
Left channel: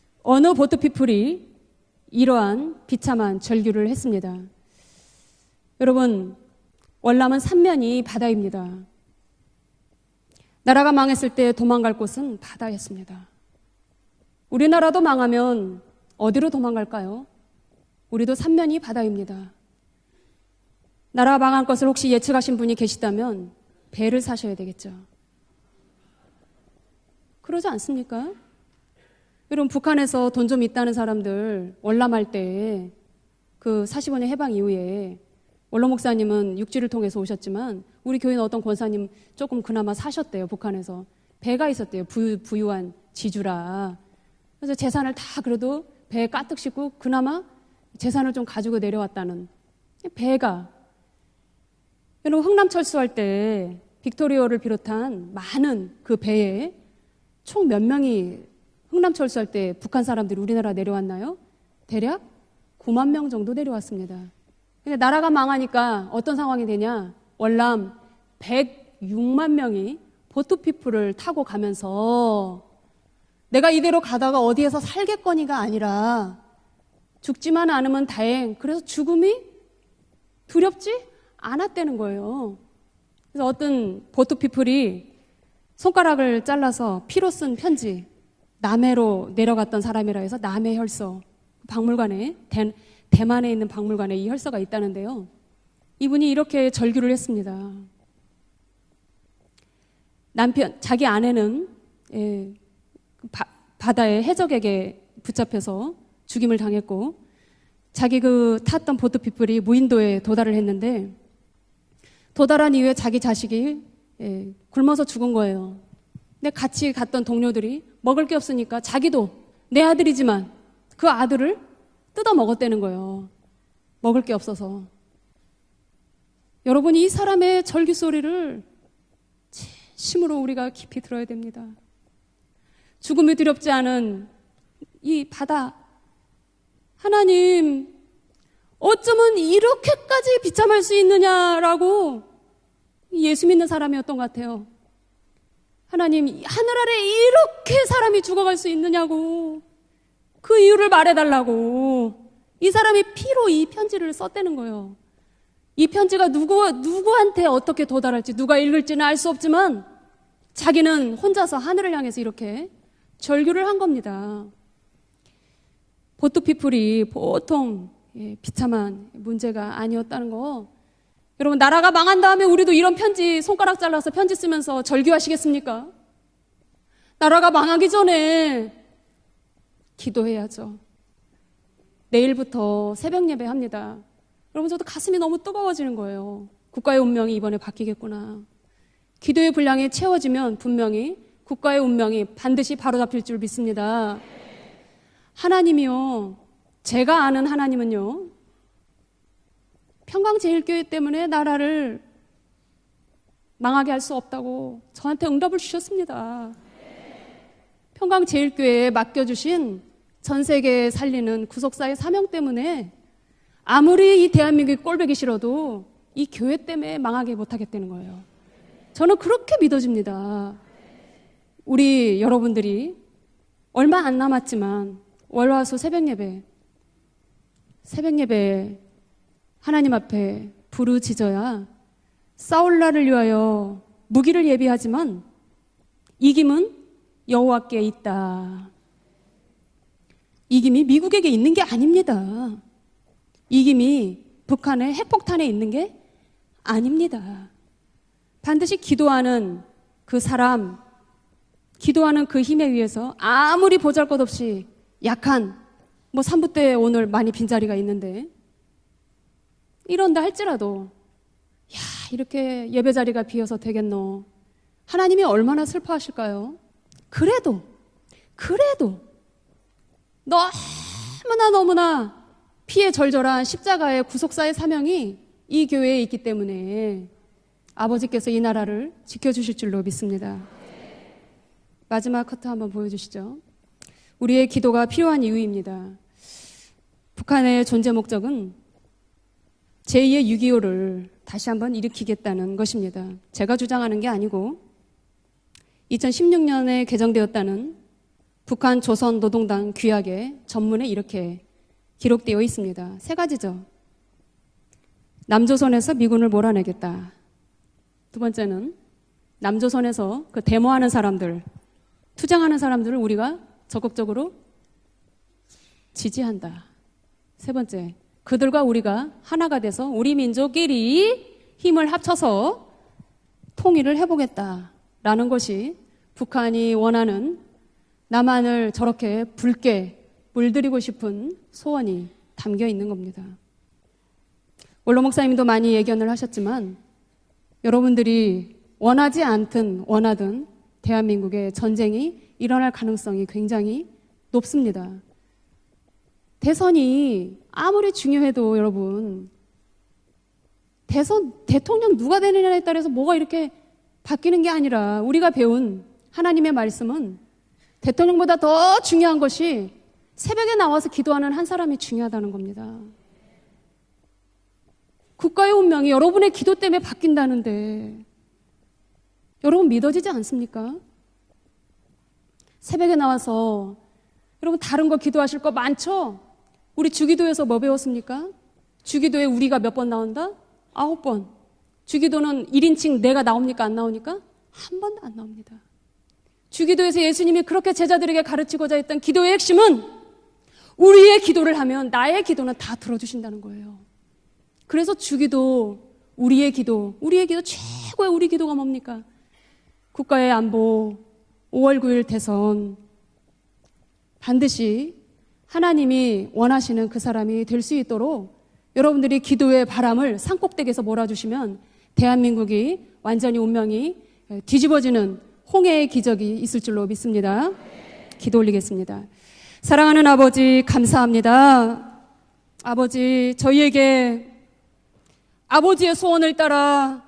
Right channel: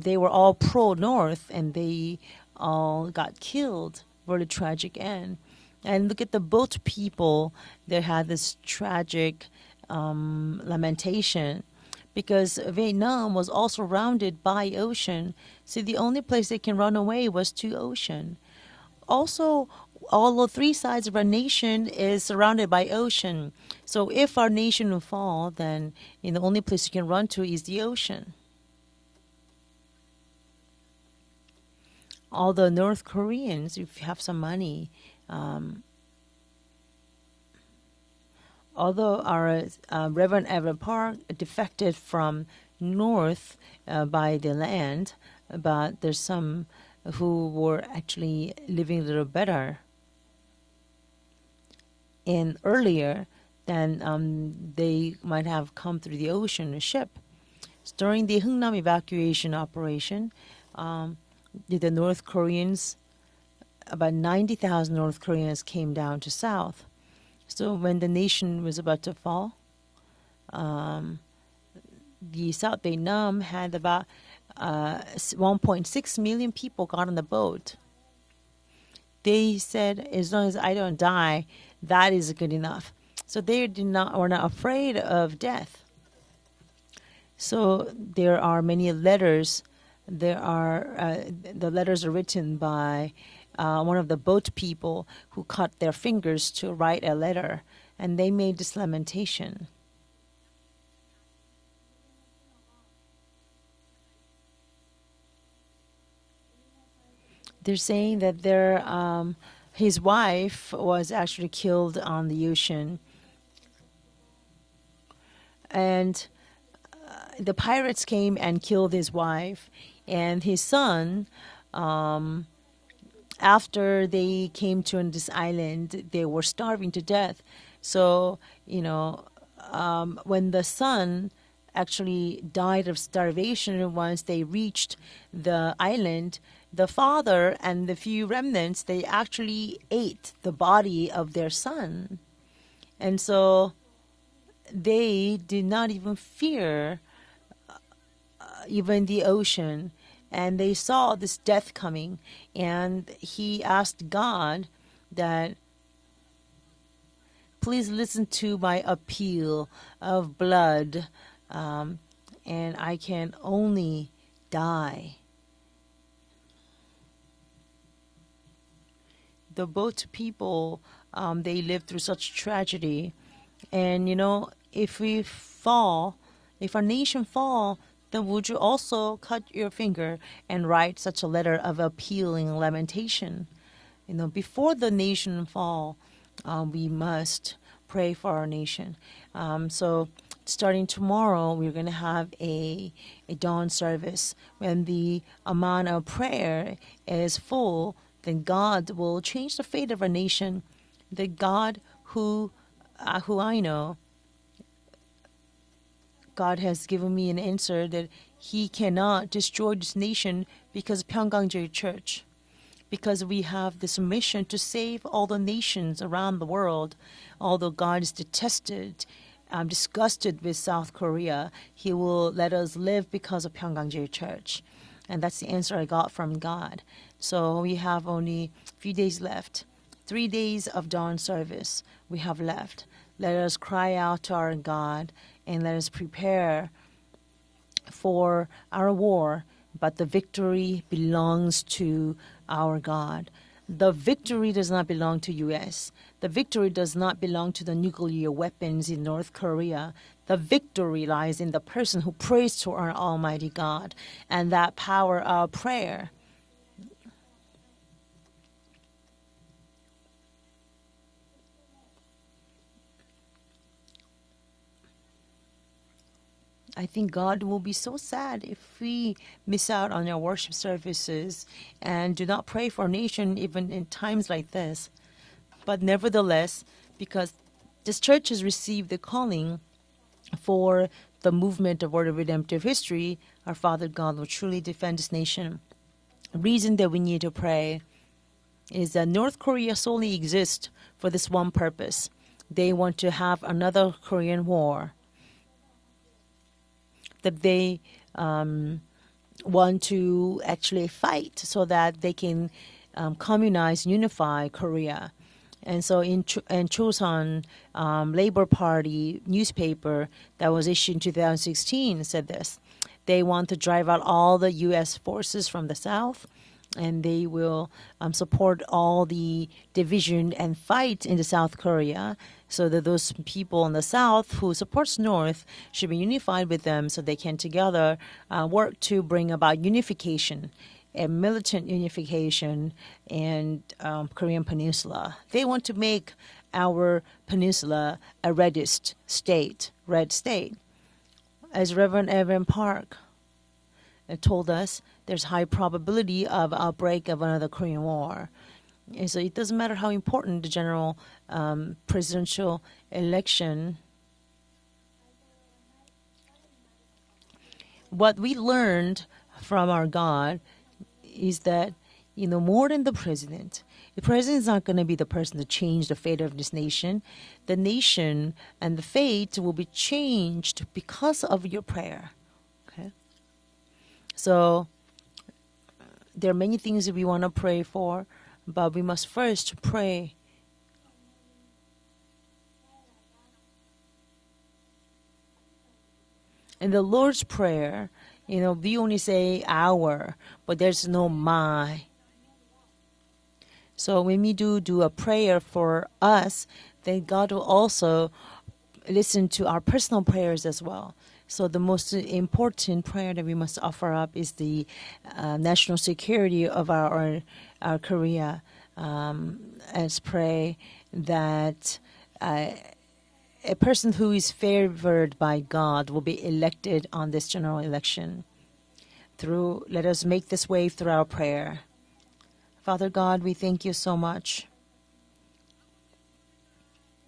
They were 어느 all 보트 피플이 pro-North and they 이러한 all 비참한 got 절규를 killed 했습니다. for the tragic end. 여러분, And look at the boat people. 월남은 삼면이 They had this 바다입니다. tragic 나라가 망했을 때 lamentation 도망갈 곳은 because 바다였습니다. Vietnam was also surrounded by 우리나라도 ocean. 망하면 So the only 어디로 place they can run 도망갈까요? away was to ocean. 우리도 삼면이 바다입니다. Also, all the three sides of our 나라 망할 것을 nation 혹시 is 예측하신 surrounded 분이 by 계시다면 ocean. So 배를 if our 사셔야 nation 되겠죠. will fall, then the only place you can run to is 그러지 the ocean. 않습니까? 여러분 북한에서 돈 좀 있다는 사람들 월남할 때 All the North Koreans 그 who 45년 have some 해방 money. 이후에 원로 목사님은 육지를 통해서 오셨지만 우리 교회는 어떤 권사님 Although our 조금 그나마 사셨대요. Reverend Evan 북한에서 Park 배가 defected 있었대요. from 부유한 North 지주라. by the 그래서 land, 재산을 다 그래도 but there's 배에 some 가득 싣고 그나마 who were 재산을 좀 actually 가지고 living a little 내려왔다는 better. 배가 여러분 And 흥남 철수할 earlier 때 than 빅토리오를 they 비롯한 might have 많은 come 그 through the 배에 ocean ship. 총 몇 During 명이 the Hungnam 흥남 철수할 evacuation 때 북한 operation, 사람들이 우리나라 내려왔나요? the 대략 North Koreans, 9만 명 정도 내려왔습니다. about 90,000 근데 North 나라가 Koreans came 망하니까 down to 어떤 상황이 south. 되냐? So 월남 when the nation was about to 106만 fall, 명이 보트피플을 타고 가면서 the South Vietnam had 내가 이대로 about 가다가 어디에서 살겠거니가 1.6 아니라 million people got on the boat. 죽지만 않으면 다행. 그래서 죽음이 They said, as long as I 두렵지 don't die, 않았다는 that is 거예요. good enough. So 어떤 they were not 보트피플이 afraid of death. 손가락을 잘라서 피로 쓴 So 편지 there are many 남해로 letters. 내려갔던 사람이라 해서 There 남해 are, 혈서 the letters are 박물관에 written by 대만에 있는 one of 박물관에 the 이 boat 혈서가 people 있다는데요. who cut their 이분이 fingers 이렇게 to write 절규를 a letter, 했습니다. and they made this lamentation. 남편 자기 아내는 바다의 해적에게 붙잡혀서 죽임을 당했고 They're saying 자기 that 그 their, 탔던 보트피플이 his 무인도에 wife 도달을 했는데 was actually killed on the 도달한 ocean. 이후에 자기 자식이 굶어서 죽은 거예요. And 근데 같이 갔던 the 동료들이 pirates 먹을 게 came and 없으니까 killed his 자기도 wife 내 아들이지만 and his son. 그 아들을 뜯어 먹었다는 거예요. After 먹을 게 they 없어서. came to this island, they were starving 여러분 to 이 death. 사람의 절규 So, 소리를 심으로 when 우리가 the 깊이 son 들어야 됩니다. actually died of 죽음이 두렵지 starvation 않은 once they reached 이 the 바다 island, the father 하나님, and the few remnants they 어쩌면 actually 이렇게까지 ate the 비참할 수 body of their 있느냐라고 son. And 예수 믿는 so 사람이었던 것 같아요. they did not 하나님 even 하늘 아래 fear 이렇게 사람이 죽어갈 수 even 있느냐고 the ocean. And 그 they 이유를 saw this 말해달라고 death coming. 이 사람이 And 피로 he 이 asked 편지를 썼다는 God 거예요. that 이 편지가 누구한테 어떻게 Please 도달할지 listen to 누가 my 읽을지는 알 수 appeal 없지만 of blood, 자기는 혼자서 하늘을 향해서 이렇게 and I can 절규를 한 only 겁니다. die. 보트피플이 보통 비참한 The 문제가 boat 아니었다는 거. people, 여러분 they 나라가 lived through 망한 such 다음에 우리도 이런 tragedy. 편지 손가락 잘라서 And, 편지 쓰면서 if we 절규하시겠습니까? fall, if our nation 나라가 fall, 망하기 전에 then would you also cut your finger 기도해야죠. and write such a letter of appeal and 내일부터 새벽 lamentation? 예배 합니다. You know, before 그러면서도 the 가슴이 너무 nation 뜨거워지는 fall, 거예요. we 국가의 운명이 must 이번에 pray for our 바뀌겠구나. nation. 기도의 분량이 So, 채워지면 starting 분명히 tomorrow, we're 국가의 gonna 운명이 have 반드시 a 바로잡힐 줄 dawn 믿습니다. service. And the 하나님이요, amount of prayer 제가 is 아는 full, 하나님은요, then God will change the fate of our 평강제일교회 nation. 때문에 The 나라를 God who I 망하게 know, 할 수 없다고 저한테 응답을 주셨습니다. God has given me an answer that He 평강제일교회에 cannot 맡겨주신 destroy this nation 전 세계 because 살리는 평강제일 구속사의 Church, 사명 때문에 because we have this 아무리 이 mission to 대한민국이 save 꼴보기 all the 싫어도 nations 이 around the 교회 world. 때문에 망하게 못하기 Although God is 때문에요. detested, 저는 그렇게 I'm 믿어집니다. disgusted with South Korea. 우리 He will let us 여러분들이 live because of 얼마 안 평강제일 Church. 남았지만 And that's the 월화수 answer I 새벽 got 예배 from God. So we have 새벽 only 예배 a few days left. 하나님 3 앞에 days of dawn 부르짖어야 service we have left. 싸울 날을 Let 위하여 us cry out to 무기를 our God 예비하지만 and let us prepare 이김은 여호와께 for 있다. our war. But the victory 이김이 미국에게 있는 belongs 게 to 아닙니다. our God. 이김이 The victory does not 북한의 belong to 핵폭탄에 있는 게 US. The victory does not 아닙니다. belong to the nuclear 반드시 weapons in North 기도하는 Korea. 그 The 사람, victory lies in the person 기도하는 who 그 prays 힘에 to our 의해서 Almighty 아무리 God. 보잘것없이 And that power 약한 of prayer. 뭐 3부 때 오늘 많이 빈자리가 있는데 이런다 할지라도 야 이렇게 예배 자리가 비어서 되겠노. 하나님이 얼마나 슬퍼하실까요? I think God 그래도, will be so sad if 그래도 we miss out on our worship services 너무나 and do not pray for 피에 our nation 절절한 even in 십자가의 times 구속사의 like this. 사명이 이 But 교회에 있기 nevertheless, 때문에 because this 아버지께서 church 이 has 나라를 received the 지켜주실 calling 줄로 믿습니다. for the movement of Word of 마지막 Redemptive 한번 History, 보여주시죠. our Father God will 우리의 truly 기도가 defend this 필요한 nation. 이유입니다. The reason that we need to 북한의 pray 존재 목적은 is that North Korea solely 제2의 exists 6.25를 for this 다시 one 한번 purpose. 일으키겠다는 They want to 것입니다. have 제가 주장하는 another 게 Korean 아니고 war. 2016년에 That 개정되었다는 they 북한 조선 노동당 want 규약의 to 전문에 actually 이렇게 fight so that they 기록되어 can 있습니다. 세 가지죠. communize, unify Korea. 남조선에서 미군을 몰아내겠다. Chosun Labor 번째는 Party 남조선에서 newspaper 그 that was 데모하는 issued in 사람들, 2016 said 투쟁하는 this. 사람들을 They 우리가 want to drive out 적극적으로 all the U.S. forces from the south, 지지한다. and they 세 will 번째, support 그들과 우리가 all the 하나가 돼서 우리 division and 민족끼리 fight in the South 힘을 Korea, 합쳐서 so that those people in the 통일을 south 해보겠다. who supports 라는 North 것이 should be unified with 북한이 them, so they 원하는 can together 남한을 work to 저렇게 bring about 붉게 unification 물들이고 and 싶은 militant 소원이 unification 담겨 있는 겁니다. and Korean Peninsula. 원로 목사님도 They want 많이 to 얘기를 make 하셨지만 our peninsula 여러분들이 a reddest 원하지 state, 않든 red 원하든 state. 대한민국의 As 전쟁이 Reverend Evan 일어날 Park 가능성이 굉장히 told us 높습니다. there's high probability of outbreak 대선이 of another Korean 아무리 war. 중요해도 여러분 And so it doesn't matter how important the general 대선 대통령 누가 되느냐에 presidential 따라서 뭐가 이렇게 election. 바뀌는 게 아니라 우리가 배운 하나님의 말씀은 대통령보다 What we 더 learned 중요한 것이 from our God 새벽에 나와서 기도하는 is 한 that, 사람이 중요하다는 more than 겁니다. the president. The president is not going to be the person 국가의 who changes 운명이 the fate 여러분의 of this 기도 때문에 nation. 바뀐다는데 The nation and the fate will 여러분 be 믿어지지 changed 않습니까? because of your prayer. 새벽에 나와서 So 여러분 다른 거 기도하실 거 많죠? there are many things 우리 that we want to 주기도에서 뭐 pray for, 배웠습니까? but we must 주기도에 first 우리가 몇 번 pray. 나온다? 9번. 주기도는 1인칭 내가 나옵니까? 안 나오니까? 한 번도 안 나옵니다. 주기도에서 Lord's 예수님이 Prayer, 그렇게 제자들에게 you know, 가르치고자 we only 했던 say 기도의 핵심은 our, but there's 우리의 no 기도를 mine. 하면 나의 기도는 다 들어주신다는 거예요. So when we do 그래서 a prayer 주기도, for us, 우리의 기도, then 우리의 God 기도 will 최고의 also 우리 기도가 뭡니까? listen to our personal 국가의 prayers as well. 안보, So the 5월 most 9일 대선, important prayer that we must offer up is 반드시 the national 하나님이 security of 원하시는 our 그 사람이 될 수 있도록 Korea. 여러분들이 기도의 Let's 바람을 pray 산꼭대기에서 몰아주시면 that 대한민국이 완전히 a 운명이 person who is 뒤집어지는 favored by God 홍해의 will be 기적이 있을 elected 줄로 on this 믿습니다. general election. 기도 올리겠습니다. Through, 사랑하는 let us make this 아버지 way through our prayer. 감사합니다. Father 아버지 God, we thank you so 저희에게 much. 아버지의 소원을 따라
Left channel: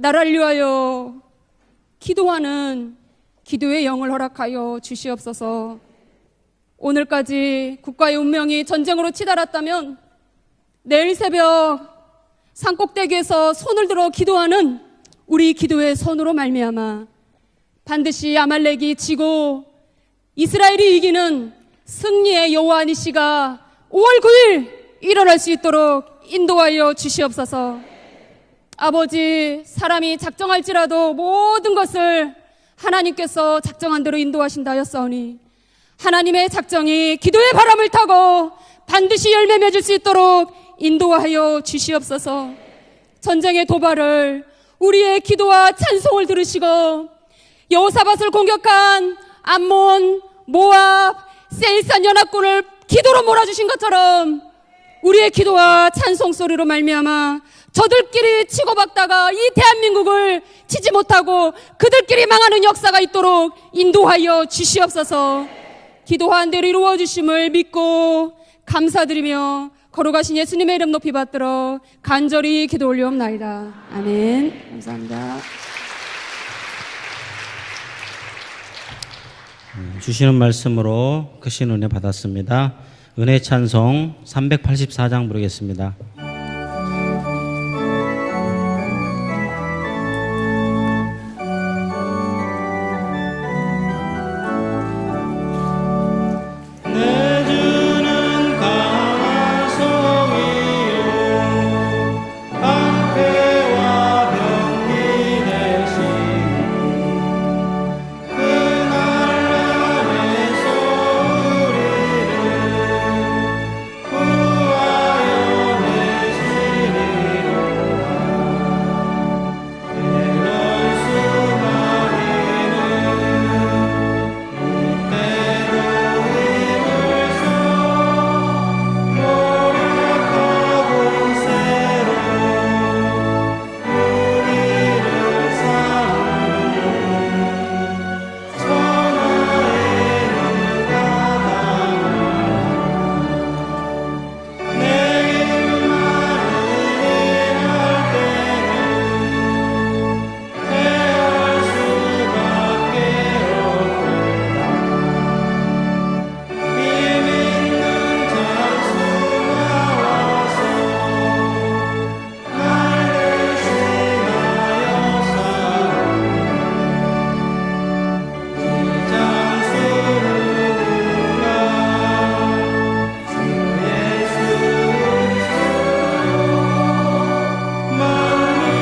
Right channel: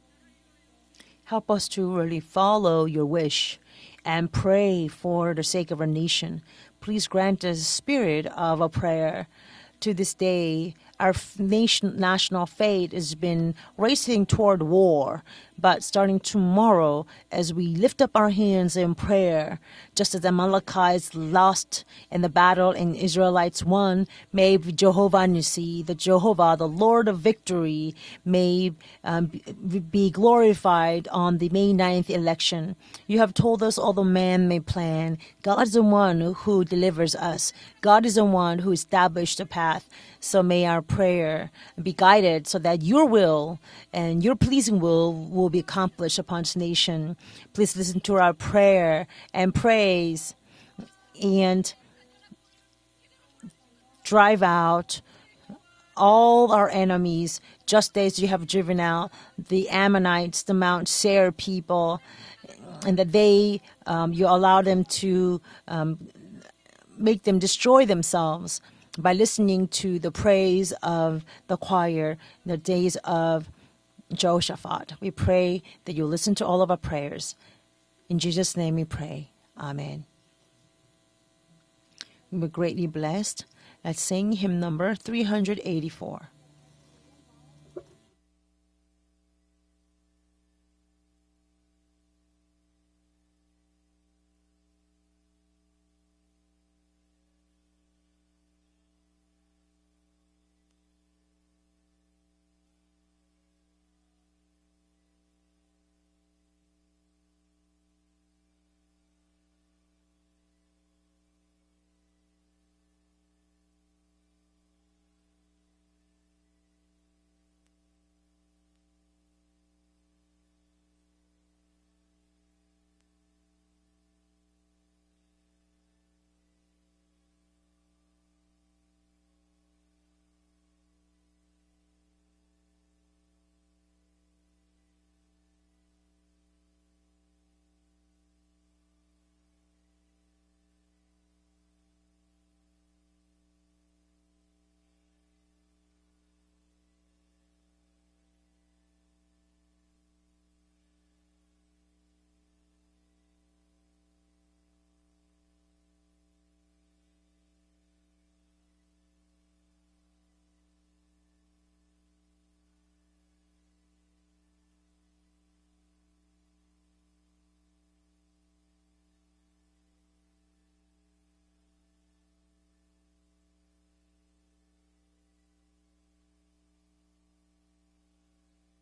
나라를 위하여 Help us to really 기도하는 follow your wish 기도의 영을 and 허락하여 pray for the sake 주시옵소서. of our nation. Please grant us 오늘까지 spirit 국가의 of 운명이 a 전쟁으로 prayer. 치달았다면 To this day, 내일 our 새벽 national fate has 산꼭대기에서 been 손을 들어 racing 기도하는 toward war. 우리 But 기도의 starting 손으로 tomorrow, 말미암아 as we lift up our 반드시 hands 아말렉이 in prayer, 지고 just as 이스라엘이 Amalekites 이기는 lost in the 승리의 battle 여호와 and 니시가 Israelites won, 5월 may 9일 Jehovah 일어날 수 Nissi, 있도록 the Jehovah, the 인도하여 Lord of 주시옵소서. victory, may 아버지, be 사람이 glorified 작정할지라도 on the 모든 day 9th 것을 election. You have 하나님께서 told us all 작정한 the 대로 man may 인도하신다 plan. 하였사오니 God is the one 하나님의 who 작정이 delivers us. 기도의 바람을 God is the 타고 one who established 반드시 the 열매 path. 맺을 수 So 있도록 may our 인도하여 prayer be 주시옵소서. guided so that your will 전쟁의 and your 도발을 pleasing will 우리의 will be 기도와 accomplished 찬송을 upon 들으시고 nation. Please listen to 여호사밧을 our prayer 공격한 and 암몬, praise, 모압, and 세일산 연합군을 기도로 몰아주신 것처럼 drive out 우리의 기도와 찬송 all 소리로 our 말미암아 enemies, just as you 저들끼리 have driven 치고받다가 out 이 the 대한민국을 Ammonites, the Mount 치지 Seir 못하고 people, 그들끼리 망하는 역사가 and that 있도록 they, you 인도하여 allow them 주시옵소서. to, 기도한 대로 이루어 make them 주심을 destroy 믿고 themselves by 감사드리며 listening to the 거룩하신 예수님의 이름 praise 높이 of the 받들어 choir, 간절히 the 기도 days 올려옵나이다. of 아멘. Jehoshaphat. We 감사합니다. pray that you listen to all of our prayers. In Jesus' name we pray. Amen. 주시는 말씀으로 크신 은혜 받았습니다. We're greatly blessed. 은혜 찬송 Let's sing hymn number 384장 부르겠습니다. 384. 내 주는 강한 성이요 방패와 병기 되시니 그날 안에서 우리를 구하여 내시리로다 이런 수많이는 이때로 힘을 써 노력하고 새로 우리를 삼는 천하의 누가 당하나 내 일만을 일할 때는 대할 수밖에 없도다 힘있는 장수가 와서 날 대신하여서 이 장수 누군가 주 예수 그리스도 만물의 주보다 당할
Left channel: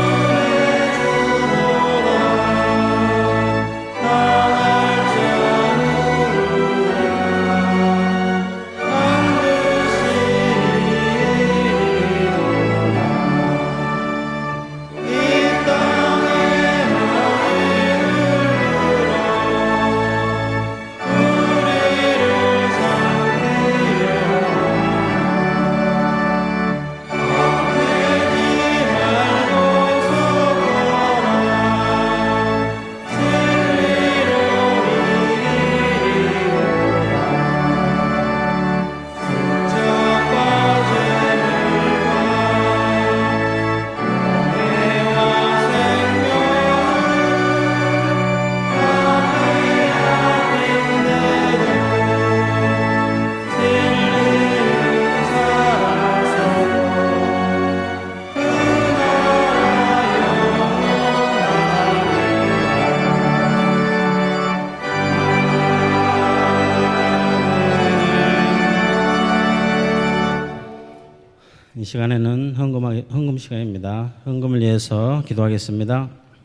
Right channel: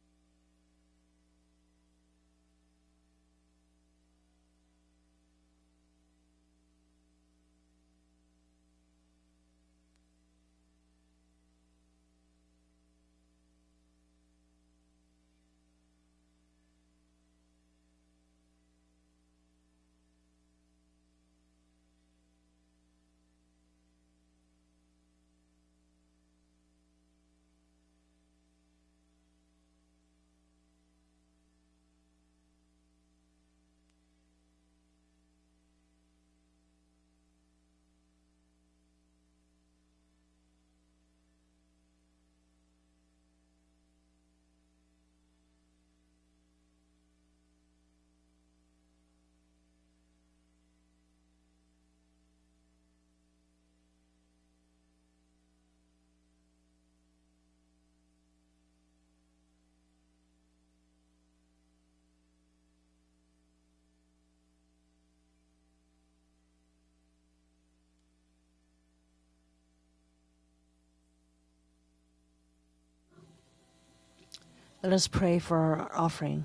이 시간에는 헌금 시간입니다. 헌금을 Let us 위해서 pray for our 기도하겠습니다. offering.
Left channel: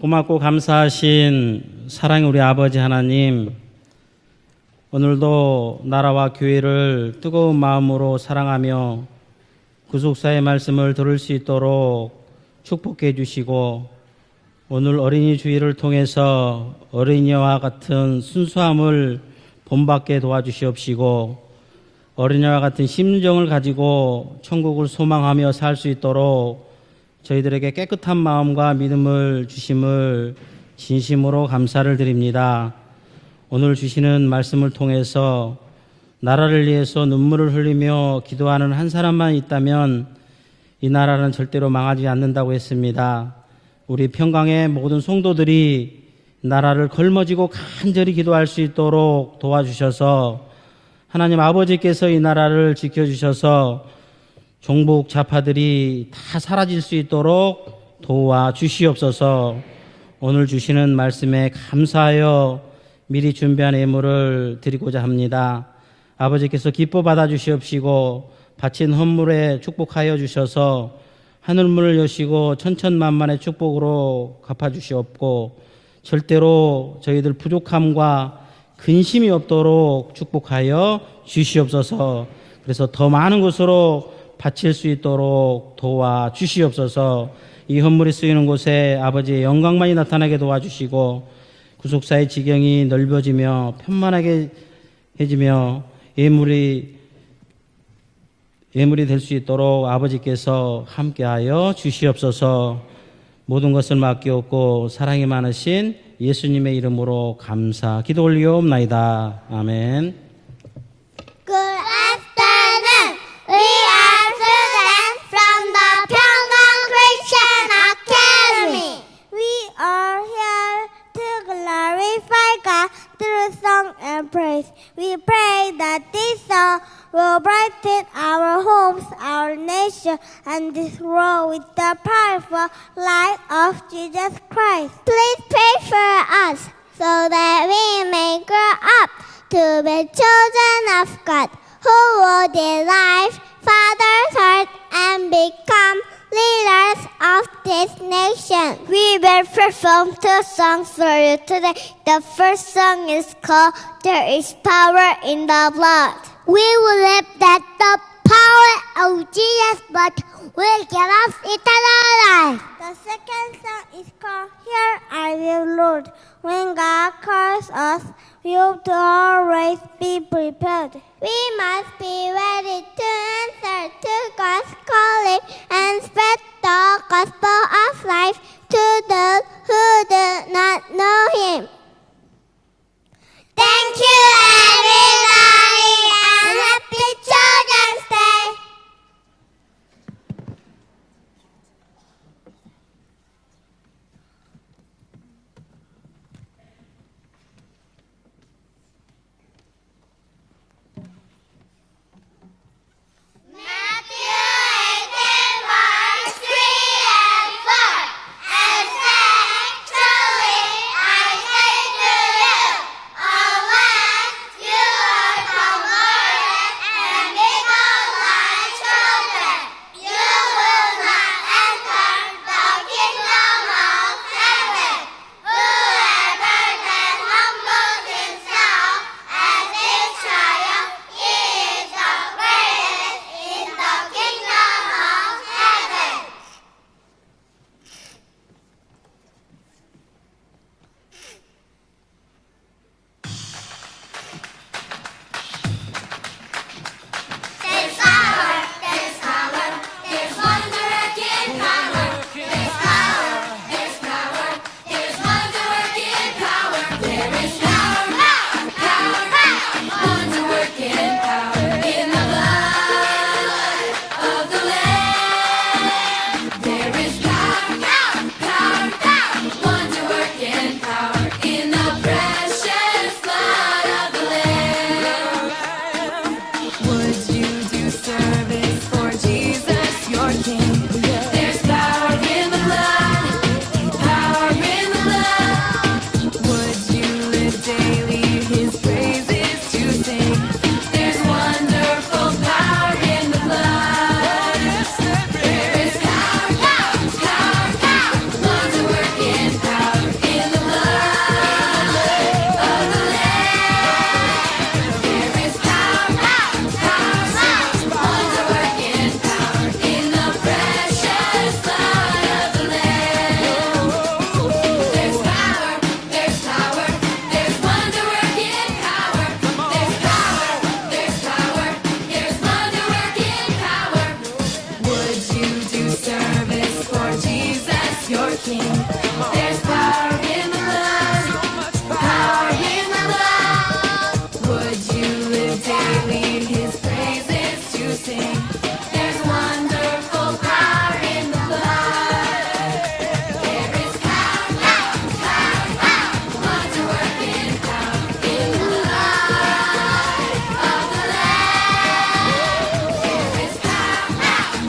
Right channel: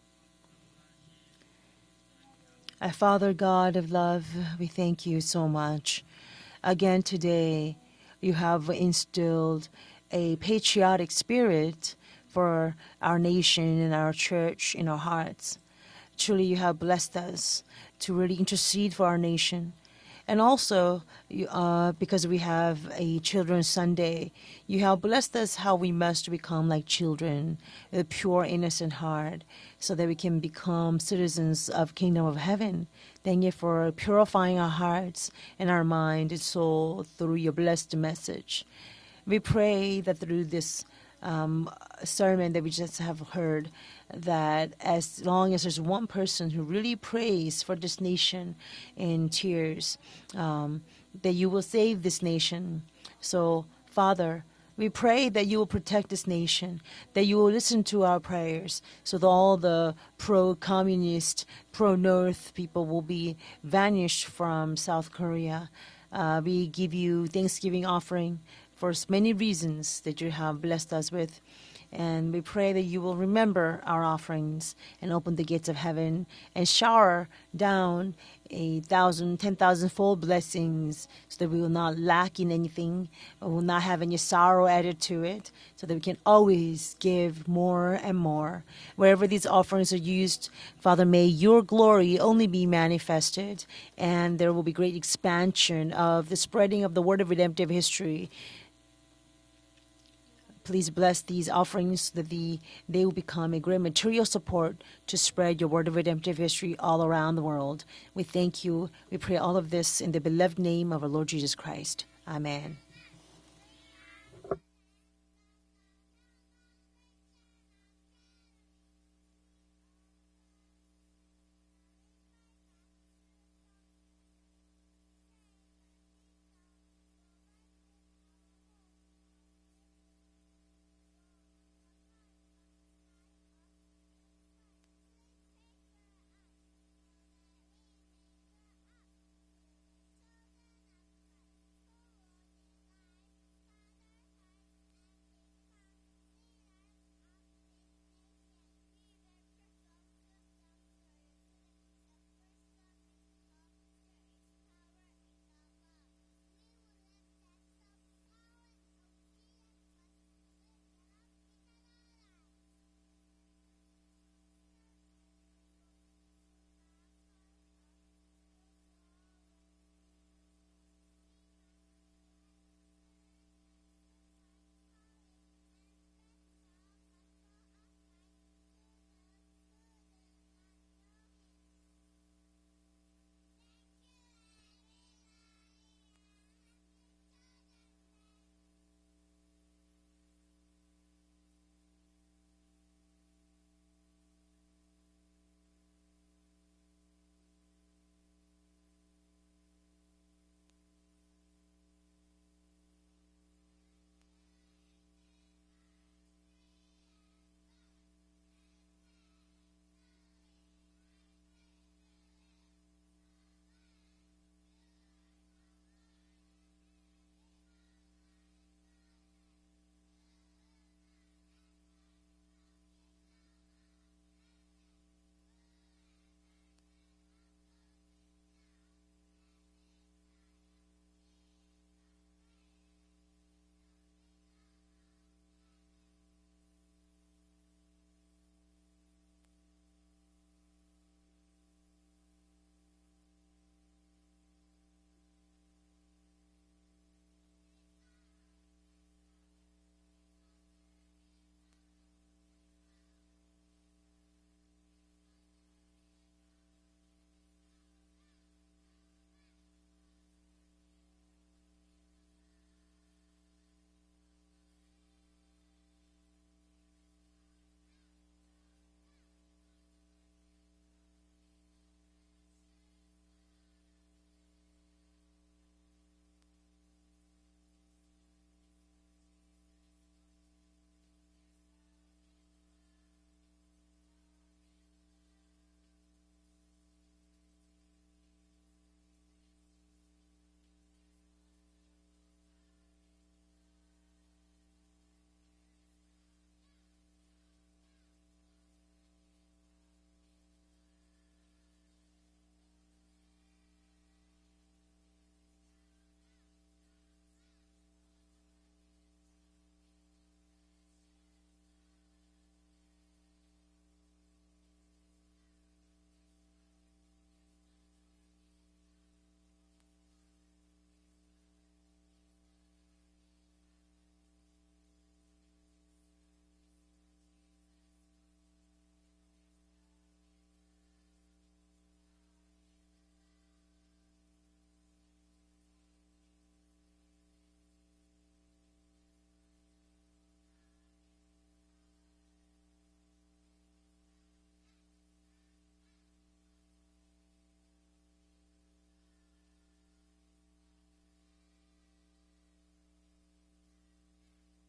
고맙고 감사하신 사랑의 우리 아버지 하나님, Father God of love, we thank you so 오늘도 much. 나라와 교회를 Again today, 뜨거운 마음으로 You have 사랑하며 instilled 구속사의 a 말씀을 들을 patriotic 수 spirit 있도록 for 축복해 our nation 주시고 and our church and 오늘 our 어린이 hearts. 주일을 통해서 Truly have blessed 어린이와 us 같은 to intercede for our 순수함을 nation. 본받게 And 도와주시옵시고 also, because we 어린이와 have 같은 a 심정을 Children's 가지고 Sunday, 천국을 you have blessed 소망하며 us 살 how 수 we must 있도록 become like children, 저희들에게 with 깨끗한 pure 마음과 innocent 믿음을 heart, so that we 주심을 can become 진심으로 citizens 감사를 of kingdom of 드립니다. heaven. Thank you 오늘 for 주시는 purifying 말씀을 our hearts 통해서 and our minds, 나라를 so 위해서 through 눈물을 the blessed 흘리며 message. 기도하는 한 사람만 We pray 있다면 that through this, 이 나라는 절대로 망하지 않는다고 sermon that we just 했습니다. have heard, 우리 평강의 that 모든 as long as 성도들이 just one person 나라를 really 걸머쥐고 prays for this 간절히 기도할 수 nation 있도록 in 도와주셔서 tears, 하나님 that you will 아버지께서 save 이 this 나라를 nation. 지켜주셔서 So, Father, 종북 pray that you will 좌파들이 protect this 다 nation, 사라질 수 that you will 있도록 listen to our 도와 prayers, so that all 주시옵소서. the 오늘 주시는 pro-communist, 말씀에 pro-North 감사하여 people will be 미리 준비한 banished 예물을 from 드리고자 South 합니다. Korea. 아버지께서 We give 기뻐 you 받아 thanksgiving 주시옵시고 offering 바친 for many 헌물에 reasons 축복하여 that you have 주셔서 blessed us with. 하늘문을 And we 여시고 pray that you will 천천만만의 remember our 축복으로 offerings 갚아 and open the 주시옵고 gates of heaven 절대로 and shower 저희들 부족함과 down 근심이 1,000, 없도록 10,000-fold 축복하여 blessings, that we will not 주시옵소서. lack in anything. 그래서 더 많은 We will not 곳으로 have any sorrow 바칠 수 added to it, 있도록 and we 도와 can always 주시옵소서. give more 이 헌물이 and 쓰이는 more. 곳에 Wherever 아버지의 these 영광만이 offerings are 나타나게 used, 도와주시고 Father, may your glory 구속사의 only be 지경이 manifested, 넓어지며 and 편만하게 there will be great 해지며 expansion of the 예물이 spreading of the word of redemptive history. 예물이 될 수 있도록 아버지께서 Please bless these 함께하여 offerings so that 주시옵소서. they will become 모든 a 것을 great material 맡기옵고 support to 사랑이 spread your word 많으신 of redemptive 예수님의 history all 이름으로 around the world. 감사 기도 We thank you. 올리옵나이다. We pray all of this in 아멘. the beloved name of our Lord Jesus Good Christ. afternoon. We are students from the Pyongyang Christian Academy. We are here to glorify God through song and praise. We pray that this song will brighten our homes, our nation, and this world with the powerful light of Jesus Christ. Please pray for us so that we may grow up to be children of God, who will delight Father's heart and become leaders of this nation. We will perform 2 songs for you today. The first song is called There is Power in the Blood. We will live that the power of Jesus' blood will give us eternal life. The second song is called Here I Will, Lord. When God calls us, we have to always be prepared. We must be ready to answer to God's calling and spread the gospel of life to those who do not know Him. Thank you, everybody, and happy Children's Day! Matthew 18, verse 3 and 4. And say, truly I say to you, unless you are converted and become like children, you will not enter the kingdom of heaven. Whoever then humbles himself as his triumph, he is the greatest in the kingdom of heaven. There's power, there's power, there's wonder-working power. There's power, there's power, there's wonder-working power. There is power, power, power, wonder-working power in the blood of the Lamb. There is power, power, power, wonder-working power in the precious blood of the Lamb. Would you do service for Jesus, your King? There's power in the blood, power in the blood. Would you live daily His praises to sing? There's wonderful power in the blood. There is power, power, power, power, wonder-working power in the blood of the Lamb. There is power, power, power, wonder-working power in the precious blood of the Lamb. There's power, there's power, there's wonder-working power. There's power, there's power, there's wonder-working power. Would you do service for Jesus, your King? There's power in the blood, power in the blood. Would you live daily His praises to sing? There's wonderful power in the blood. There is power, power, power, power, wonder-working power in the blood of the Lamb. There is power, power,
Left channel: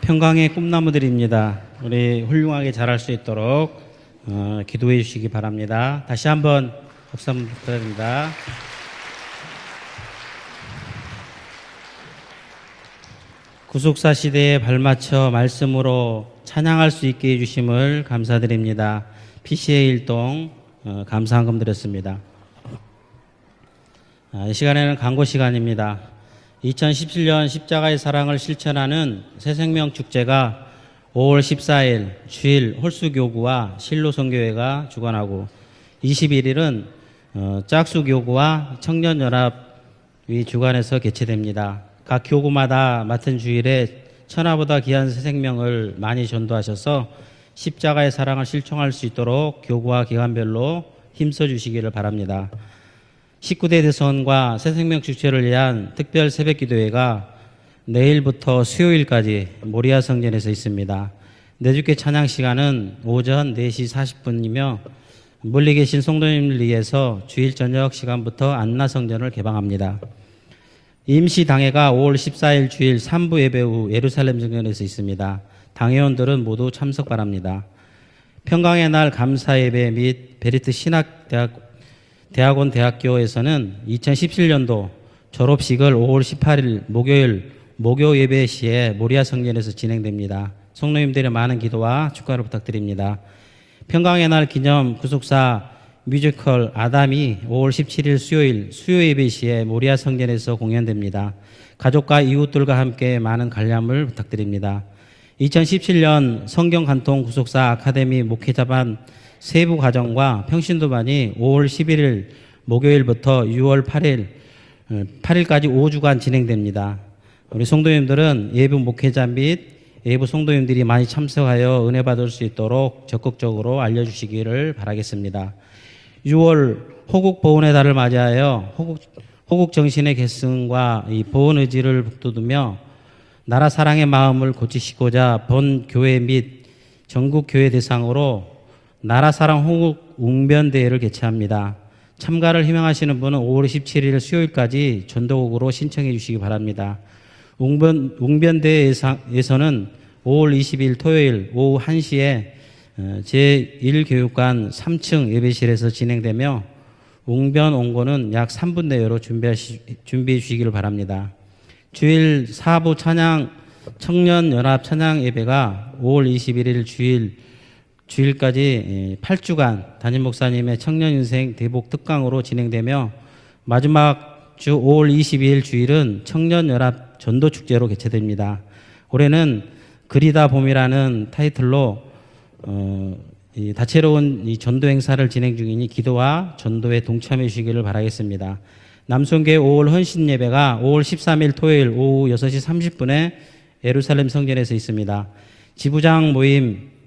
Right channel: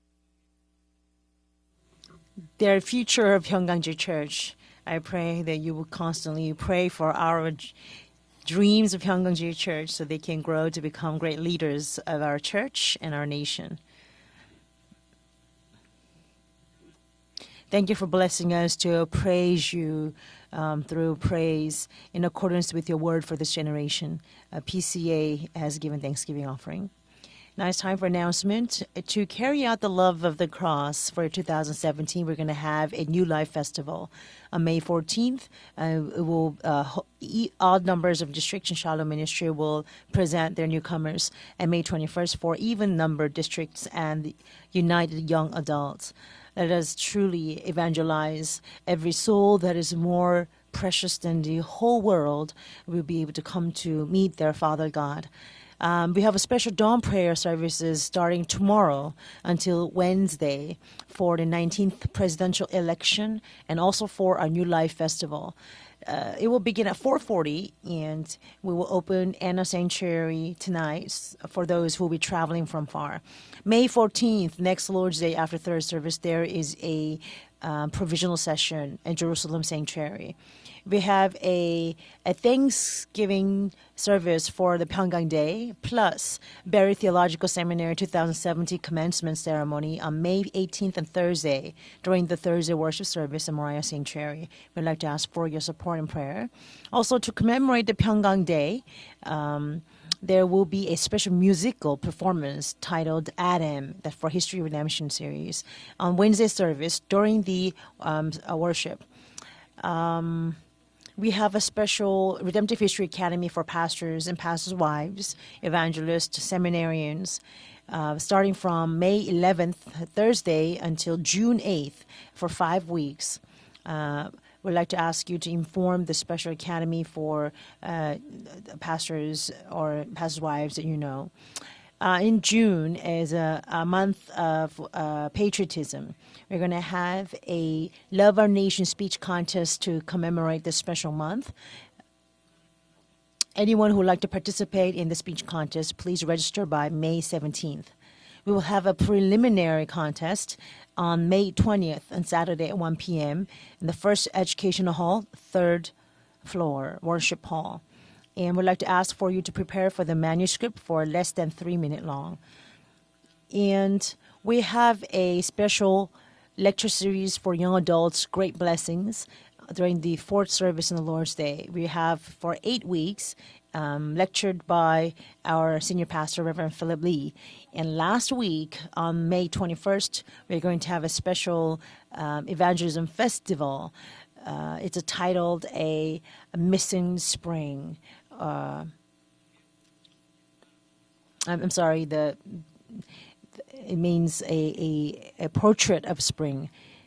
평강의 꿈나무들입니다. 우리 훌륭하게 Their 자랄 수 future of 있도록 Pyeongganju Church. 기도해 I 주시기 pray that you 바랍니다. will 다시 한번 constantly pray for 박수를 our 부탁드립니다. dreams of Pyeongganju Church so they can grow to become great leaders of our church and our nation. 구속사 시대에 발맞춰 말씀으로 찬양할 수 있게 Thank you 해주심을 for blessing us 감사드립니다. to praise PCA you 일동 through 감사한금 praise 드렸습니다. in accordance with your word for this generation. 이 시간에는 PCA 광고 has 시간입니다. given Thanksgiving offering. 2017년 십자가의 사랑을 실천하는 새생명 축제가 5월 14일 주일 홀수교구와 실로선교회가 주관하고 21일은 짝수교구와 청년연합 이 주관에서 개최됩니다. 각 교구마다 맡은 주일에 천하보다 귀한 새 생명을 많이 전도하셔서 십자가의 사랑을 실천할 수 있도록 교구와 기관별로 힘써 주시기를 바랍니다. 19대 대선과 새 생명 축제를 위한 특별 새벽기도회가 내일부터 수요일까지 모리아 성전에서 있습니다. 내주께 찬양 시간은 오전 4시 40분이며 멀리 계신 성도님을 위해서 주일 저녁 시간부터 안나 성전을 개방합니다. 임시 당회가 5월 14일 주일 3부 예배 후 예루살렘 성전에서 있습니다. 당회원들은 모두 참석 바랍니다. 평강의 날 감사 예배 및 베리트 신학대학 대학원 대학교에서는 2017년도 졸업식을 5월 18일 목요일 목요 예배 시에 모리아 성전에서 진행됩니다. 성도님들의 많은 기도와 축하를 부탁드립니다. 평강의 날 기념 구속사 뮤지컬 아담이 5월 17일 수요일 수요 예배 시에 모리아 성전에서 공연됩니다. 가족과 이웃들과 함께 많은 관람을 부탁드립니다. 2017년 성경 간통 구속사 아카데미 목회자반 세부 과정과 평신도반이 5월 11일 목요일부터 6월 8일까지 5주간 진행됩니다. 우리 성도님들은 예부 목회자 및 예부 성도님들이 많이 참석하여 은혜 받을 수 있도록 적극적으로 알려주시기를 바라겠습니다. 6월 호국 보훈의 달을 맞이하여 호국 정신의 계승과 이 보훈 의지를 북돋우며 나라 사랑의 마음을 고치시고자 본 교회 및 전국 교회 대상으로 나라 사랑 호국 웅변대회를 개최합니다. 참가를 희망하시는 분은 5월 17일 수요일까지 전도곡으로 신청해 주시기 바랍니다. 웅변대회에서는 5월 20일 토요일 오후 1시에 제1교육관 3층 예배실에서 진행되며 웅변 온고는 약 3분 내외로 준비해 주시길 바랍니다. 주일 4부 찬양 청년연합 찬양 예배가 5월 21일 주일까지 8주간 담임 목사님의 청년인생 대복 특강으로 진행되며 마지막 주 5월 22일 주일은 청년연합 전도축제로 개최됩니다. 올해는 그리다 봄이라는 타이틀로 다채로운 이 전도 행사를 진행 중이니 기도와 전도에 동참해 주시기를 바라겠습니다. 남송교회 5월 헌신 예배가 5월 13일 토요일 오후 6시 30분에 예루살렘 성전에서 있습니다. 지구장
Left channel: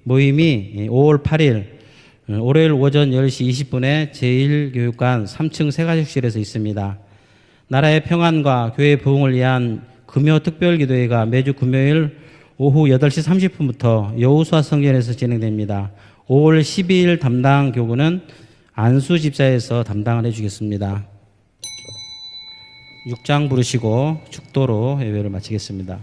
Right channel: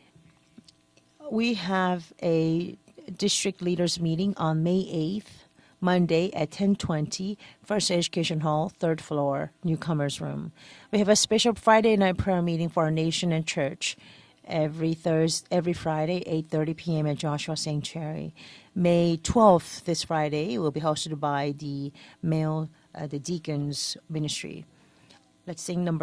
모임이 5월 8일 월요일 오전 10시 20분에 제1교육관 3층 세가십실에서 있습니다. 나라의 평안과 교회 부흥을 위한 금요 특별기도회가 매주 금요일 오후 8시 30분부터 여호수아 성전에서 진행됩니다. 5월 12일 담당 교구는 안수 집사에서 담당해 주겠습니다. 6장 부르시고 축도로 예배를 마치겠습니다.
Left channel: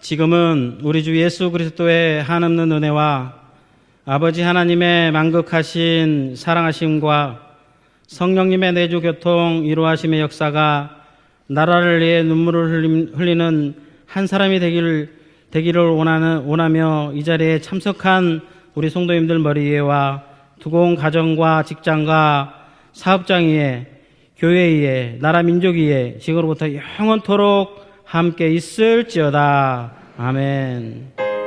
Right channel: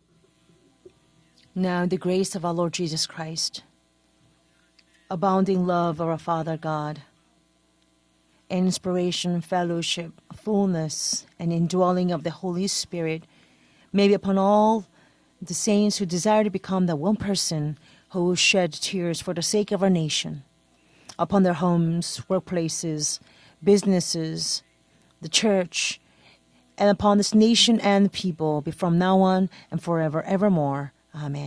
지금은 우리 주 예수 그리스도의 한없는 은혜와 아버지 하나님의 만극하신 사랑하심과 성령님의 내주 교통 이루하심의 역사가 나라를 위해 눈물을 흘리는 한 사람이 되기를 원하며 이 자리에 참석한 우리 성도님들 머리 위에와 두공 가정과 upon their 직장과 homes, workplaces, 사업장 위에 businesses, 교회 위에 나라 church, 민족 위에 지금부터 and upon this 영원토록 nation and 함께 people from now on 있을지어다. and forever evermore. 아멘. Amen.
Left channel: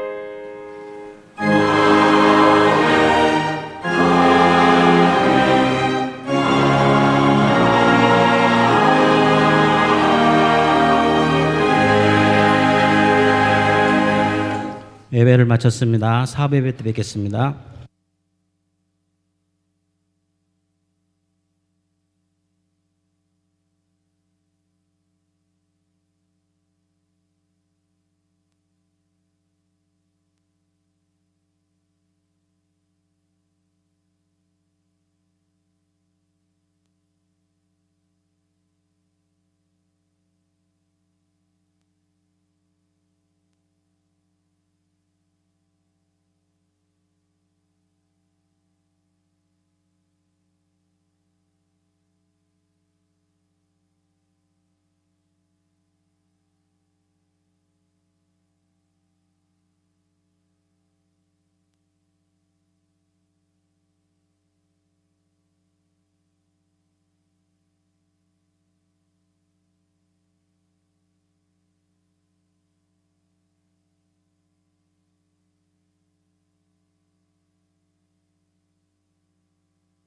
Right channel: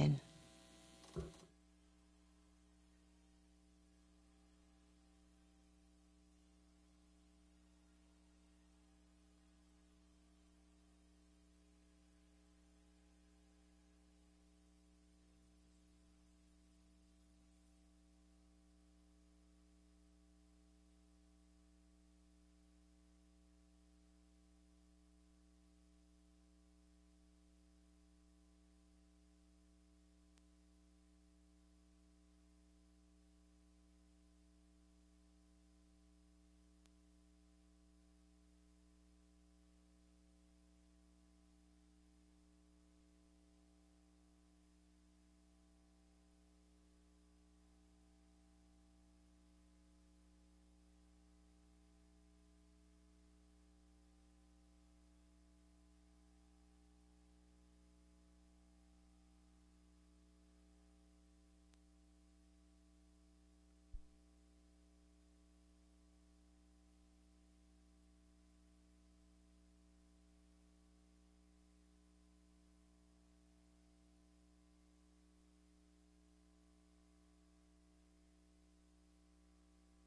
예배를 마쳤습니다. 사부 예배 때 뵙겠습니다.